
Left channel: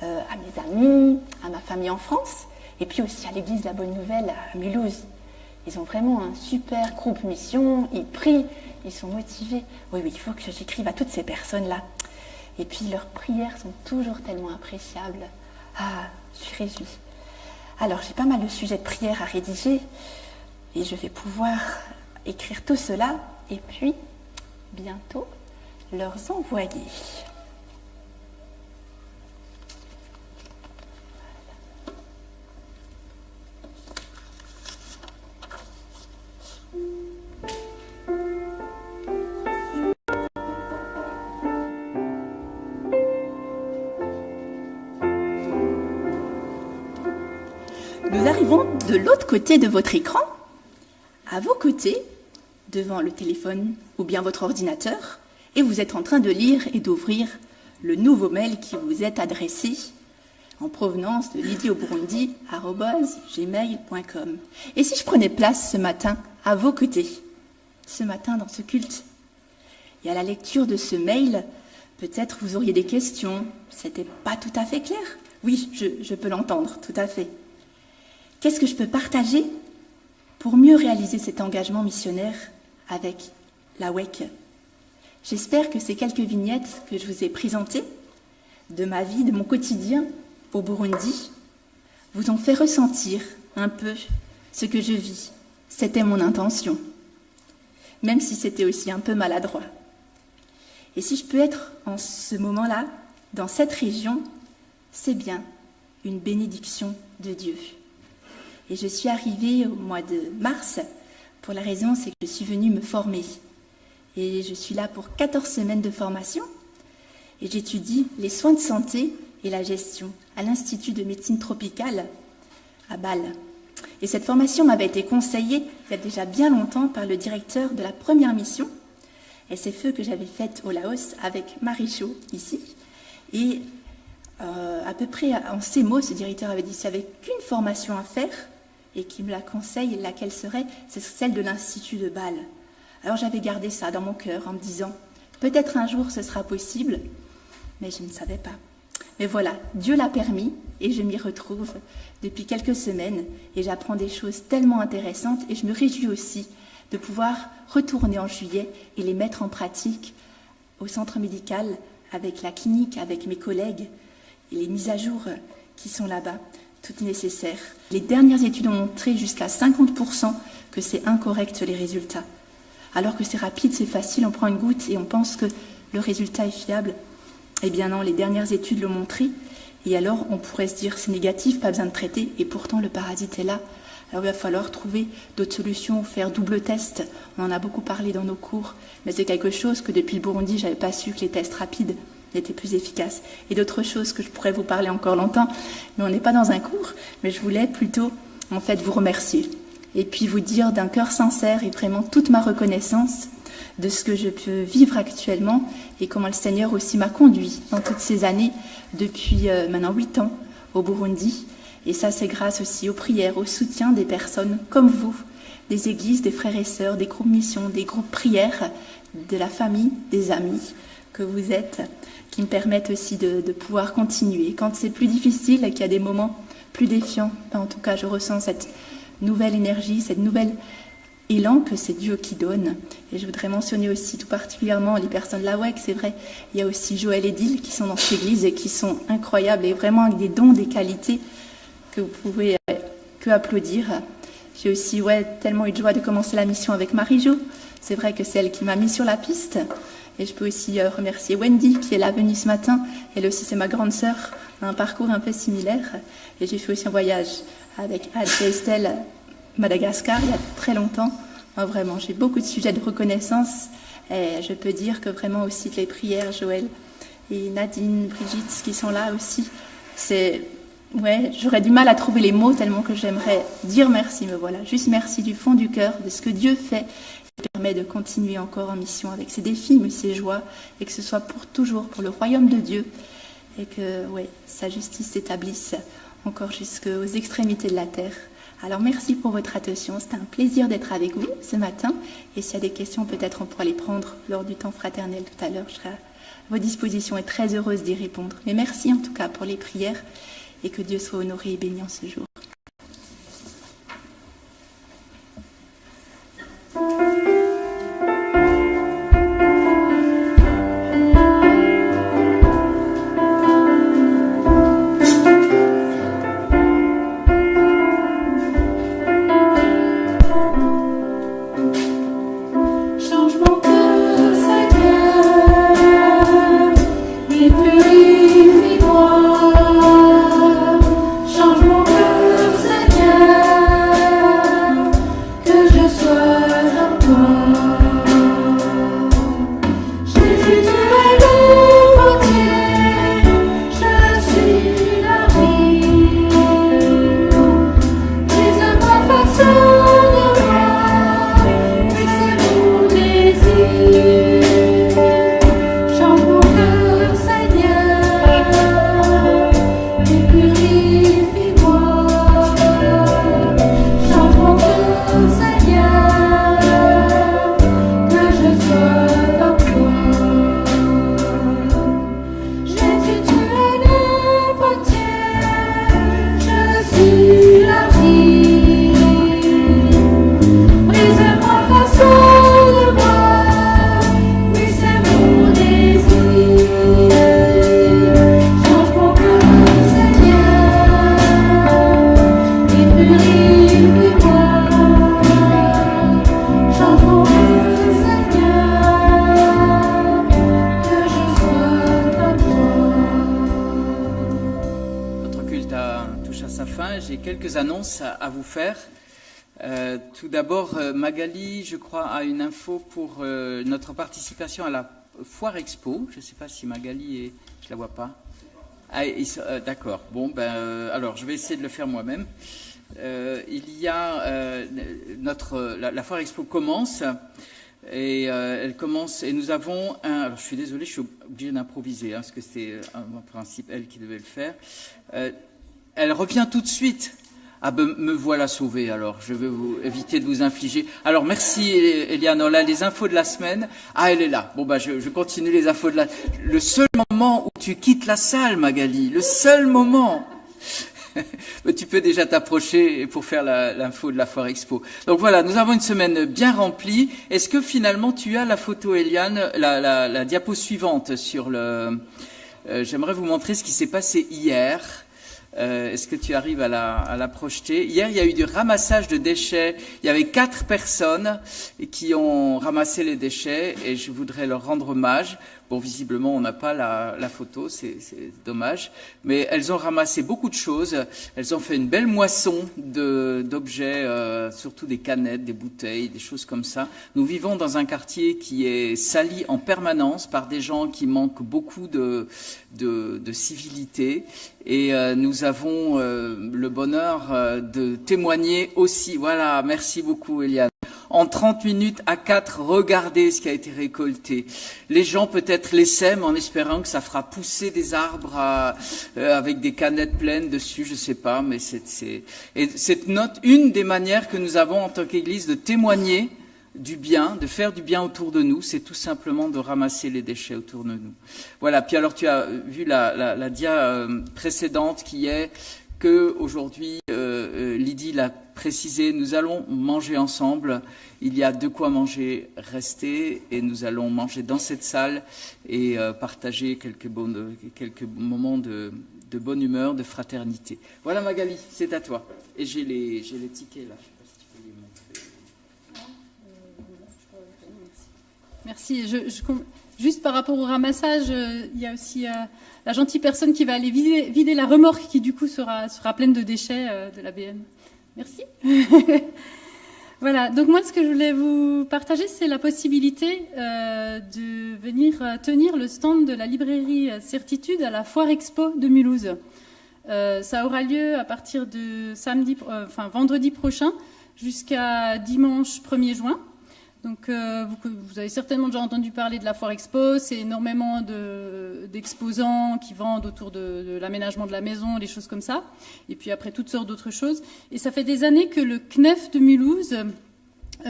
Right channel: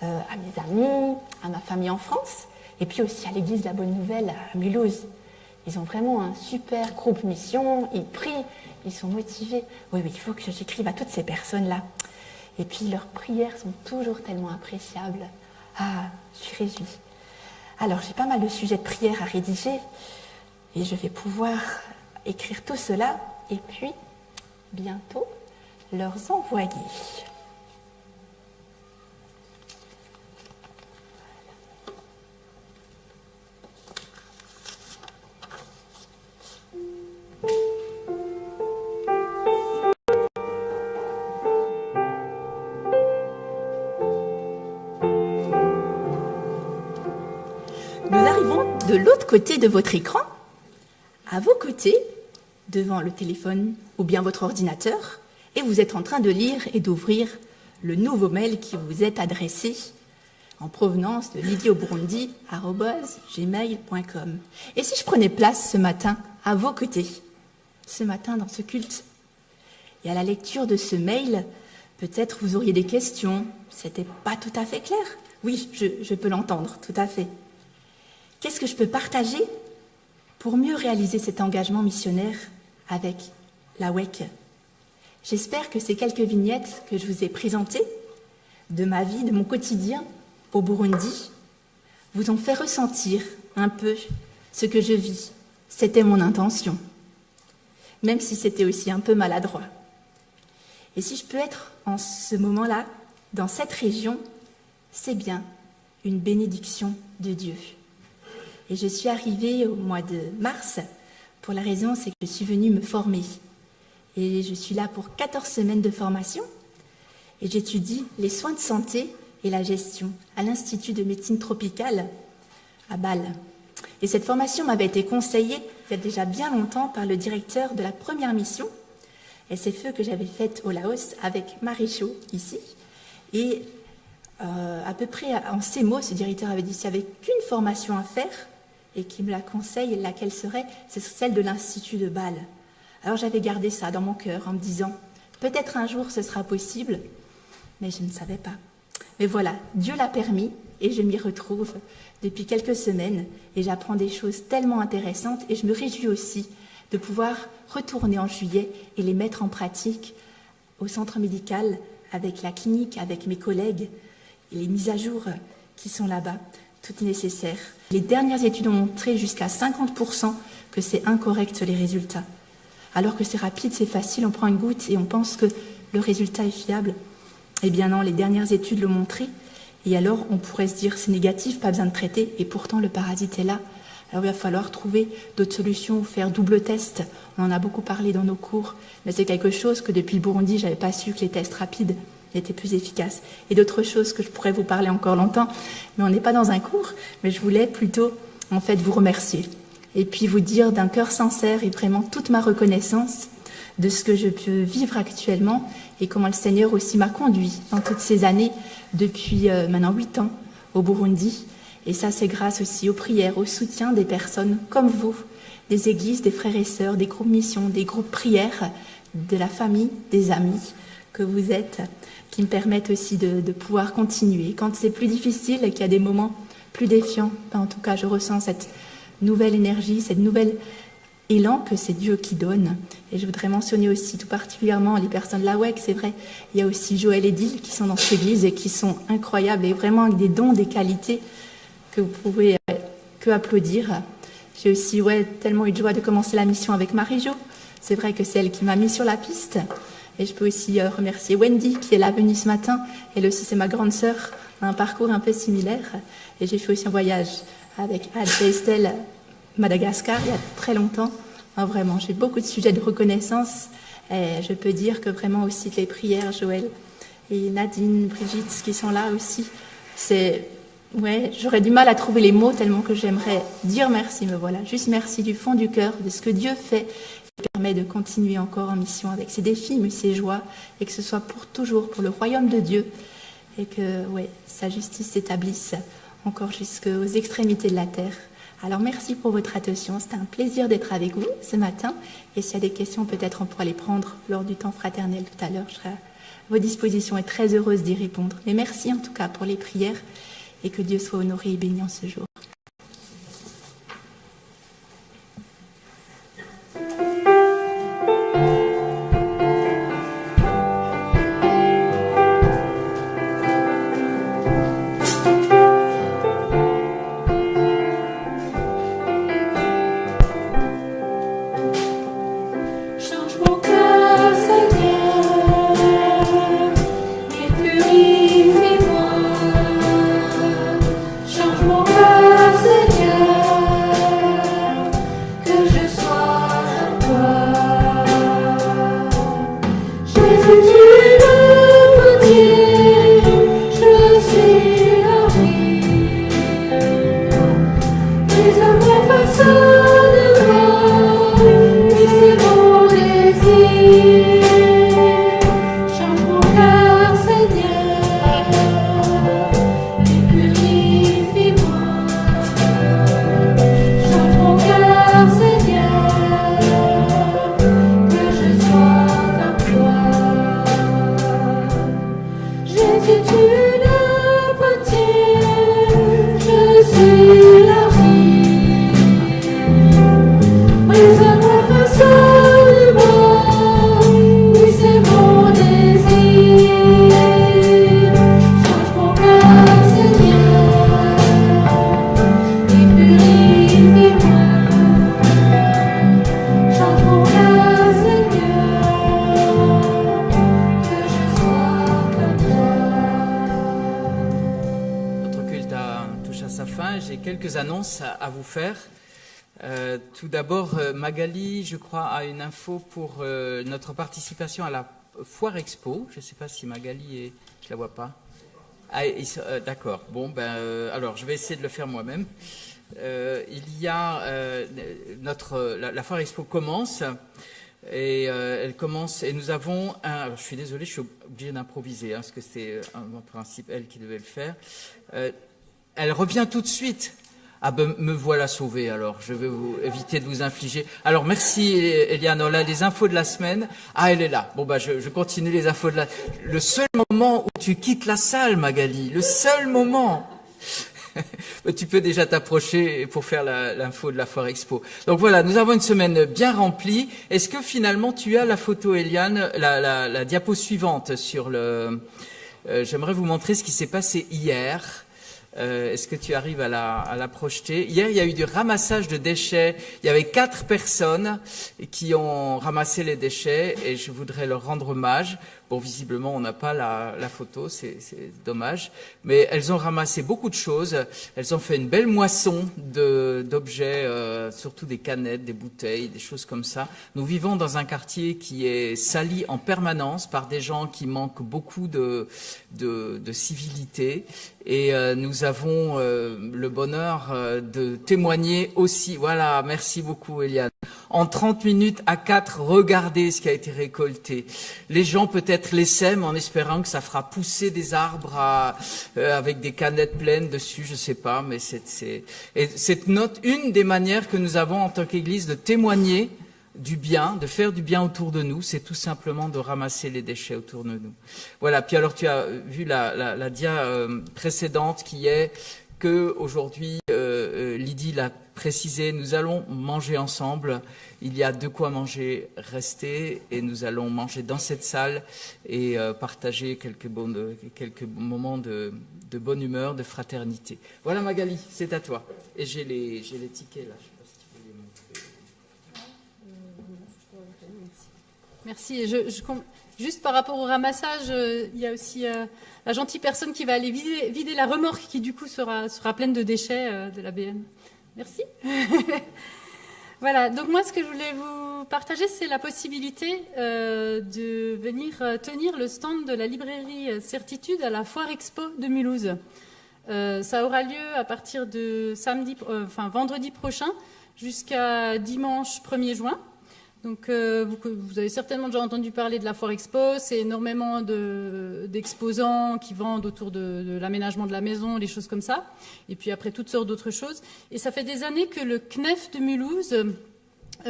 à mes amis, à ma famille en France. Et puis aussi à l'église La Bonne Nouvelle à Mulhouse. Ils ont vraiment un super groupe mission, ils prient, ils sont motivés. Oui, oui, il faut que j'écrive à toutes ces personnes-là. Et puis leurs prières sont toujours tellement appréciables. Ah, je suis réjouie. Alors, j'ai pas mal de sujets de prière à rédiger et je vais pouvoir écrire tout cela et puis, bientôt, leur envoyer. Nous arrivons de l'autre côté de votre écran, à vos côtés, devant le téléphone ou bien votre ordinateur, et vous êtes en train de lire et d'ouvrir le nouveau mail qui vous est adressé en provenance de lydieauburundi@gmail.com. Et si je prenais place ce matin à vos côtés, ce matin dans ce culte, Et à la lecture de ce mail, peut-être vous auriez des questions. C'était pas tout à fait clair. Oui, je peux l'entendre, tout à fait. Qu'est-ce que je peux partager pour mieux réaliser cet engagement missionnaire avec la WEC? J'espère que ces quelques vignettes que je vous ai présentées de ma vie, de mon quotidien au Burundi, vous ont fait ressentir un peu ce que je vis. C'était mon intention, même si c'était aussi un peu maladroit. Et si je peux être en ce moment-là, dans cette région, c'est bien une bénédiction de Dieu. Et je suis arrivée au mois de mars, pour la raison, c'est que je suis venue me former. Et je suis là pour 14 semaines de formation, et j'étudie les soins de santé et la gestion à l'Institut de médecine tropicale à Bâle. Et cette formation m'avait été conseillée il y a déjà bien longtemps par le directeur de la première mission, SFE, que j'avais faite au Laos avec Marichou ici. Et à peu près en ces mots, ce directeur avait dit s'il n'y avait qu'une formation à faire et qui me la conseille, laquelle serait, c'est celle de l'Institut de Bâle. Alors j'avais gardé ça dans mon cœur en me disant peut-être un jour ce sera possible, mais je ne savais pas. Mais voilà, Dieu l'a permis et je m'y retrouve depuis quelques semaines et j'apprends des choses tellement intéressantes et je me réjouis aussi de pouvoir retourner en juillet et les mettre en pratique au centre médical avec la clinique, avec mes collègues et les mises à jour qui sont là-bas. Tout est nécessaire. Les dernières études ont montré jusqu'à 50% que c'est incorrect les résultats. Alors que c'est rapide, c'est facile, on prend une goutte et on pense que le résultat est fiable. Eh bien non, les dernières études l'ont montré. Et alors, on pourrait se dire, c'est négatif, pas besoin de traiter. Et pourtant, le parasite est là. Alors, il va falloir trouver d'autres solutions, faire double test. On en a beaucoup parlé dans nos cours. Mais c'est quelque chose que depuis le Burundi, je n'avais pas su que les tests rapides étaient plus efficaces. Et d'autres choses que je pourrais vous parler encore longtemps. Mais on n'est pas dans un cours. Mais je voulais plutôt, en fait, vous remercier. Et puis vous dire d'un cœur sincère et vraiment toute ma reconnaissance de ce que je peux vivre actuellement et comment le Seigneur aussi m'a conduit dans toutes ces années, depuis maintenant 8 ans au Burundi. Et ça, c'est grâce aussi aux prières, au soutien des personnes comme vous, des églises, des frères et sœurs, des groupes missions, des groupes prières, de la famille, des amis que vous êtes, qui me permettent aussi de pouvoir continuer. Quand c'est plus difficile et qu'il y a des moments plus défiants, en tout cas, je ressens cette nouvelle énergie, cette nouvelle élan que c'est Dieu qui donne. Et je voudrais mentionner aussi tout particulièrement les personnes de la WEC, c'est vrai. Il y a aussi Joël et Dil qui sont dans cette église et qui sont incroyables et vraiment avec des dons, des qualités que vous pouvez que applaudir. J'ai aussi tellement eu de joie de commencer la mission avec Marie-Jo. C'est vrai que c'est elle qui m'a mis sur la piste. Et je peux aussi remercier Wendy qui est là venue ce matin. Elle aussi, c'est ma grande sœur, a un parcours un peu similaire. Et j'ai fait aussi un voyage avec Anne et Estelle, Madagascar, il y a très longtemps. Vraiment, j'ai beaucoup de sujets de reconnaissance. Et je peux dire que vraiment aussi les prières, Joël et Nadine, Brigitte, qui sont là aussi, j'aurais du mal à trouver les mots tellement que j'aimerais dire merci. Mais voilà, juste merci du fond du cœur de ce que Dieu fait et permet de continuer encore en mission avec ses défis, mais ses joies, et que ce soit pour toujours, pour le royaume de Dieu, et que sa justice s'établisse encore jusqu'aux extrémités de la terre. Alors merci pour votre attention, c'était un plaisir d'être avec vous ce matin. Et s'il y a des questions, peut-être on pourra les prendre lors du temps fraternel tout à l'heure. Je serai à vos dispositions et très heureuse d'y répondre. Mais merci en tout cas pour les prières et que Dieu soit honoré et béni en ce jour. Seigneur, que je sois comme toi. matin. J'ai quelques annonces à vous faire. Tout d'abord, Magali, je crois, a une info pour notre participation à la Foire Expo. Je ne sais pas si Magali est... Je ne la vois pas. Ah, d'accord. Bon, alors, je vais essayer de le faire moi-même. Il y a la Foire Expo commence. Et elle commence, et nous avons un... Alors, je suis désolé, je suis obligé d'improviser, parce que c'est en principe elle qui devait le faire. Elle revient tout de suite. Ah ben, me voilà sauvé, alors. Je vais éviter de vous infliger. Alors, merci, Eliane. On a les infos de la semaine. Ah, elle est là. Bon, je continue les infos de la... Le seul moment où tu quittes la salle, Magali, le seul moment... Tu peux déjà t'approcher pour faire l'info de la Foire Expo. Donc voilà, nous avons une semaine bien remplie. Est-ce que finalement tu as la photo, Eliane, la diapo suivante sur le... J'aimerais vous montrer ce qui s'est passé hier. Est-ce que tu arrives à la projeter? Hier, il y a eu du ramassage de déchets. Il y avait 4 personnes qui ont ramassé les déchets et je voudrais leur rendre hommage. Bon, visiblement, on n'a pas la photo, c'est dommage. Mais elles ont ramassé beaucoup de choses. Elles ont fait une belle moisson d'objets, surtout des canettes, des bouteilles, des choses comme ça. Nous vivons dans un quartier qui est sali en permanence par des gens qui manquent beaucoup de civilité. Et nous avons le bonheur de témoigner aussi. Voilà, merci beaucoup, Eliane. En 30 minutes à 4, regardez ce qui a été récolté. Les gens peut-être les sèment en espérant que ça fera pousser des arbres avec des canettes pleines dessus, je sais pas, mais c'est une des manières que nous avons en tant qu'Église de témoigner du bien, de faire du bien autour de nous, c'est tout simplement de ramasser les déchets autour de nous. Voilà, puis alors tu as vu la dia précédente qui est que aujourd'hui, Lydie l'a précisé, nous allons manger ensemble. Il y a de quoi manger, rester, et nous allons manger dans cette salle et partager quelques moments de bonne humeur, de fraternité. Voilà Magali, c'est à toi. Et j'ai les tickets là. Merci. Juste par rapport au ramassage, il y a aussi la gentille personne qui va aller vider la remorque qui du coup sera pleine de déchets de la BN. Merci. Voilà, donc moi ce que je voulais vous partager, c'est la possibilité de venir tenir le stand de la librairie Certitude à la Foire Expo de Mulhouse. Ça aura lieu à partir de vendredi prochain jusqu'à dimanche 1er juin. Donc, vous avez certainement déjà entendu parler de la Foire Expo. C'est énormément d'exposants qui vendent autour de l'aménagement de la maison, des choses comme ça. Et puis après, toutes sortes d'autres choses. Et ça fait des années que le CNEF de Mulhouse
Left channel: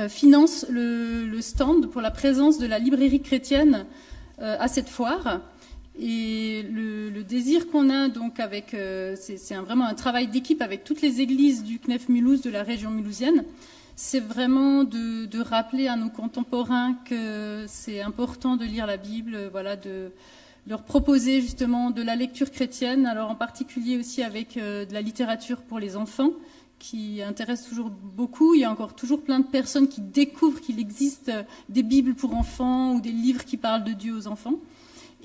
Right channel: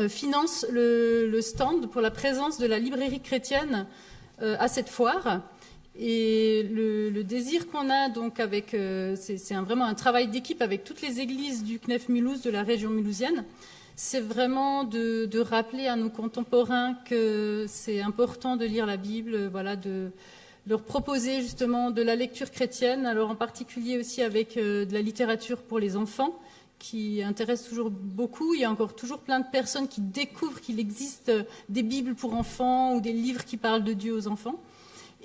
finance le stand pour la présence de la librairie chrétienne à cette foire. Et le désir qu'on a, donc, c'est vraiment un travail d'équipe avec toutes les églises du CNEF Mulhouse, de la région mulhousienne. C'est vraiment de rappeler à nos contemporains que c'est important de lire la Bible, voilà, de leur proposer justement de la lecture chrétienne, alors en particulier aussi avec de la littérature pour les enfants, qui intéresse toujours beaucoup. Il y a encore toujours plein de personnes qui découvrent qu'il existe des Bibles pour enfants ou des livres qui parlent de Dieu aux enfants.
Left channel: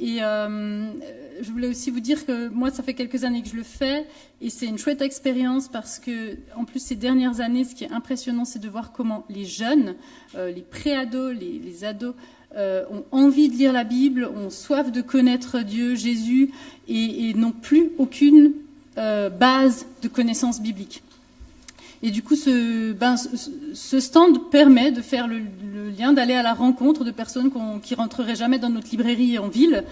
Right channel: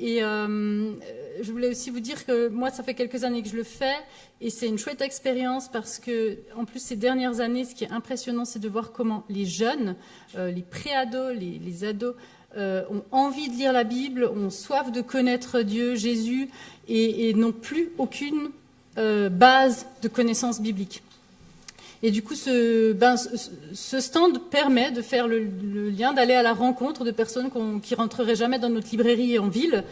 Et je voulais aussi vous dire que moi, ça fait quelques années que je le fais et c'est une chouette expérience parce que, en plus, ces dernières années, ce qui est impressionnant, c'est de voir comment les jeunes, les pré-ados, les ados, ont envie de lire la Bible, ont soif de connaître Dieu, Jésus et n'ont plus aucune base de connaissances bibliques. Et du coup, ce stand permet de faire le lien, d'aller à la rencontre de personnes qui rentreraient jamais dans notre librairie en ville.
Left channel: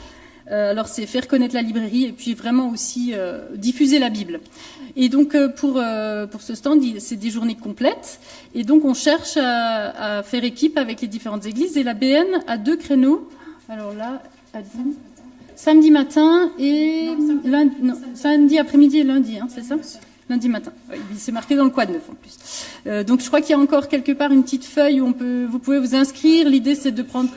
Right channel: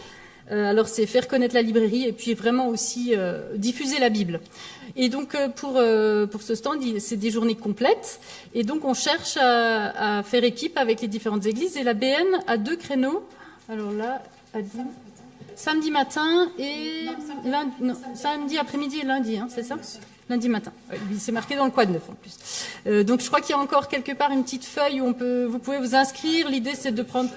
Alors, c'est faire connaître la librairie et puis vraiment aussi diffuser la Bible. Et donc, pour ce stand, c'est des journées complètes. Et donc, on cherche à faire équipe avec les différentes églises. Et la BN a 2 créneaux. Alors là, samedi matin et samedi après-midi et lundi, hein, c'est ça ? Lundi matin. C'est marqué dans le quad neuf en plus. Donc je crois qu'il y a encore quelque part une petite feuille où vous pouvez vous inscrire. L'idée c'est de prendre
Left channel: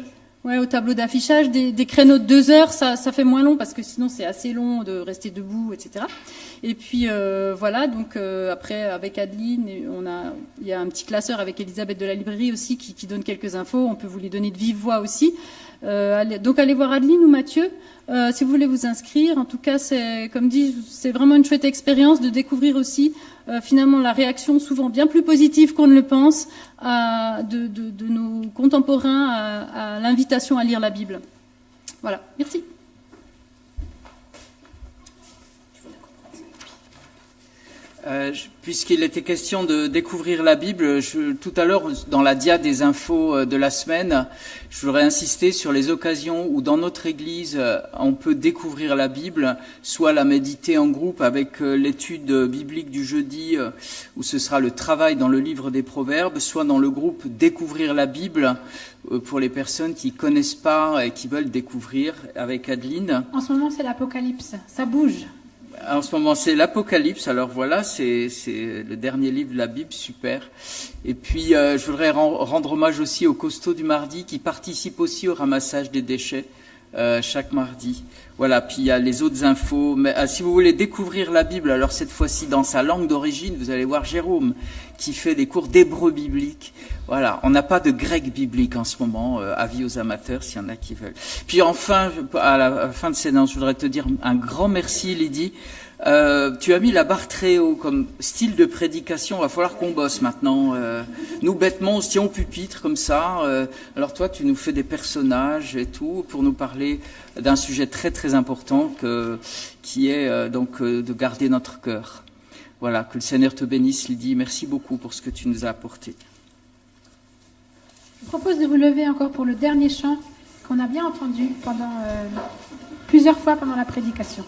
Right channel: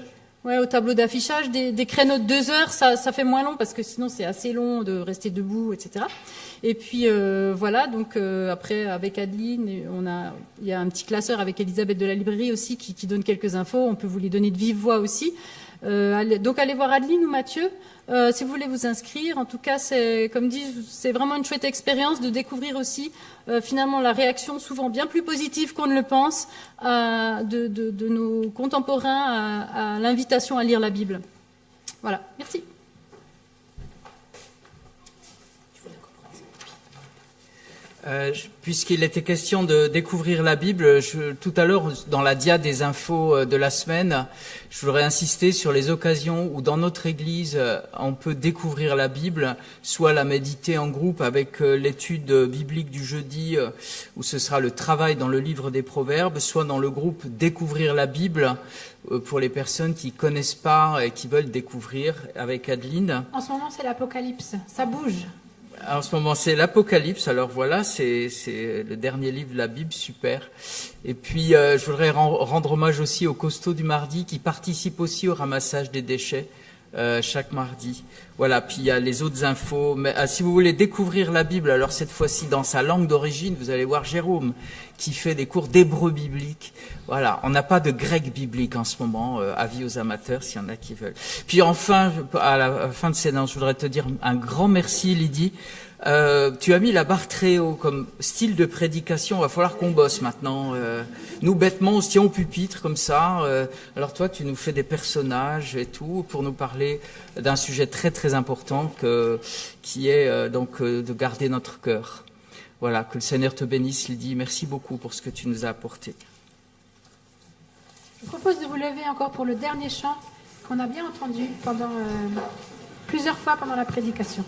au tableau d'affichage des créneaux de 2 heures. Ça fait moins long parce que sinon c'est assez long de rester debout, etc. Et puis voilà, donc après avec Adeline, il y a un petit classeur avec Elisabeth de la librairie aussi qui donne quelques infos. On peut vous les donner de vive voix aussi. Donc allez voir Adeline ou Mathieu si vous voulez vous inscrire. En tout cas, comme dit, c'est vraiment une chouette expérience de découvrir aussi finalement la réaction souvent bien plus positive qu'on ne le pense de nos contemporains à l'invitation à lire la Bible. Voilà, merci. Puisqu'il était question de découvrir la Bible, tout à l'heure, dans la dia des infos de la semaine, je voudrais insister sur les occasions où dans notre Église, on peut découvrir la Bible, soit la méditer en groupe avec l'étude biblique du jeudi, où ce sera le travail dans le livre des Proverbes, soit dans le groupe Découvrir la Bible, pour les personnes qui ne connaissent pas et qui veulent découvrir avec Adeline. En ce moment, c'est l'Apocalypse, ça bouge. En ce moment, c'est l'Apocalypse. Alors voilà, c'est le dernier livre de la Bible, super. Et puis, je voudrais rendre hommage aussi aux costauds du mardi qui participent aussi au ramassage des déchets chaque mardi. Voilà, puis il y a les autres infos. Mais si vous voulez découvrir la Bible, alors cette fois-ci dans sa langue d'origine, vous allez voir Jérôme qui fait des cours d'hébreu biblique. Voilà, on n'a pas de grec biblique en ce moment, avis aux amateurs s'il y en a qui veulent. Puis enfin, à la fin de cette annonce, je voudrais te dire un grand merci, Lydie. Tu as mis la barre très haut comme style de prédication. Il va falloir qu'on bosse maintenant. Nous, bêtement, on se tient au pupitre comme ça. Alors toi, tu nous fais des personnages et tout pour nous parler d'un sujet très très important qui est donc de garder notre cœur. Voilà, que le Seigneur te bénisse, Lydie. Merci beaucoup pour ce que tu nous as apporté. Je vous propose de vous lever encore pour le dernier chant qu'on a bien entendu plusieurs fois pendant la prédication.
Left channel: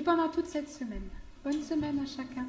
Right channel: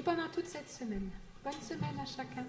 et pendant toute cette semaine. Bonne semaine à chacun.